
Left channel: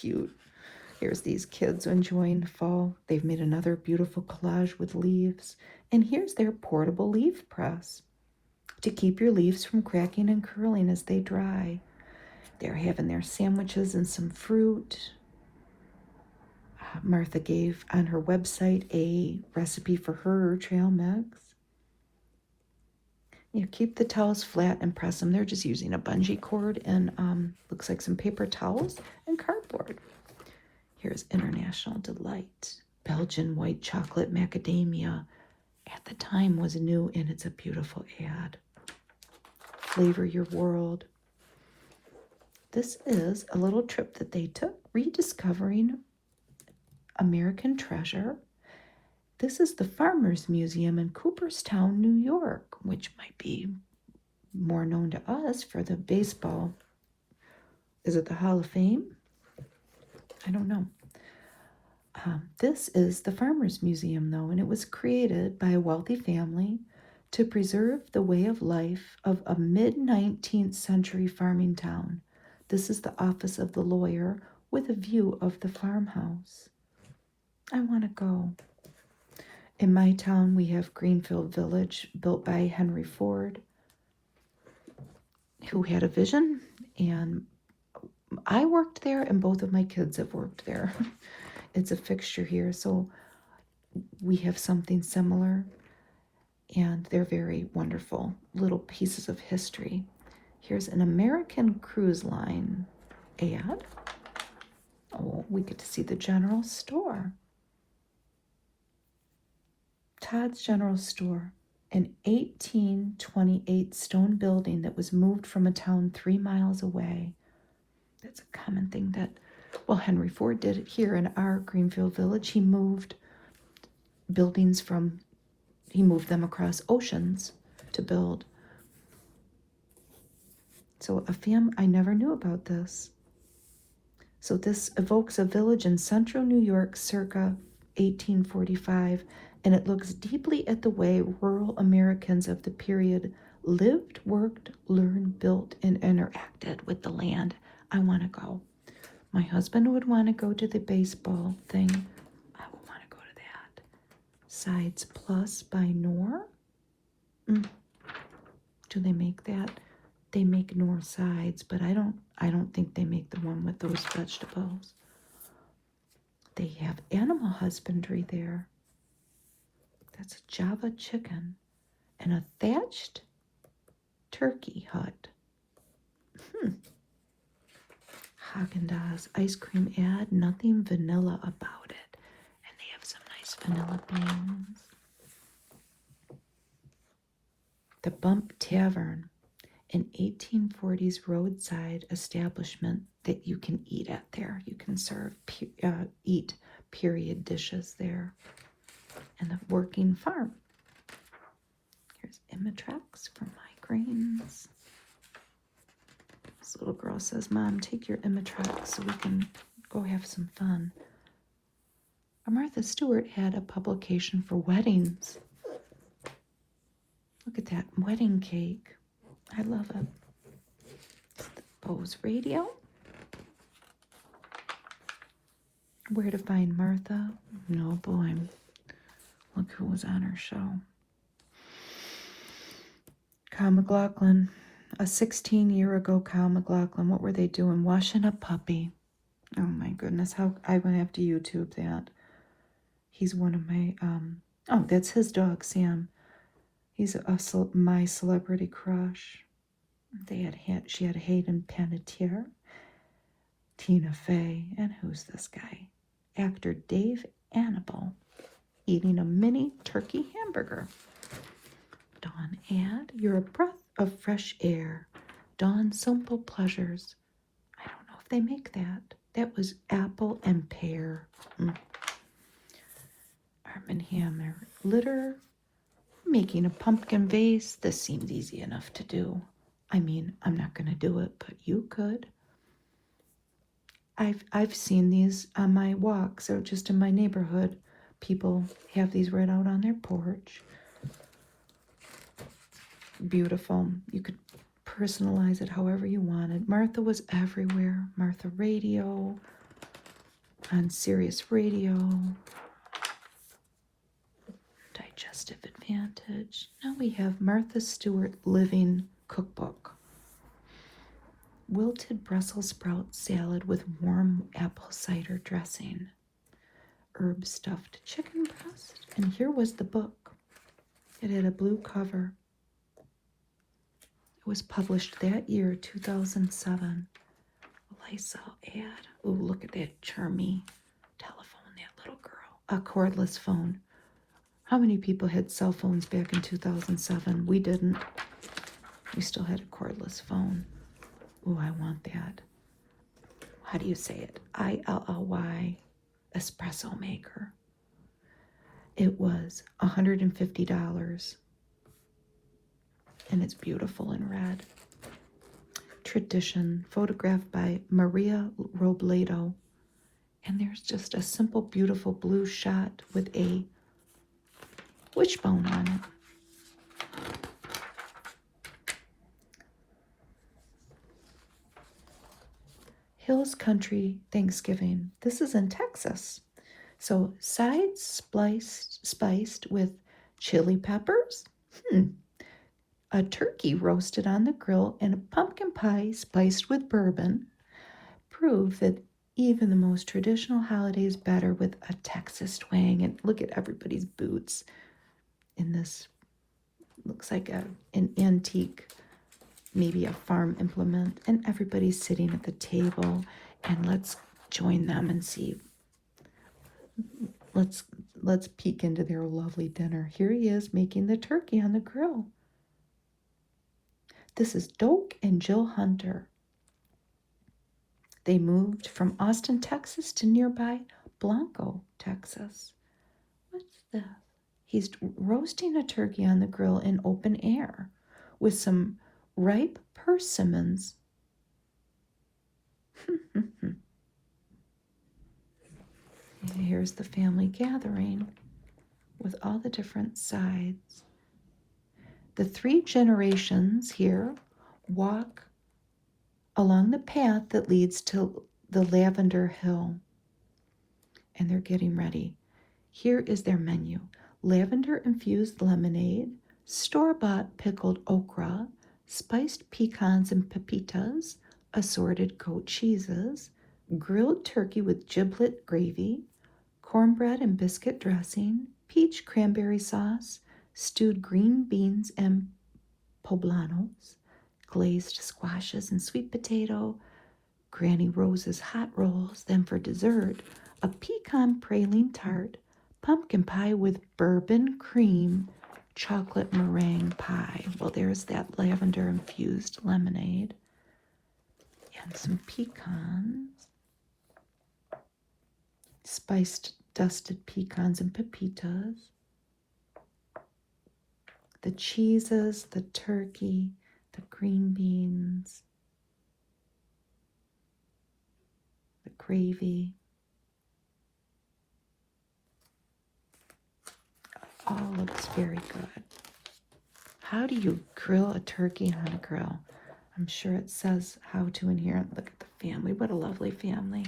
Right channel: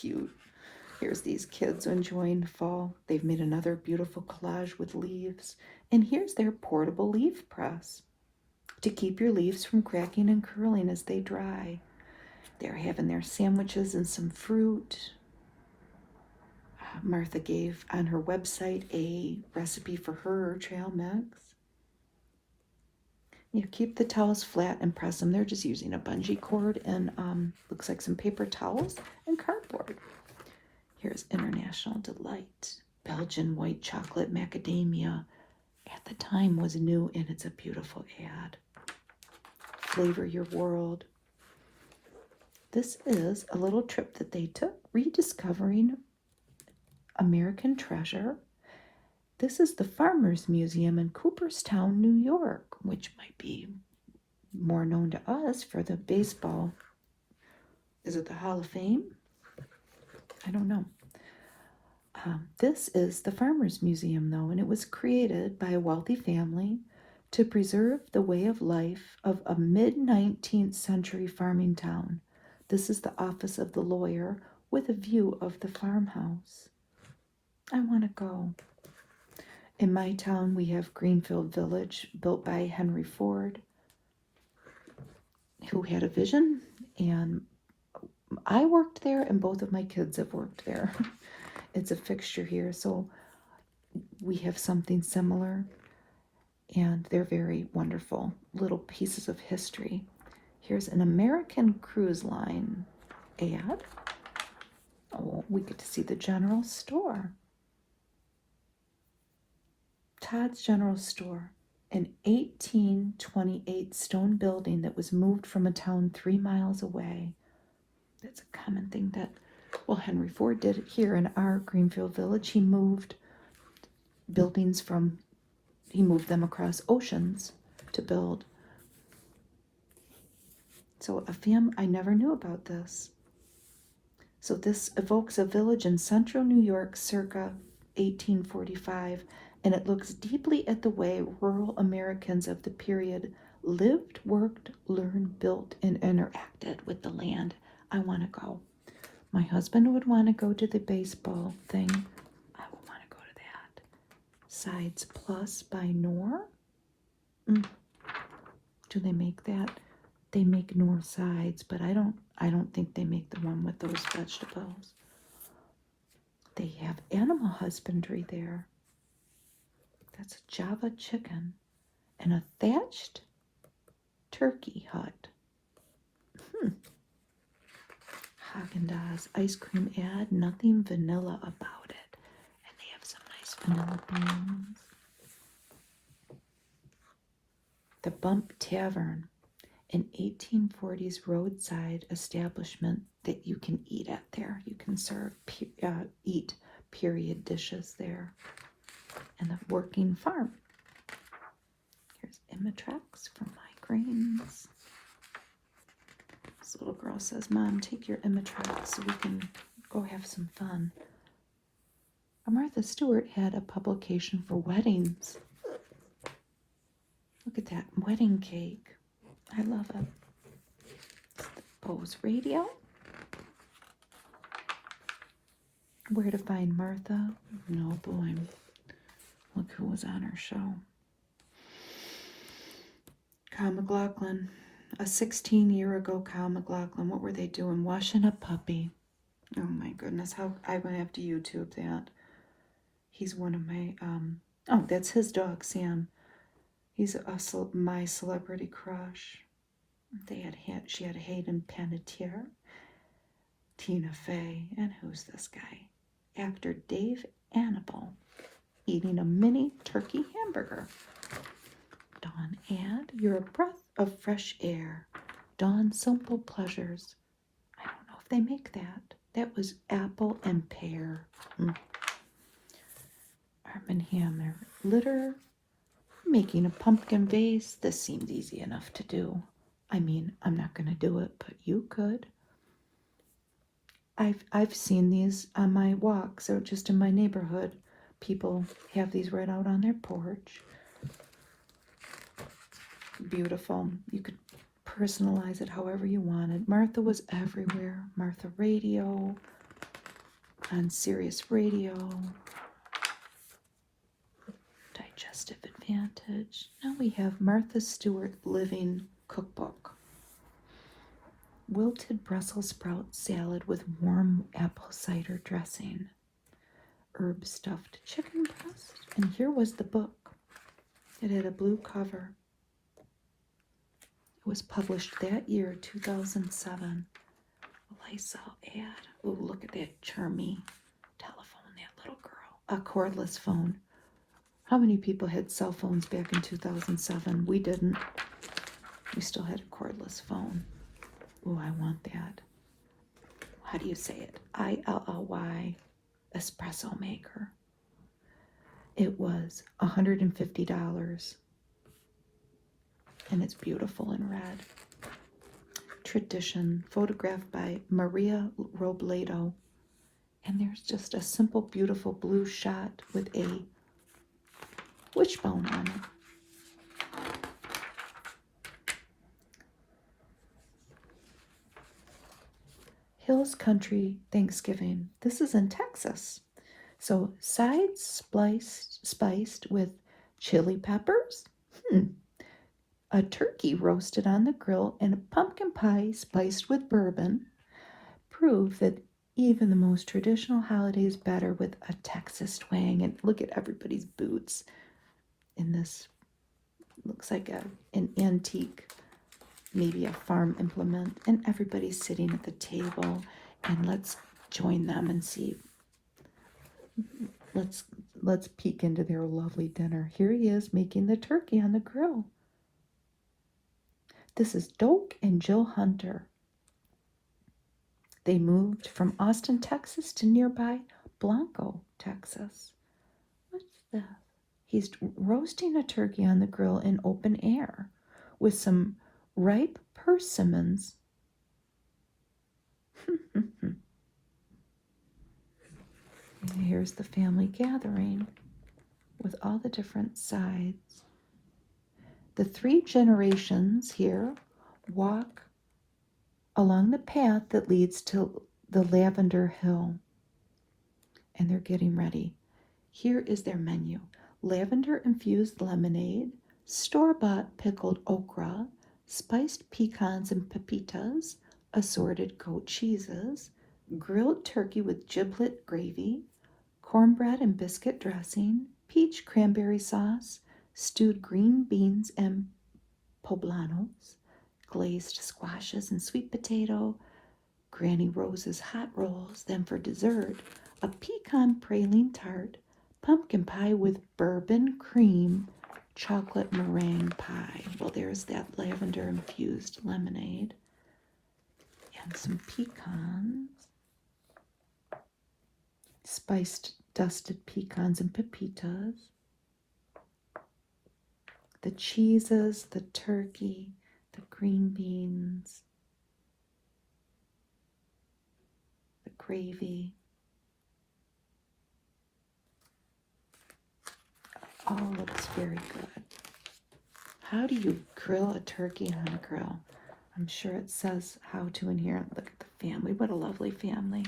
Cute. Here's these kids enjoying fall. They've made another beautiful collage with leaves. And here's their portable leaf press to keep your leaves from cracking and curling as they dry. They're having their sandwiches and some fruit. Martha gave on her website a recipe for her trail mix. You keep the towels flat and press them. They're just using a bungee cord and looks like some paper towels and cardboard. Here's International Delight. Belgian white chocolate macadamia. At the time was new, and it's a beautiful ad. Flavor your world. This is a little trip that they took, rediscovering American treasure. This is the Farmers Museum in Cooperstown, New York, which might be more known to us for the baseball. Is it the Hall of Fame? I don't know. This is the Farmers Museum, though, and it was created by a wealthy family to preserve the way of life of a mid-19th century farming town. This is the office of the lawyer with a view of the farmhouse. I want to go. In my town, we have Greenfield Village, built by Henry Ford, who had a vision, and I worked there, and both of my kids have worked there. It's a fixture here, so we have something similar, and they're very wonderful little pieces of history. Here's an American Cruise Line ad. Oh, we get to see the general store. Todd's General Store, an 1828 stone building that was moved from a town 3 miles away. That's a common thing that, well, Henry Ford did it here in our Greenfield Village. He moved buildings he moved them across oceans to build. So I never knew about this. So this evokes a village in central New York circa 1845, and it looks deeply at the way rural Americans of the period lived, worked, learned, built, and interacted with the land. I want to go. My husband would want to go to the baseball thing. I would want to go to that. Sides Plus by Knorr. Do they make that? They make Knorr sides, but I don't think they make the one with those vegetables. They have animal husbandry there. That's a Java chicken and a thatched turkey hut. Haagen-Dazs ice cream ad, nothing vanilla about it. And they have some nice vanilla beans. The Bump Tavern, an 1840s roadside establishment that you can eat at there. You can eat period dishes there. And the working farm. Here's Imitrex for migraines. This little girl says, Mom, take your Imitrex so we can go have some fun. Martha Stewart had a publication for weddings. Look at that wedding cake. I love it. It's the Bose radio. Where to find Martha? No, boy. Look who was on her show. Kyle MacLachlan. A 16-year-ago Kyle MacLachlan. What were they doing? Washing a puppy. Oh my goodness. How I'm going to have to YouTube that. He's one of my, oh, that's his dog, Sam. He's my celebrity crush. She had Hayden Panettiere, Tina Fey, and who's this guy? Actor Dave Annable, eating a mini turkey hamburger. Dawn Ad, you're a breath of fresh air. Dawn Simple Pleasures. I don't know if they make that. That was apple and pear. Arm & Hammer. Litter. Making a pumpkin vase. This seems easy enough to do. I mean, I'm not going to do it, but you could. I've seen these on my walks or just in my neighborhood. People have these right out on their porch. Beautiful. You could personalize it however you wanted. Martha was everywhere. Martha Radio, on Sirius Radio, Digestive Advantage. Now we have Martha Stewart Living Cookbook. Wilted Brussels sprout salad with warm apple cider dressing. Herb stuffed chicken breast. And here was the book. It had a blue cover. It was published that year, 2007. Lysol ad. Ooh, look at that charming telephone, that little girl. A cordless phone. How many people had cell phones back in 2007? We didn't. We still had a cordless phone. Ooh, I want that. How do you say it? ILLY espresso maker. It was $150. And it's beautiful in red. Tradition, photographed by Maria Robledo. And there's just a simple, beautiful blue shot with a wishbone on it. Hills Country Thanksgiving. This is in Texas. So sides spiced with chili peppers. A turkey roasted on the grill and a pumpkin pie spiced with bourbon prove that even the most traditional holiday is better with a Texas twang. And look at everybody's boots in this. Looks like an antique, maybe a farm implement. And everybody's sitting at the table. And let's join them and see. Let's peek into their lovely dinner. Here he is making the turkey on the grill. This is Doak and Jill Hunter. They moved from Austin, Texas to nearby Blanco, Texas. What's this? He's roasting a turkey on the grill in open air with some ripe persimmons. Here's the family gathering with all the different sides. The 3 generations here walk along the path that leads to the Lavender Hill. And they're getting ready. Here is their menu. Lavender-infused lemonade, store-bought pickled okra, spiced pecans and pepitas, assorted goat cheeses, grilled turkey with giblet gravy, cornbread and biscuit dressing, peach cranberry sauce, stewed green beans and poblanos, glazed squashes and sweet potato, Granny Rose's hot rolls. Then for dessert, a pecan praline tart, pumpkin pie with bourbon cream, chocolate meringue pie. Well, there's that lavender-infused lemonade. And some pecans. Spiced dusted pecans and pepitas. The cheeses, the turkey, the green beans, the gravy. Oh, looks very good. How do you grill a turkey on a grill? I'm sure it says how to in here. Look at the family. What a lovely family.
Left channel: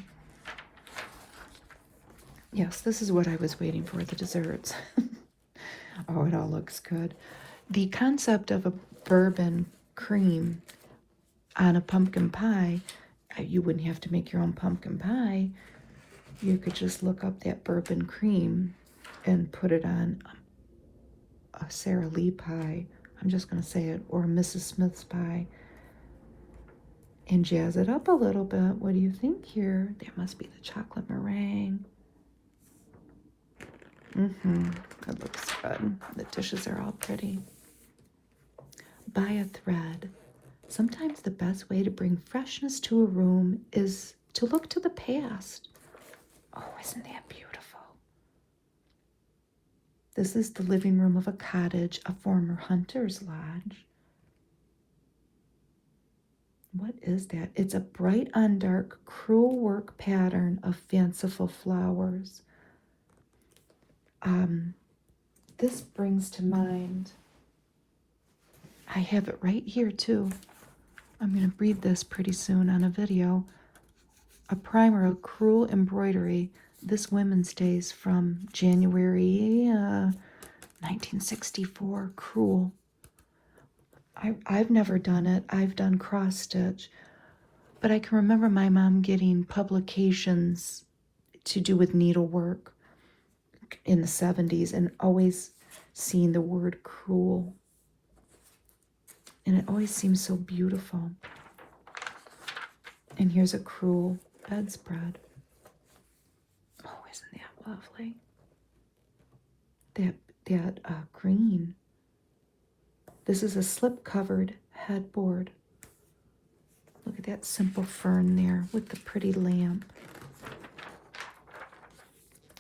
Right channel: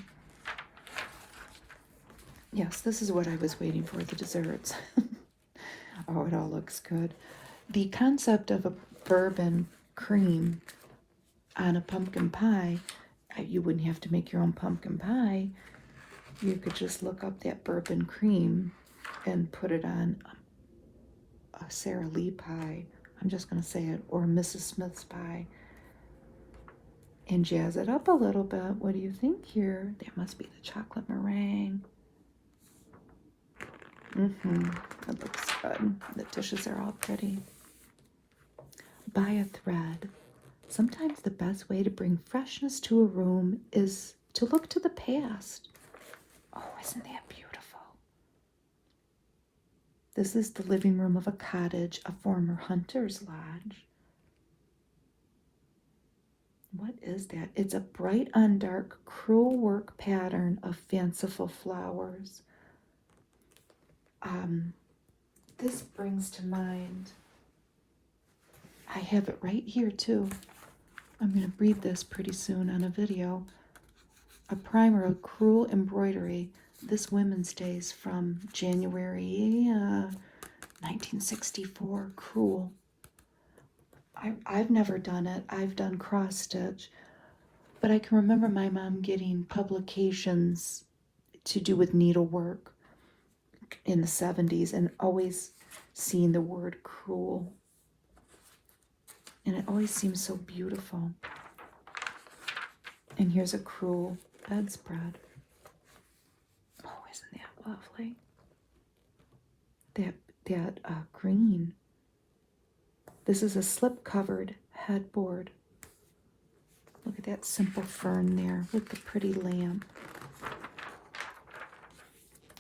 Yes, this is what I was waiting for, the desserts. Oh, it all looks good. The concept of a bourbon cream on a pumpkin pie, you wouldn't have to make your own pumpkin pie. You could just look up that bourbon cream and put it on a Sara Lee pie. I'm just going to say it, or Mrs. Smith's pie. And jazz it up a little bit. What do you think here? That must be the chocolate meringue. It looks good. The dishes are all pretty. Buy a thread. Sometimes the best way to bring freshness to a room is to look to the past. Oh, isn't that beautiful? This is the living room of a cottage, a former hunter's lodge. What is that? It's a bright on dark crewel work pattern of fanciful flowers. This brings to mind, I have it right here too. I'm going to read this pretty soon on a video. A primer of crewel embroidery. This Women's Day's from January 1964. Crewel. I've never done it. I've done cross stitch. But I can remember my mom getting publications to do with needlework in the 70s and always seeing the word crewel. And it always seems so beautiful. And here's a crewel bedspread. Oh, isn't that lovely? That green. This is a slip-covered headboard. Look at that simple fern there with the pretty lamp.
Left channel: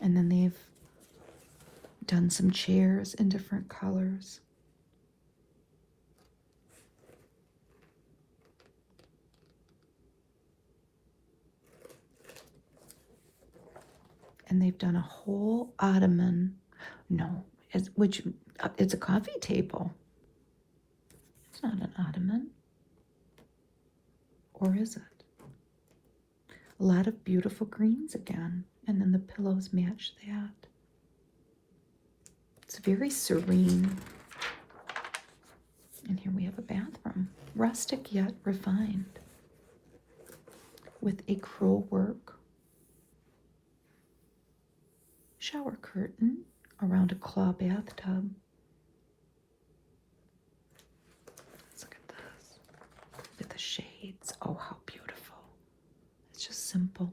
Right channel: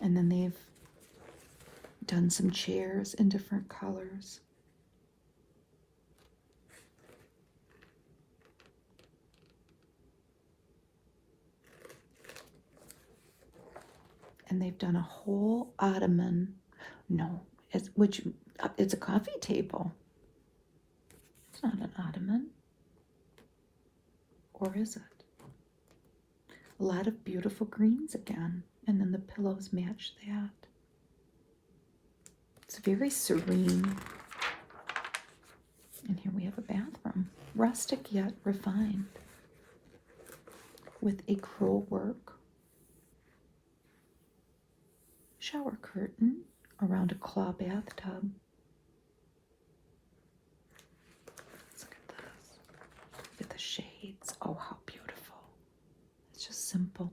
And then they've done some chairs in different colors. And they've done a whole ottoman. No, it's a coffee table. It's not an ottoman. Or is it? A lot of beautiful greens again. And then the pillows match that. It's very serene. And here we have a bathroom. Rustic yet refined. With a crewel work. Shower curtain around a claw bathtub. Let's look at this. Look at the shades. Oh, how beautiful. It's just simple.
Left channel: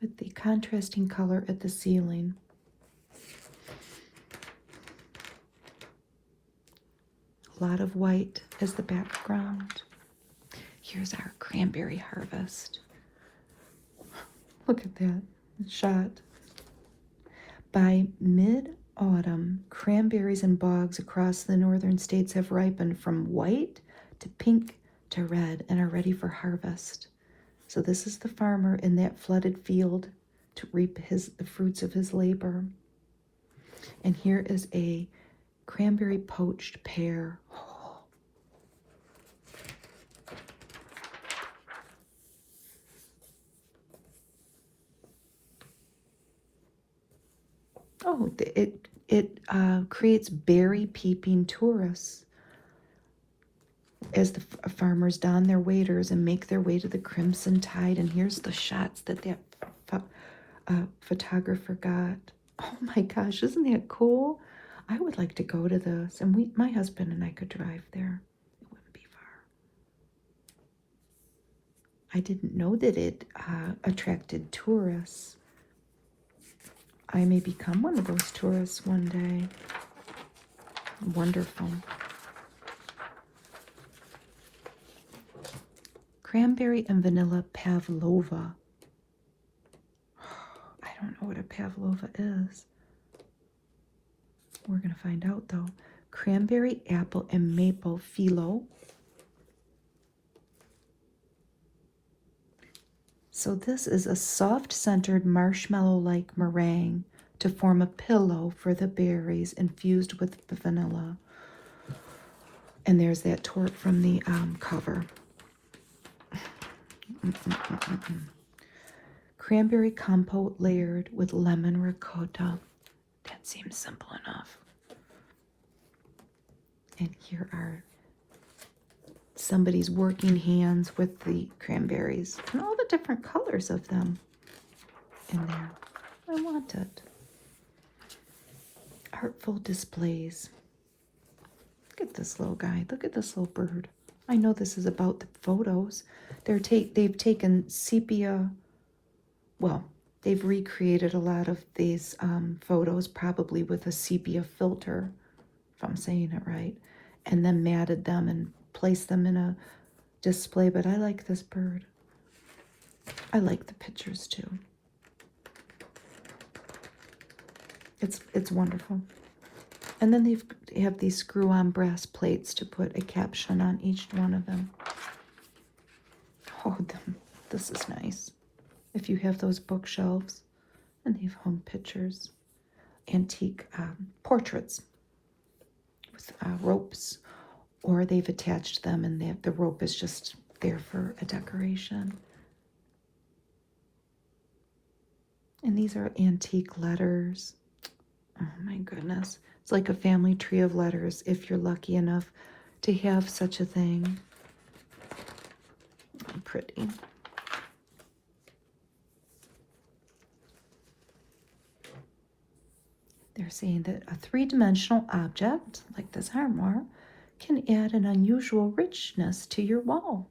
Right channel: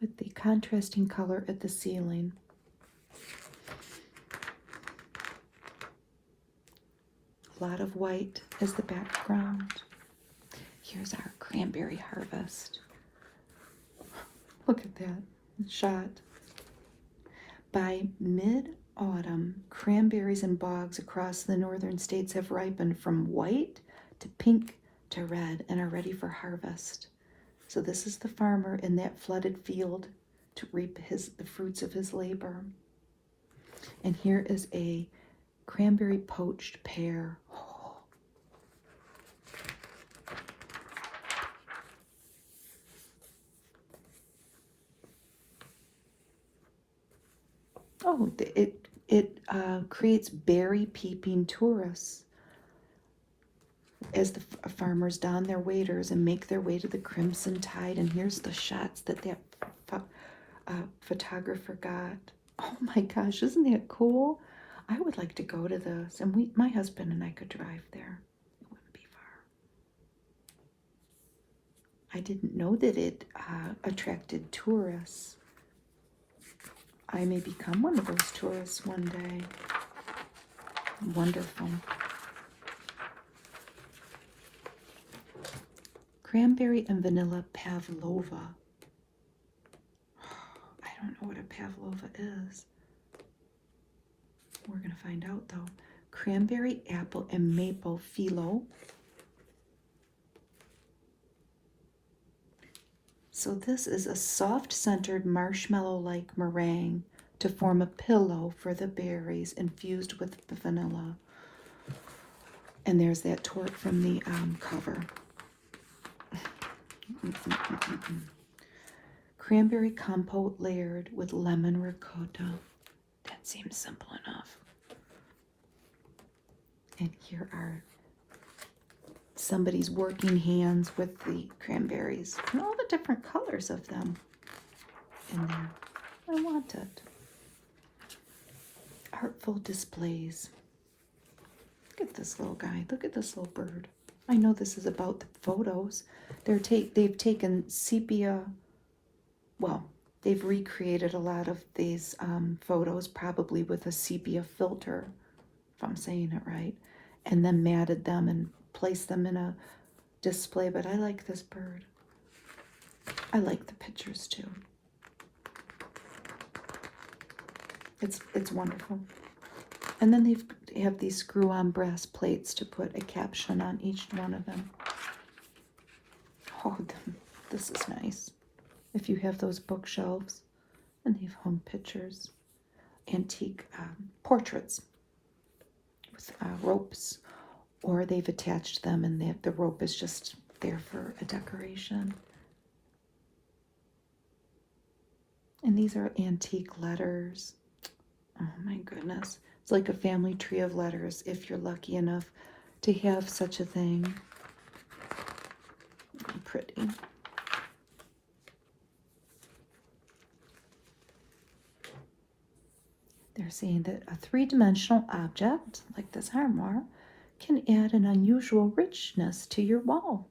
With the contrasting color at the ceiling. A lot of white is the background. Here's our cranberry harvest. Look at that shot. By mid-autumn, cranberries and bogs across the northern states have ripened from white to pink to red and are ready for harvest. So this is the farmer in that flooded field to reap the fruits of his labor. And here is a cranberry poached pear. Oh, it creates berry peeping tourists as the farmers don their waders and make their way to the crimson tide. And here's the shots that photographer got. Oh my gosh, isn't that cool? I would like to go to this, and my husband and I could drive there. It wouldn't be far. I didn't know that it attracted tourists. I may become one of those tourists one day. Wonderful. Cranberry and vanilla pavlova. I don't know what a pavlova is. We're going to find out though. Cranberry, apple, and maple phyllo. So this is a soft-centered marshmallow-like meringue to form a pillow for the berries infused with vanilla. And there's that torte from the cover. Cranberry compote layered with lemon ricotta. That seems simple enough. And here are somebody's working hands with the cranberries and all the different colors of them. And I want it. Artful displays. Look at this little guy. Look at this little bird. I know this is about the photos. They've taken sepia. Well, they've recreated a lot of these photos, probably with a sepia filter, if I'm saying it right, and then matted them and placed them in a display. But I like this bird. I like the pictures too. It's wonderful. And then they have these screw-on brass plates to put a caption on each one of them. Oh, this is nice. If you have those bookshelves, and they've hung pictures, antique portraits with ropes, or they've attached them and the rope is just there for a decoration. And these are antique letters. Oh my goodness. It's like a family tree of letters if you're lucky enough to have such a thing. Oh, pretty. They're saying that a three-dimensional object, like this armoire, can add an unusual richness to your wall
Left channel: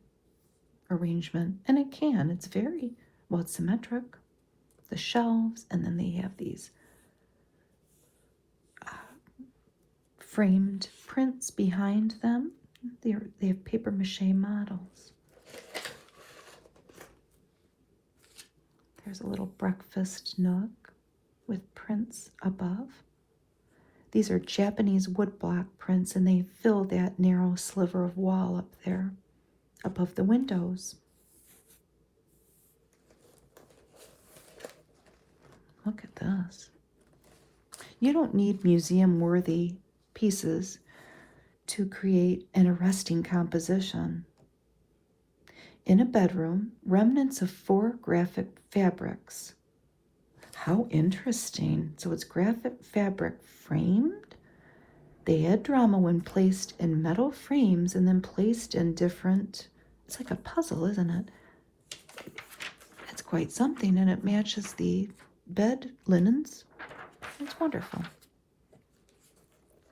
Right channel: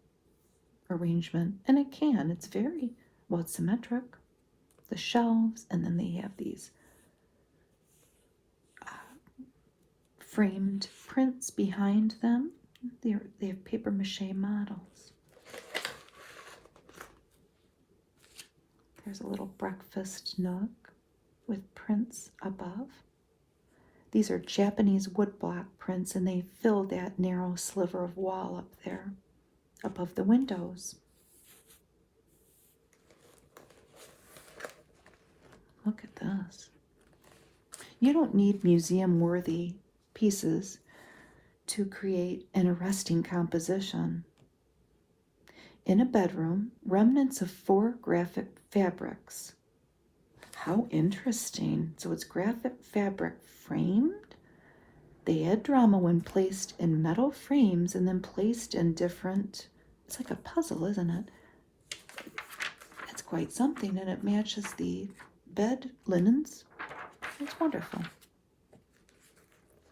arrangement. And it can. It's very, well, it's symmetric. The shelves, and then they have these framed prints behind them. They have paper mache models. There's a little breakfast nook with prints above. These are Japanese woodblock prints, and they fill that narrow sliver of wall up there above the windows. Look at this. You don't need museum-worthy pieces to create an arresting composition. In a bedroom, remnants of 4 graphic fabrics. How interesting. So it's graphic fabric framed. They add drama when placed in metal frames and then placed in different, it's like a puzzle, isn't it? It's quite something, and it matches the bed linens. It's wonderful.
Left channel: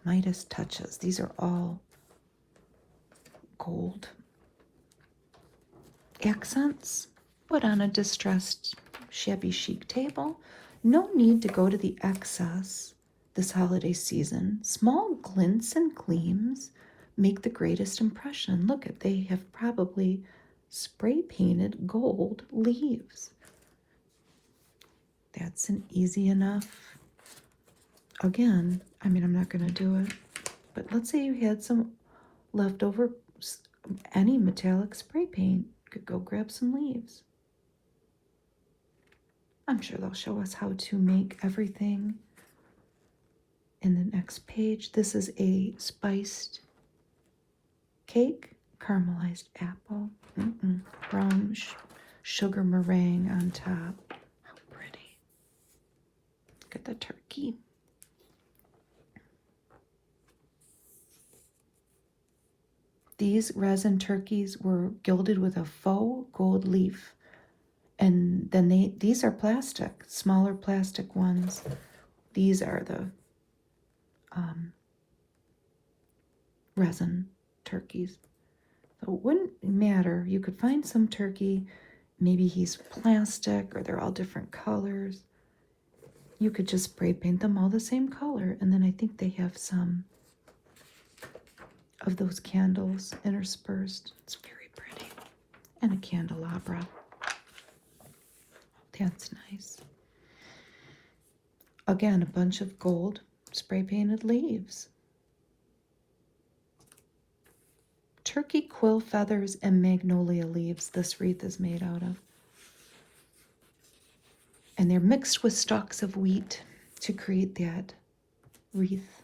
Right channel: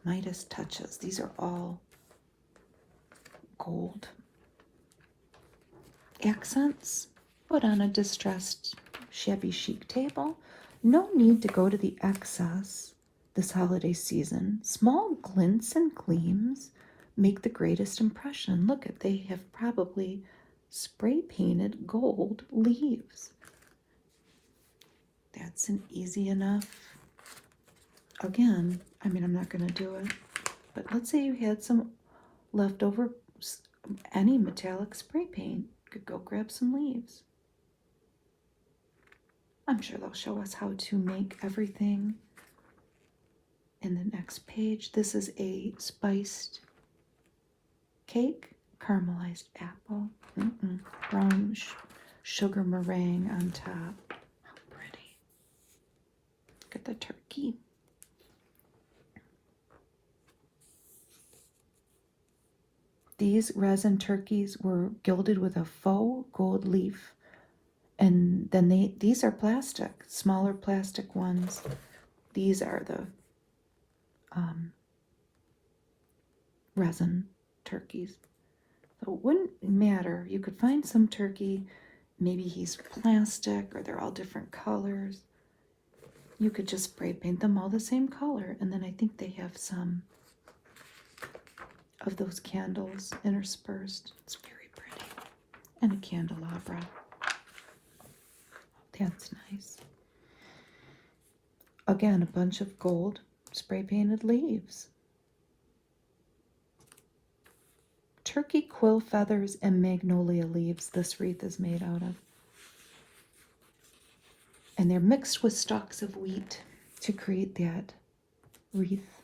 Midas touches. These are all gold accents put on a distressed, shabby chic table. No need to go to the excess this holiday season. Small glints and gleams make the greatest impression. Look at, they have probably spray painted gold leaves. That's an easy enough. Again, I mean, I'm not going to do it, but let's say you had some leftover, any metallic spray paint. You could go grab some leaves. I'm sure they'll show us how to make everything in the next page. This is a spiced cake, caramelized apple, brown sugar meringue on top. How pretty. Look at the turkey. These resin turkeys were gilded with a faux gold leaf. And then these are plastic, smaller plastic ones. These are the resin turkeys. So it wouldn't matter. You could find some turkey, maybe he's plastic or they're all different colors. You could just spray paint them all the same color. And then I think they have some of those candles interspersed. It's very pretty. And a candelabra. That's nice. Again, a bunch of gold spray painted leaves. Turkey quill feathers and magnolia leaves this wreath is made out of. And they're mixed with stalks of wheat to create that wreath.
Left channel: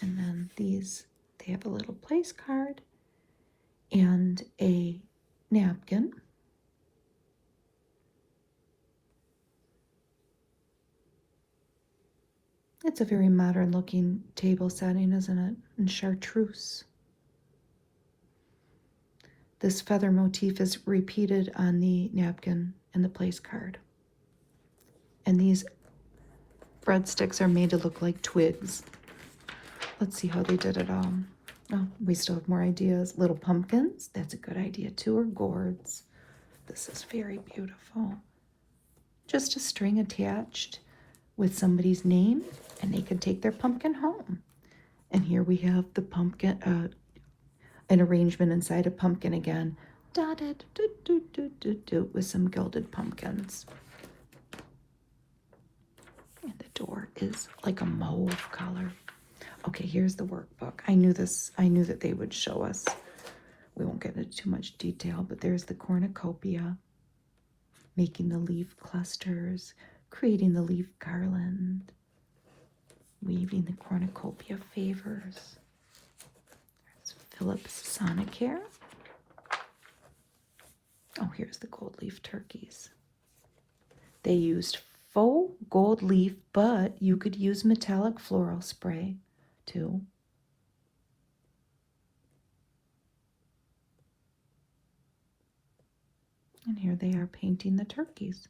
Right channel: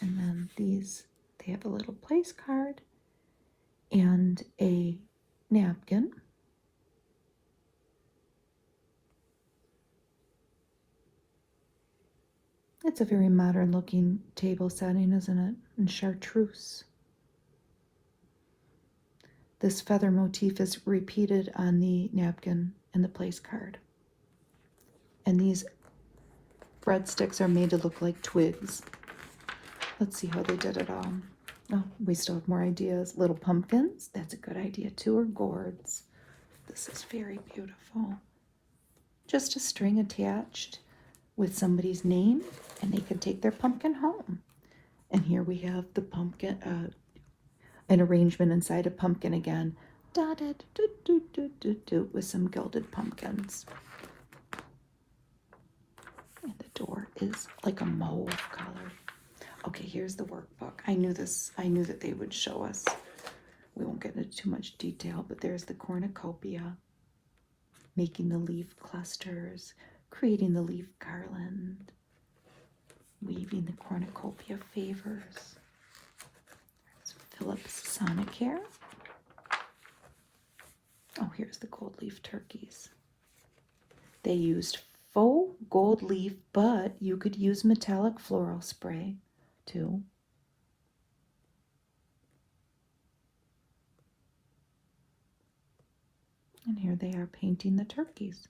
And then these, they have a little place card and a napkin. It's a very modern looking table setting, isn't it? In chartreuse. This feather motif is repeated on the napkin and the place card. And these breadsticks are made to look like twigs. Let's see how they did it all. Oh, we still have more ideas. Little pumpkins, that's a good idea too, or gourds. This is very beautiful. Just a string attached with somebody's name, and they can take their pumpkin home. And here we have the pumpkin, an arrangement inside a pumpkin again, dotted with some gilded pumpkins. And the door is like a mauve color. Okay, here's the workbook. I knew that they would show us. We won't get into too much detail, but there's the cornucopia, making the leaf clusters, creating the leaf garland, weaving the cornucopia favors. So Philip's Sonicare. Oh, here's the gold leaf turkeys. They used faux gold leaf, but you could use metallic floral spray too. And here they are painting the turkeys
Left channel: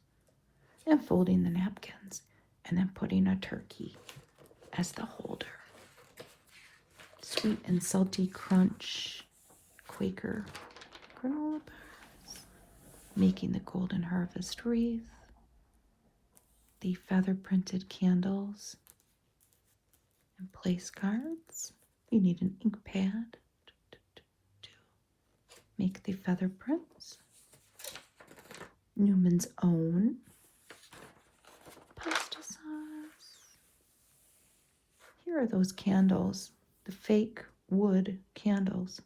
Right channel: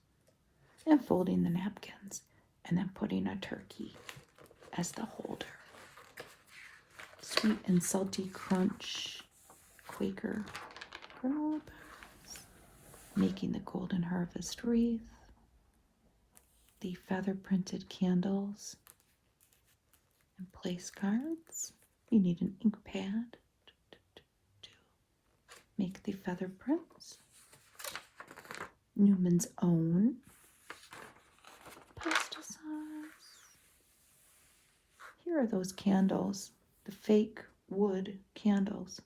and folding the napkins and then putting a turkey as the holder. Sweet and salty crunch, Quaker granola bars, making the golden harvest wreath, the feather printed candles and place cards. You need an ink pad to make the feather prints. Newman's Own pasta sauce. Here are those candles, the fake wood candles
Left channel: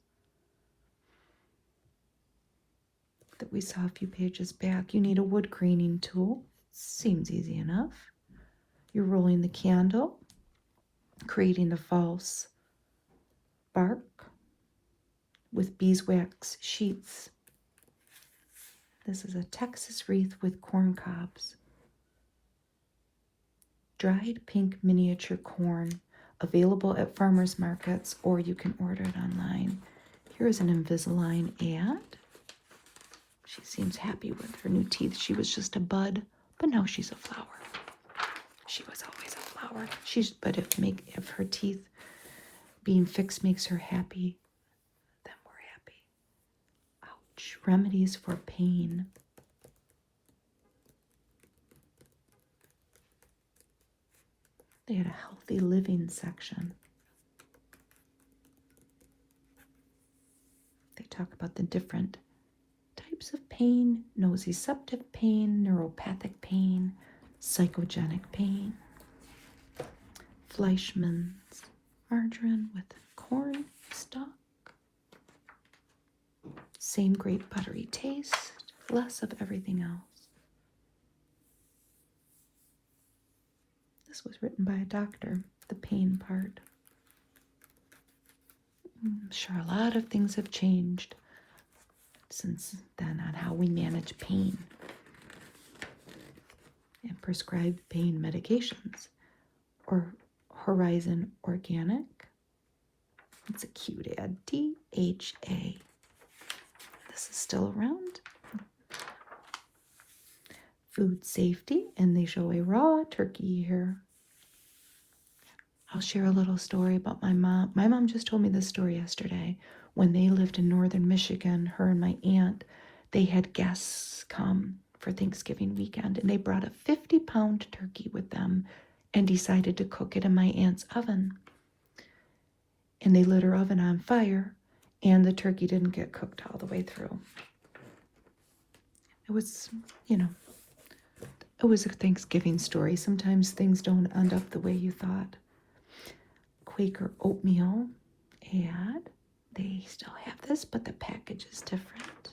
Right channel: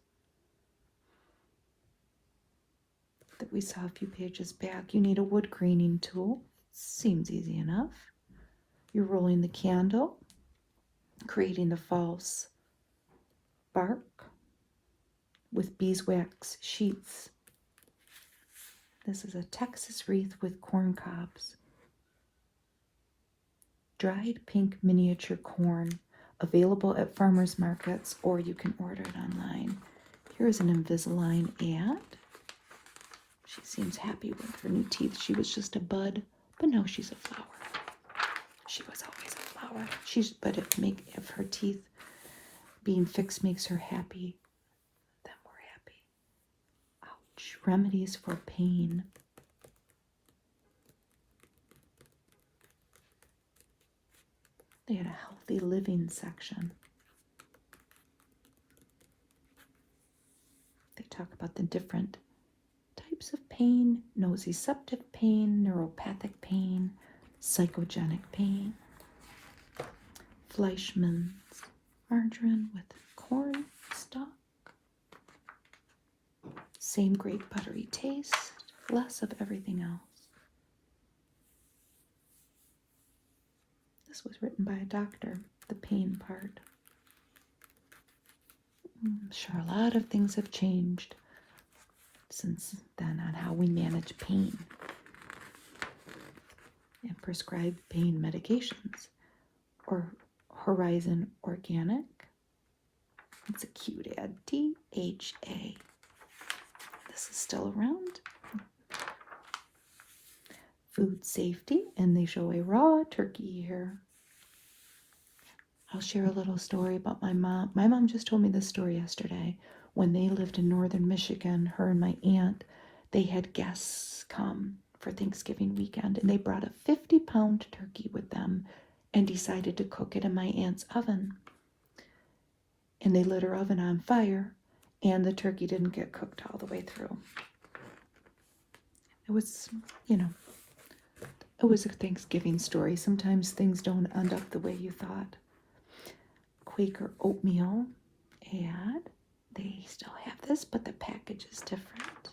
that we saw a few pages back. You need a wood graining tool. Seems easy enough. You're rolling the candle, creating the false bark with beeswax sheets. This is a Texas wreath with corn cobs. Dried pink miniature corn, available at farmers markets, or you can order it online. Here's an Invisalign ad. She seems happy with her new teeth. She was just a bud, but now she's a flower. She was always a flower. But if her teeth being fixed makes her happy, then we're happy. Ouch. Remedies for pain. They had a healthy living section. They talk about the different types of pain: nociceptive pain, neuropathic pain, psychogenic pain. Fleischmann's margarine with corn stalk. Same great buttery taste, less of everything else. This was written by a doctor, the pain part. I'm sure a lot of things have changed since then on how we manage pain and prescribe pain medications. Or Horizon Organic. It's a cute ad. DHA. This is still around. Food safety, and they show a raw turkey here. I'll share a little story about my mom. My mom just told me this story yesterday. When they lived in northern Michigan, her and my aunt, they had guests come for Thanksgiving weekend, and they brought a 50-pound turkey with them and decided to cook it in my aunt's oven. and they lit her oven on fire, and the turkey didn't get cooked all the way through. It was, it was a Thanksgiving story. Sometimes things don't end up the way you thought. Quaker oatmeal, and they still have this, but the package is different.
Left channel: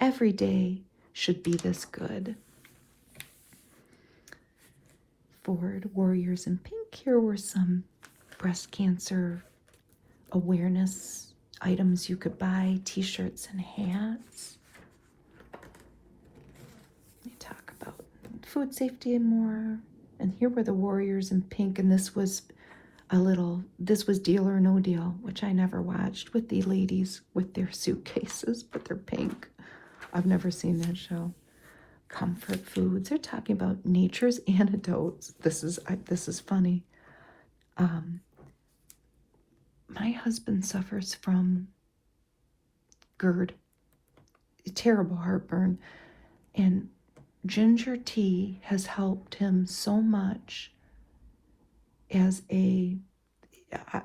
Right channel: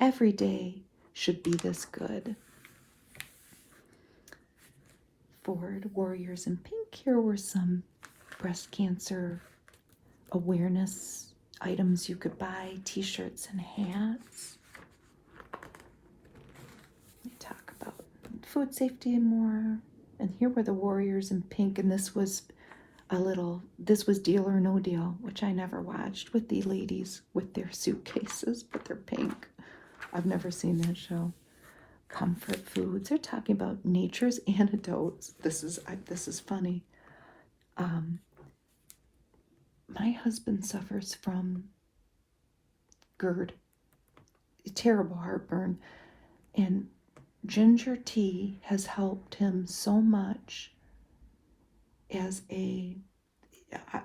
Every day should be this good. Ford Warriors in Pink. Here were some breast cancer awareness items you could buy, t-shirts and hats. They talk about food safety and more. And here were the Warriors in Pink, and this was Deal or No Deal, which I never watched, with the ladies with their suitcases, but they're pink. I've never seen them show. Comfort foods. They're talking about nature's antidotes. This is funny. My husband suffers from GERD, terrible heartburn, and ginger tea has helped him so much.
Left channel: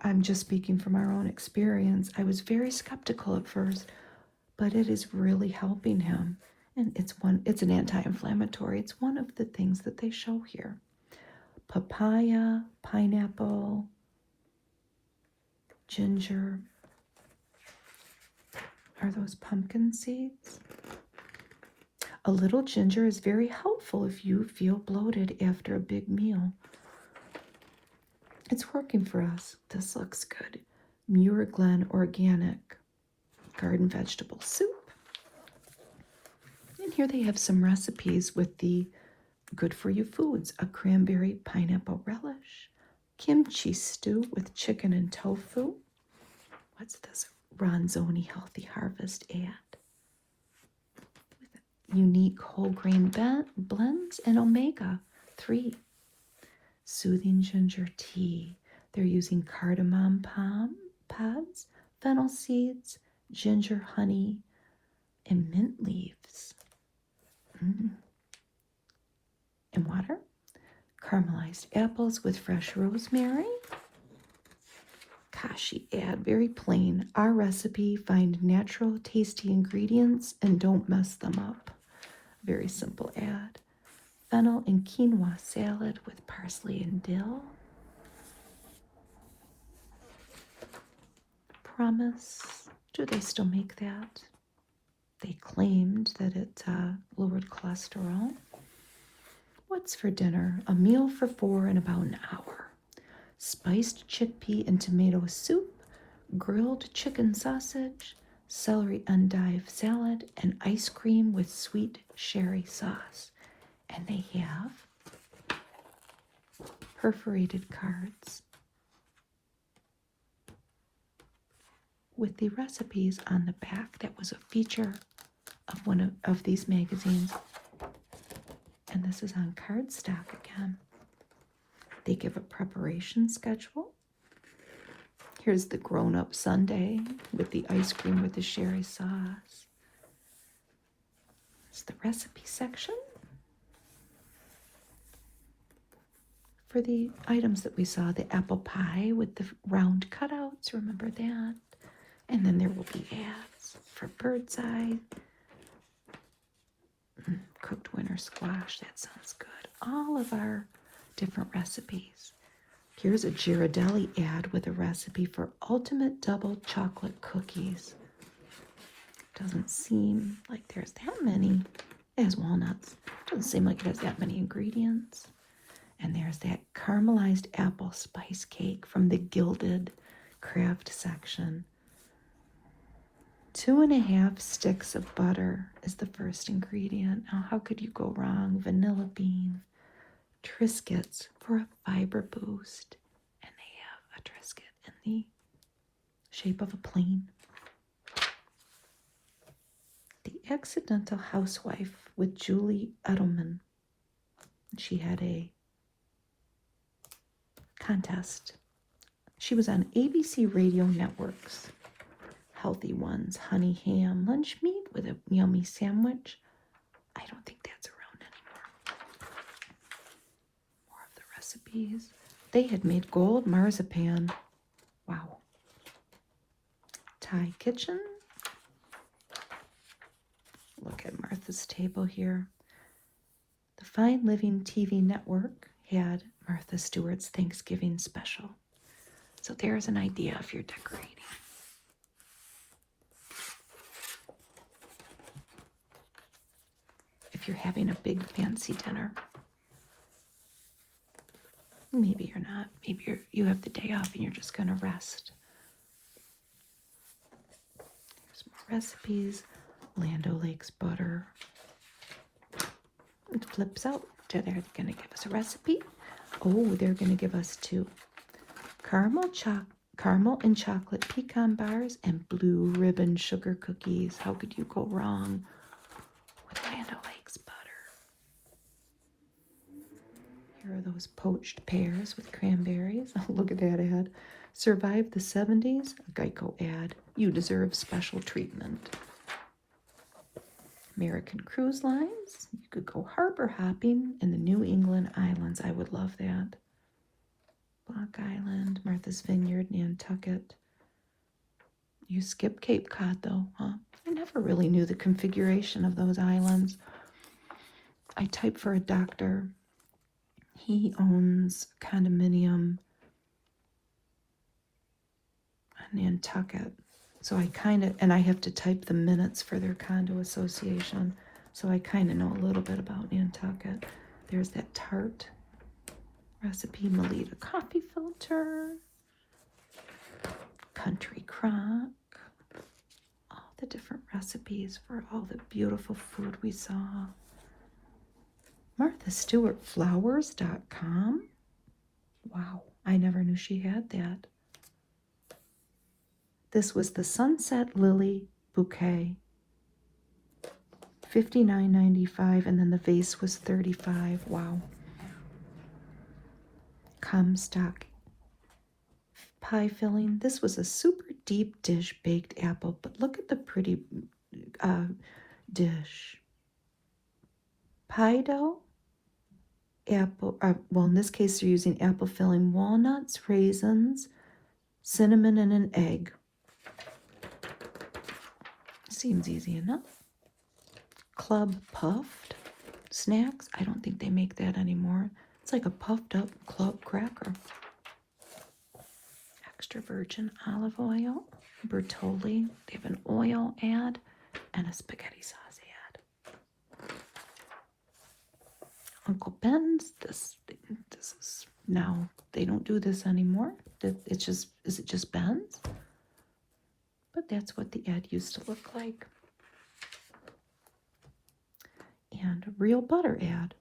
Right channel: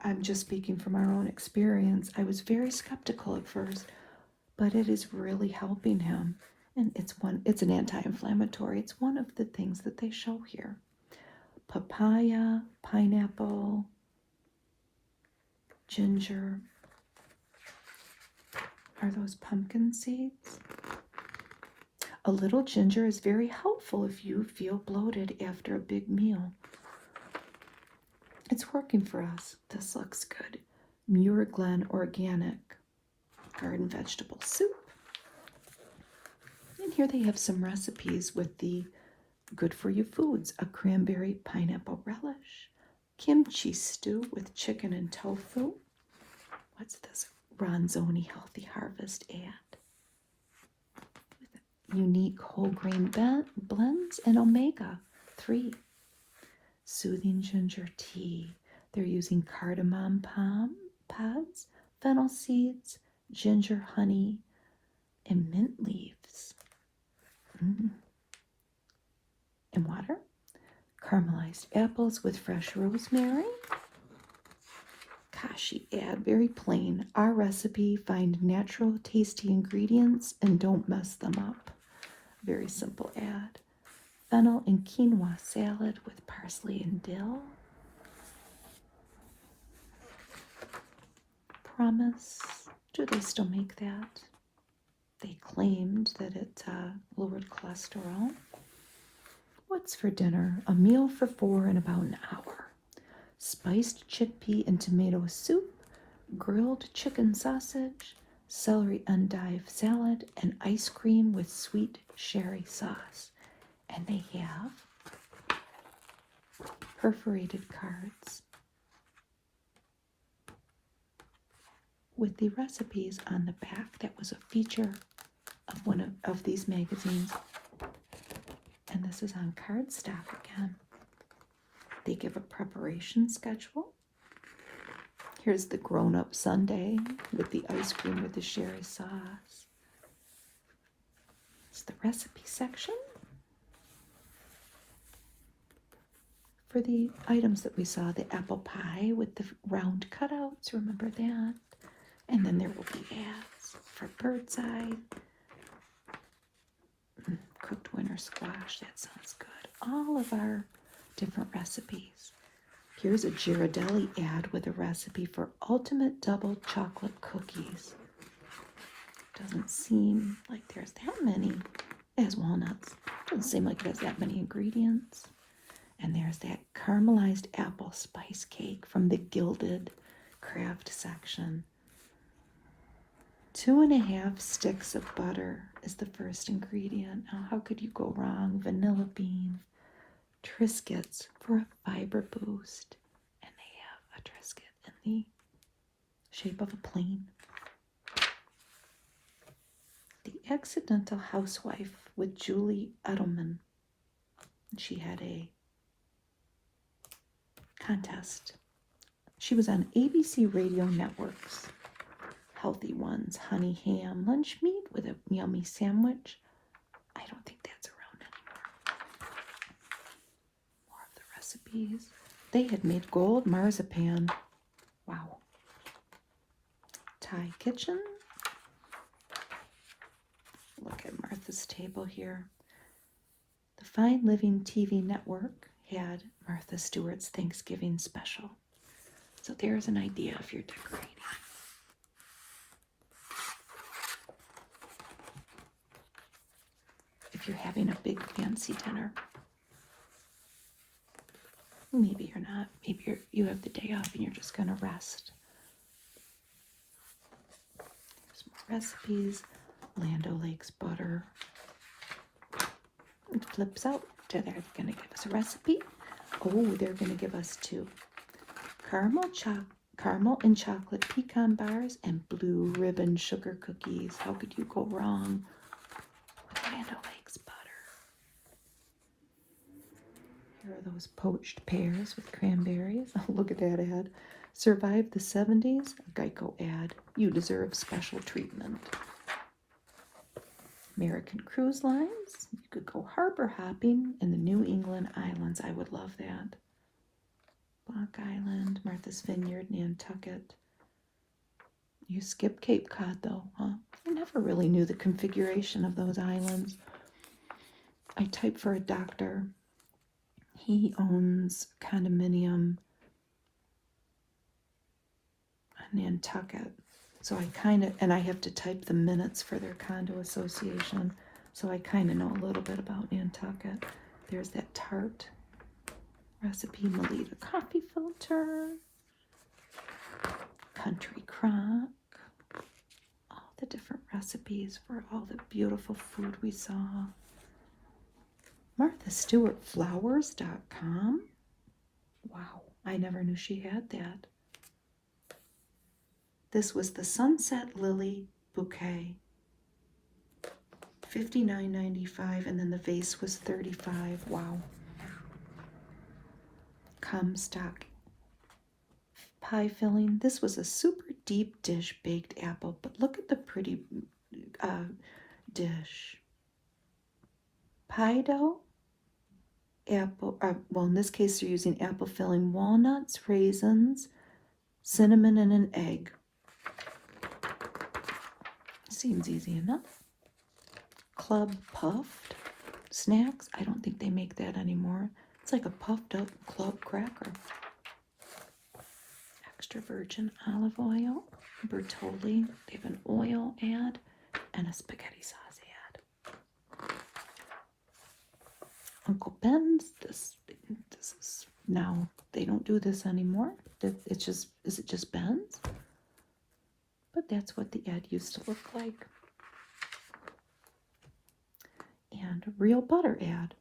I'm just speaking from our own experience. I was very skeptical at first, but it is really helping him. And it's an anti-inflammatory. It's one of the things that they show here. Papaya, pineapple, ginger. Are those pumpkin seeds? A little ginger is very helpful if you feel bloated after a big meal. It's working for us. This looks good. Muir Glen Organic Garden Vegetable Soup. And here they have some recipes with the good-for-you foods. A cranberry pineapple relish. Kimchi stew with chicken and tofu. What's this? Ronzoni Healthy Harvest ad. Unique whole grain blends and omega-3. Soothing ginger tea. They're using cardamom pods, fennel seeds, ginger honey, and mint leaves. And water. Caramelized apples with fresh rosemary. Kashi ad, very plain. Our recipe, find natural tasty ingredients and don't mess them up. Very simple ad. Fennel and quinoa salad with parsley and dill. Promise. Do they still make that? They claimed that it lowered cholesterol. What's for dinner? A meal for 4 in about an hour. Spiced chickpea and tomato soup, grilled chicken sausage, celery endive salad, and ice cream with sweet sherry sauce. And they have perforated cards with the recipes on the back. That was a feature of one of these magazines. And this is on cardstock again. They give a preparation schedule. Here's the grown-up sundae with the ice cream with the sherry sauce. It's the recipe section for the items that we saw. The apple pie with the round cutouts, remember that? And then there will be ads for bird's eye. Cooked winter squash, that sounds good. All of our different recipes. Here's a Ghirardelli ad with a recipe for ultimate double chocolate cookies. Doesn't seem like there's that many. It has walnuts. Doesn't seem like it has that many ingredients. And there's that caramelized apple spice cake from the Gilded Craft section. 2.5 sticks of butter is the first ingredient. Now, how could you go wrong? Vanilla bean Triscuits for a fiber boost. And they have a Triscuit in the shape of a plane. The Accidental Housewife with Julie Edelman. She had a contest. She was on ABC Radio Networks. Healthy ones, honey ham lunch meat with a yummy sandwich. I don't think that's around anymore. More of the recipes. They had made gold marzipan. Wow. Thai kitchen. Look at Martha's table here. The Fine Living TV network had Martha Stewart's Thanksgiving special. So there's an idea if you're decorating. If you're having a big fancy dinner. Maybe you're not. Maybe you have the day off and you're just going to rest. Here's more recipes. Land O'Lakes butter. It flips out. They're going to give us a recipe. Oh, they're going to give us two. Caramel and chocolate pecan bars and blue ribbon sugar cookies. How could you go wrong with Land O'Lakes butter? Here are those poached pears with cranberries. Oh, look at that ad. Survive the 70s? A Geico ad. You deserve special treatment. American Cruise Lines. You could go harbor hopping in the New England Islands. I would love that. Block Island, Martha's Vineyard, Nantucket. You skip Cape Cod though, huh? I never really knew the configuration of those islands. I typed for a doctor. He owns a condominium in Nantucket. So I and I have to type the minutes for their condo association. So I kind of know a little bit about Nantucket. There's that tart recipe, Melita coffee filter, country crock, all the different recipes for all the beautiful food we saw. Martha Stewart Flowers.com. Wow, I never knew she had that. This was the Sunset Lily Bouquet. $59.95, and then the vase was $35. Wow. Comstock pie filling. This was a super deep dish baked apple, but look at the pretty dish. Pie dough, apple, well in this case they're using apple filling, walnuts, raisins, cinnamon, and an egg. Seems easy enough. Club puffed snacks. I don't think they make that anymore. It's like a puffed up club cracker. Extra virgin olive oil. Bertolli. They have an oil ad and a spaghetti sauce ad. Uncle Ben's. This is now they don't do this anymore. It's just, is it just Ben's? But that's what the ad used to look like. And a real butter ad.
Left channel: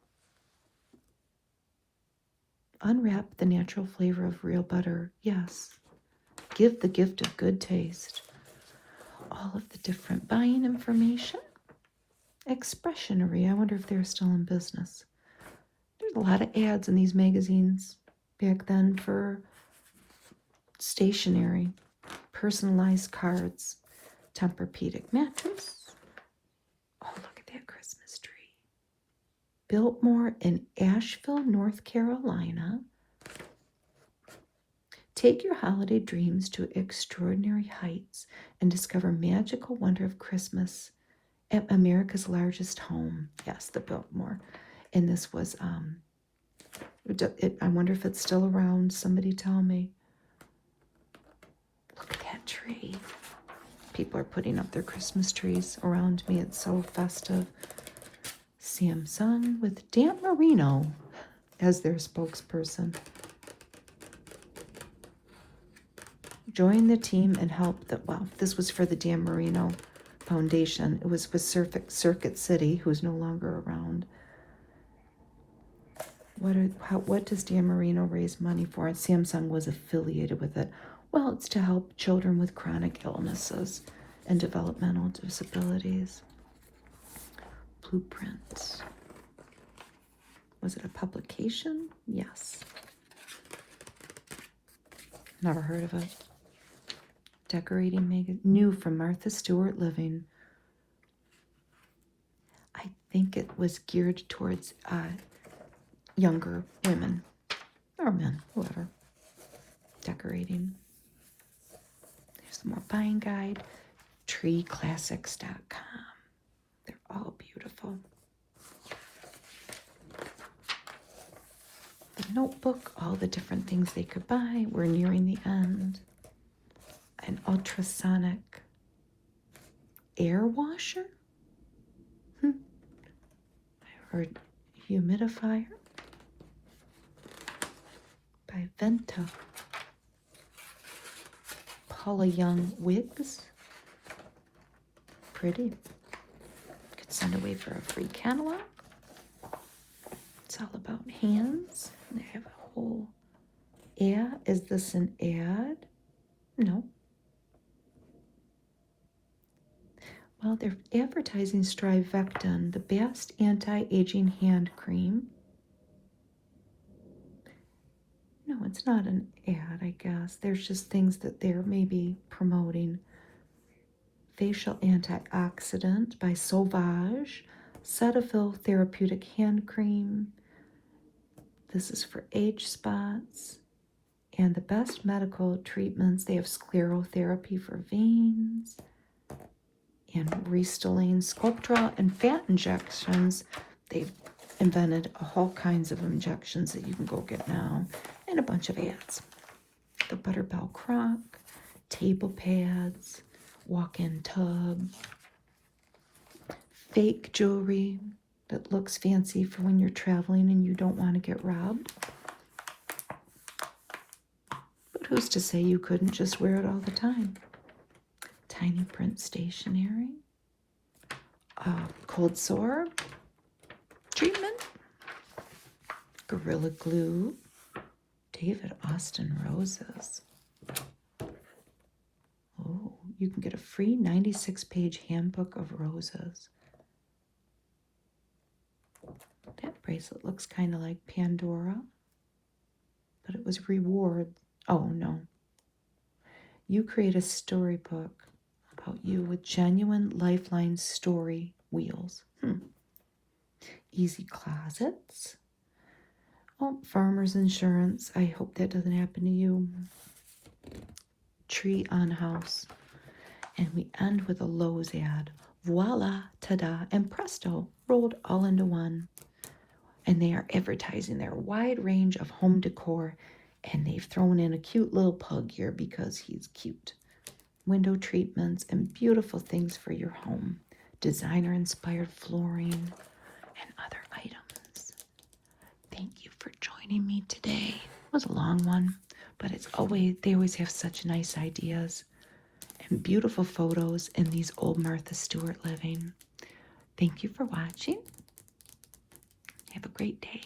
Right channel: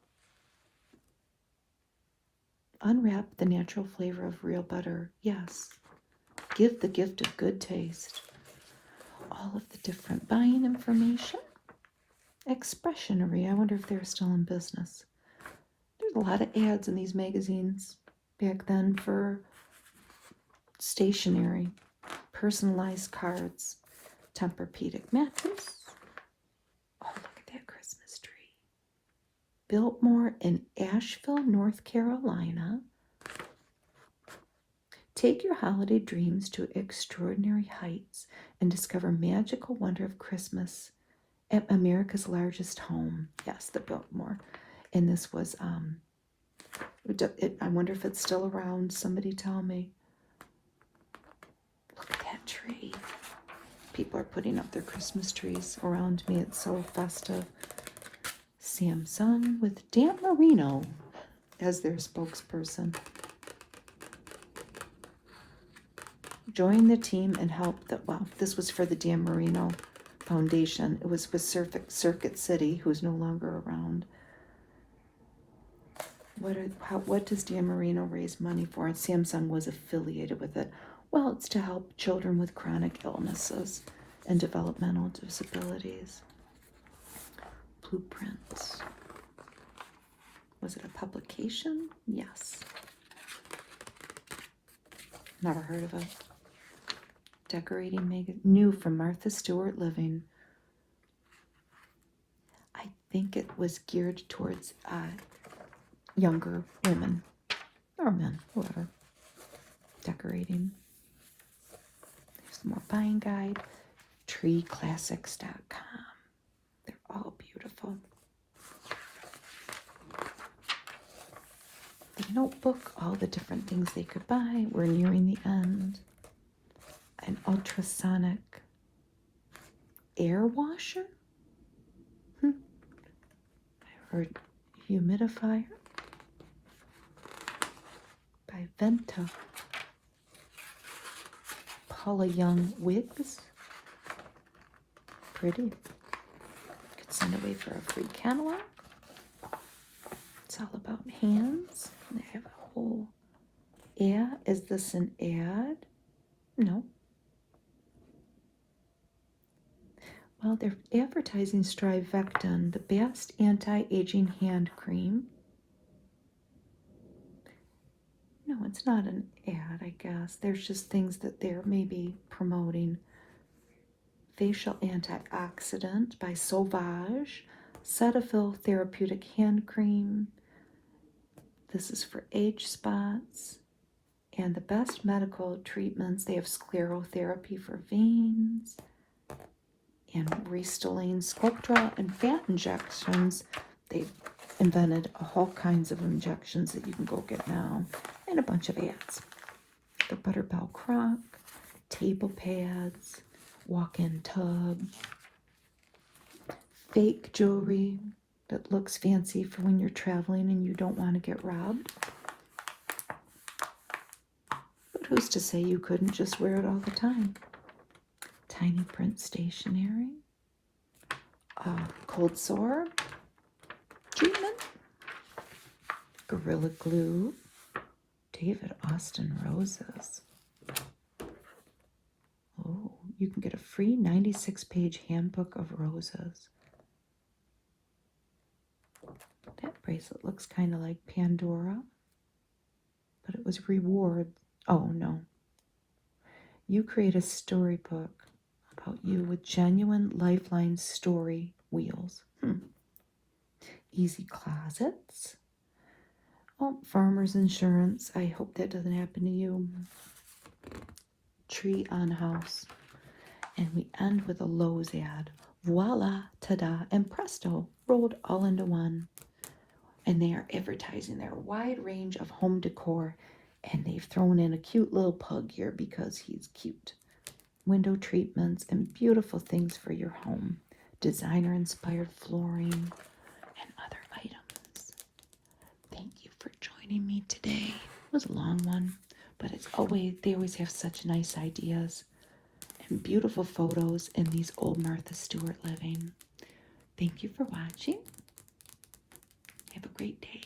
Unwrap the natural flavor of real butter. Yes. Give the gift of good taste. All of the different buying information. Expressionery. I wonder if they're still in business. There's a lot of ads in these magazines back then for stationery. Personalized cards. Tempur-Pedic mattress. Oh, look at that Christmas tree. Biltmore in Asheville, North Carolina. Take your holiday dreams to extraordinary heights and discover magical wonder of Christmas at America's largest home. Yes, the Biltmore. And this was, I wonder if it's still around. Somebody tell me. Look at that tree. People are putting up their Christmas trees around me. It's so festive. Samsung with Dan Marino as their spokesperson. Join the team and help well, this was for the Dan Marino Foundation. It was with Circuit City, who's no longer around. What does Dan Marino raise money for? Samsung was affiliated with it. Well, it's to help children with chronic illnesses and developmental disabilities. Blueprints. Was it a publication? Yes. Never heard of it. Decorating magazine. New from Martha Stewart Living. I think it was geared towards younger women. Or men, whoever. Decorating. There's more buying guide, treeclassics.com. They're all beautiful. The notebook, all the different things they could buy. We're nearing the end. An ultrasonic air washer. Or humidifier by Venta. Paula Young wigs. Pretty. Could send away for a free catalog. It's all about hands. They have a whole. Yeah, is this an ad? No. Well, they're advertising Strivectin, the best anti-aging hand cream. No, it's not an ad, I guess. There's just things that they're maybe promoting. Facial antioxidant by Sauvage. Cetaphil therapeutic hand cream. This is for age spots. And the best medical treatments, they have sclerotherapy for veins. And Restylane, Sculptra, and fat injections. They've invented all kinds of injections that you can go get now. And a bunch of ads. The Butterbell Crock, table pads, walk-in tub, fake jewelry that looks fancy for when you're traveling and you don't want to get robbed. But who's to say you couldn't just wear it all the time? Tiny print stationery, cold sore treatment, Gorilla Glue, David Austin roses. Oh, you can get a free 96-page handbook of roses. That bracelet looks kind of like Pandora, but it was reward. Oh, no. You create a storybook about you with genuine Lifeline story wheels. Easy closets. Oh, farmer's insurance. I hope that doesn't happen to you. Tree on house. And we end with a Lowe's ad. Voila, ta-da, and presto, rolled all into one. And they are advertising their wide range of home decor. And they've thrown in a cute little pug here because he's cute. Window treatments and beautiful things for your home. Designer-inspired flooring and other items. Thank you for joining me today. It was a long one, but they always have such nice ideas and beautiful photos in these old Martha Stewart Living. Thank you for watching. Have a great day.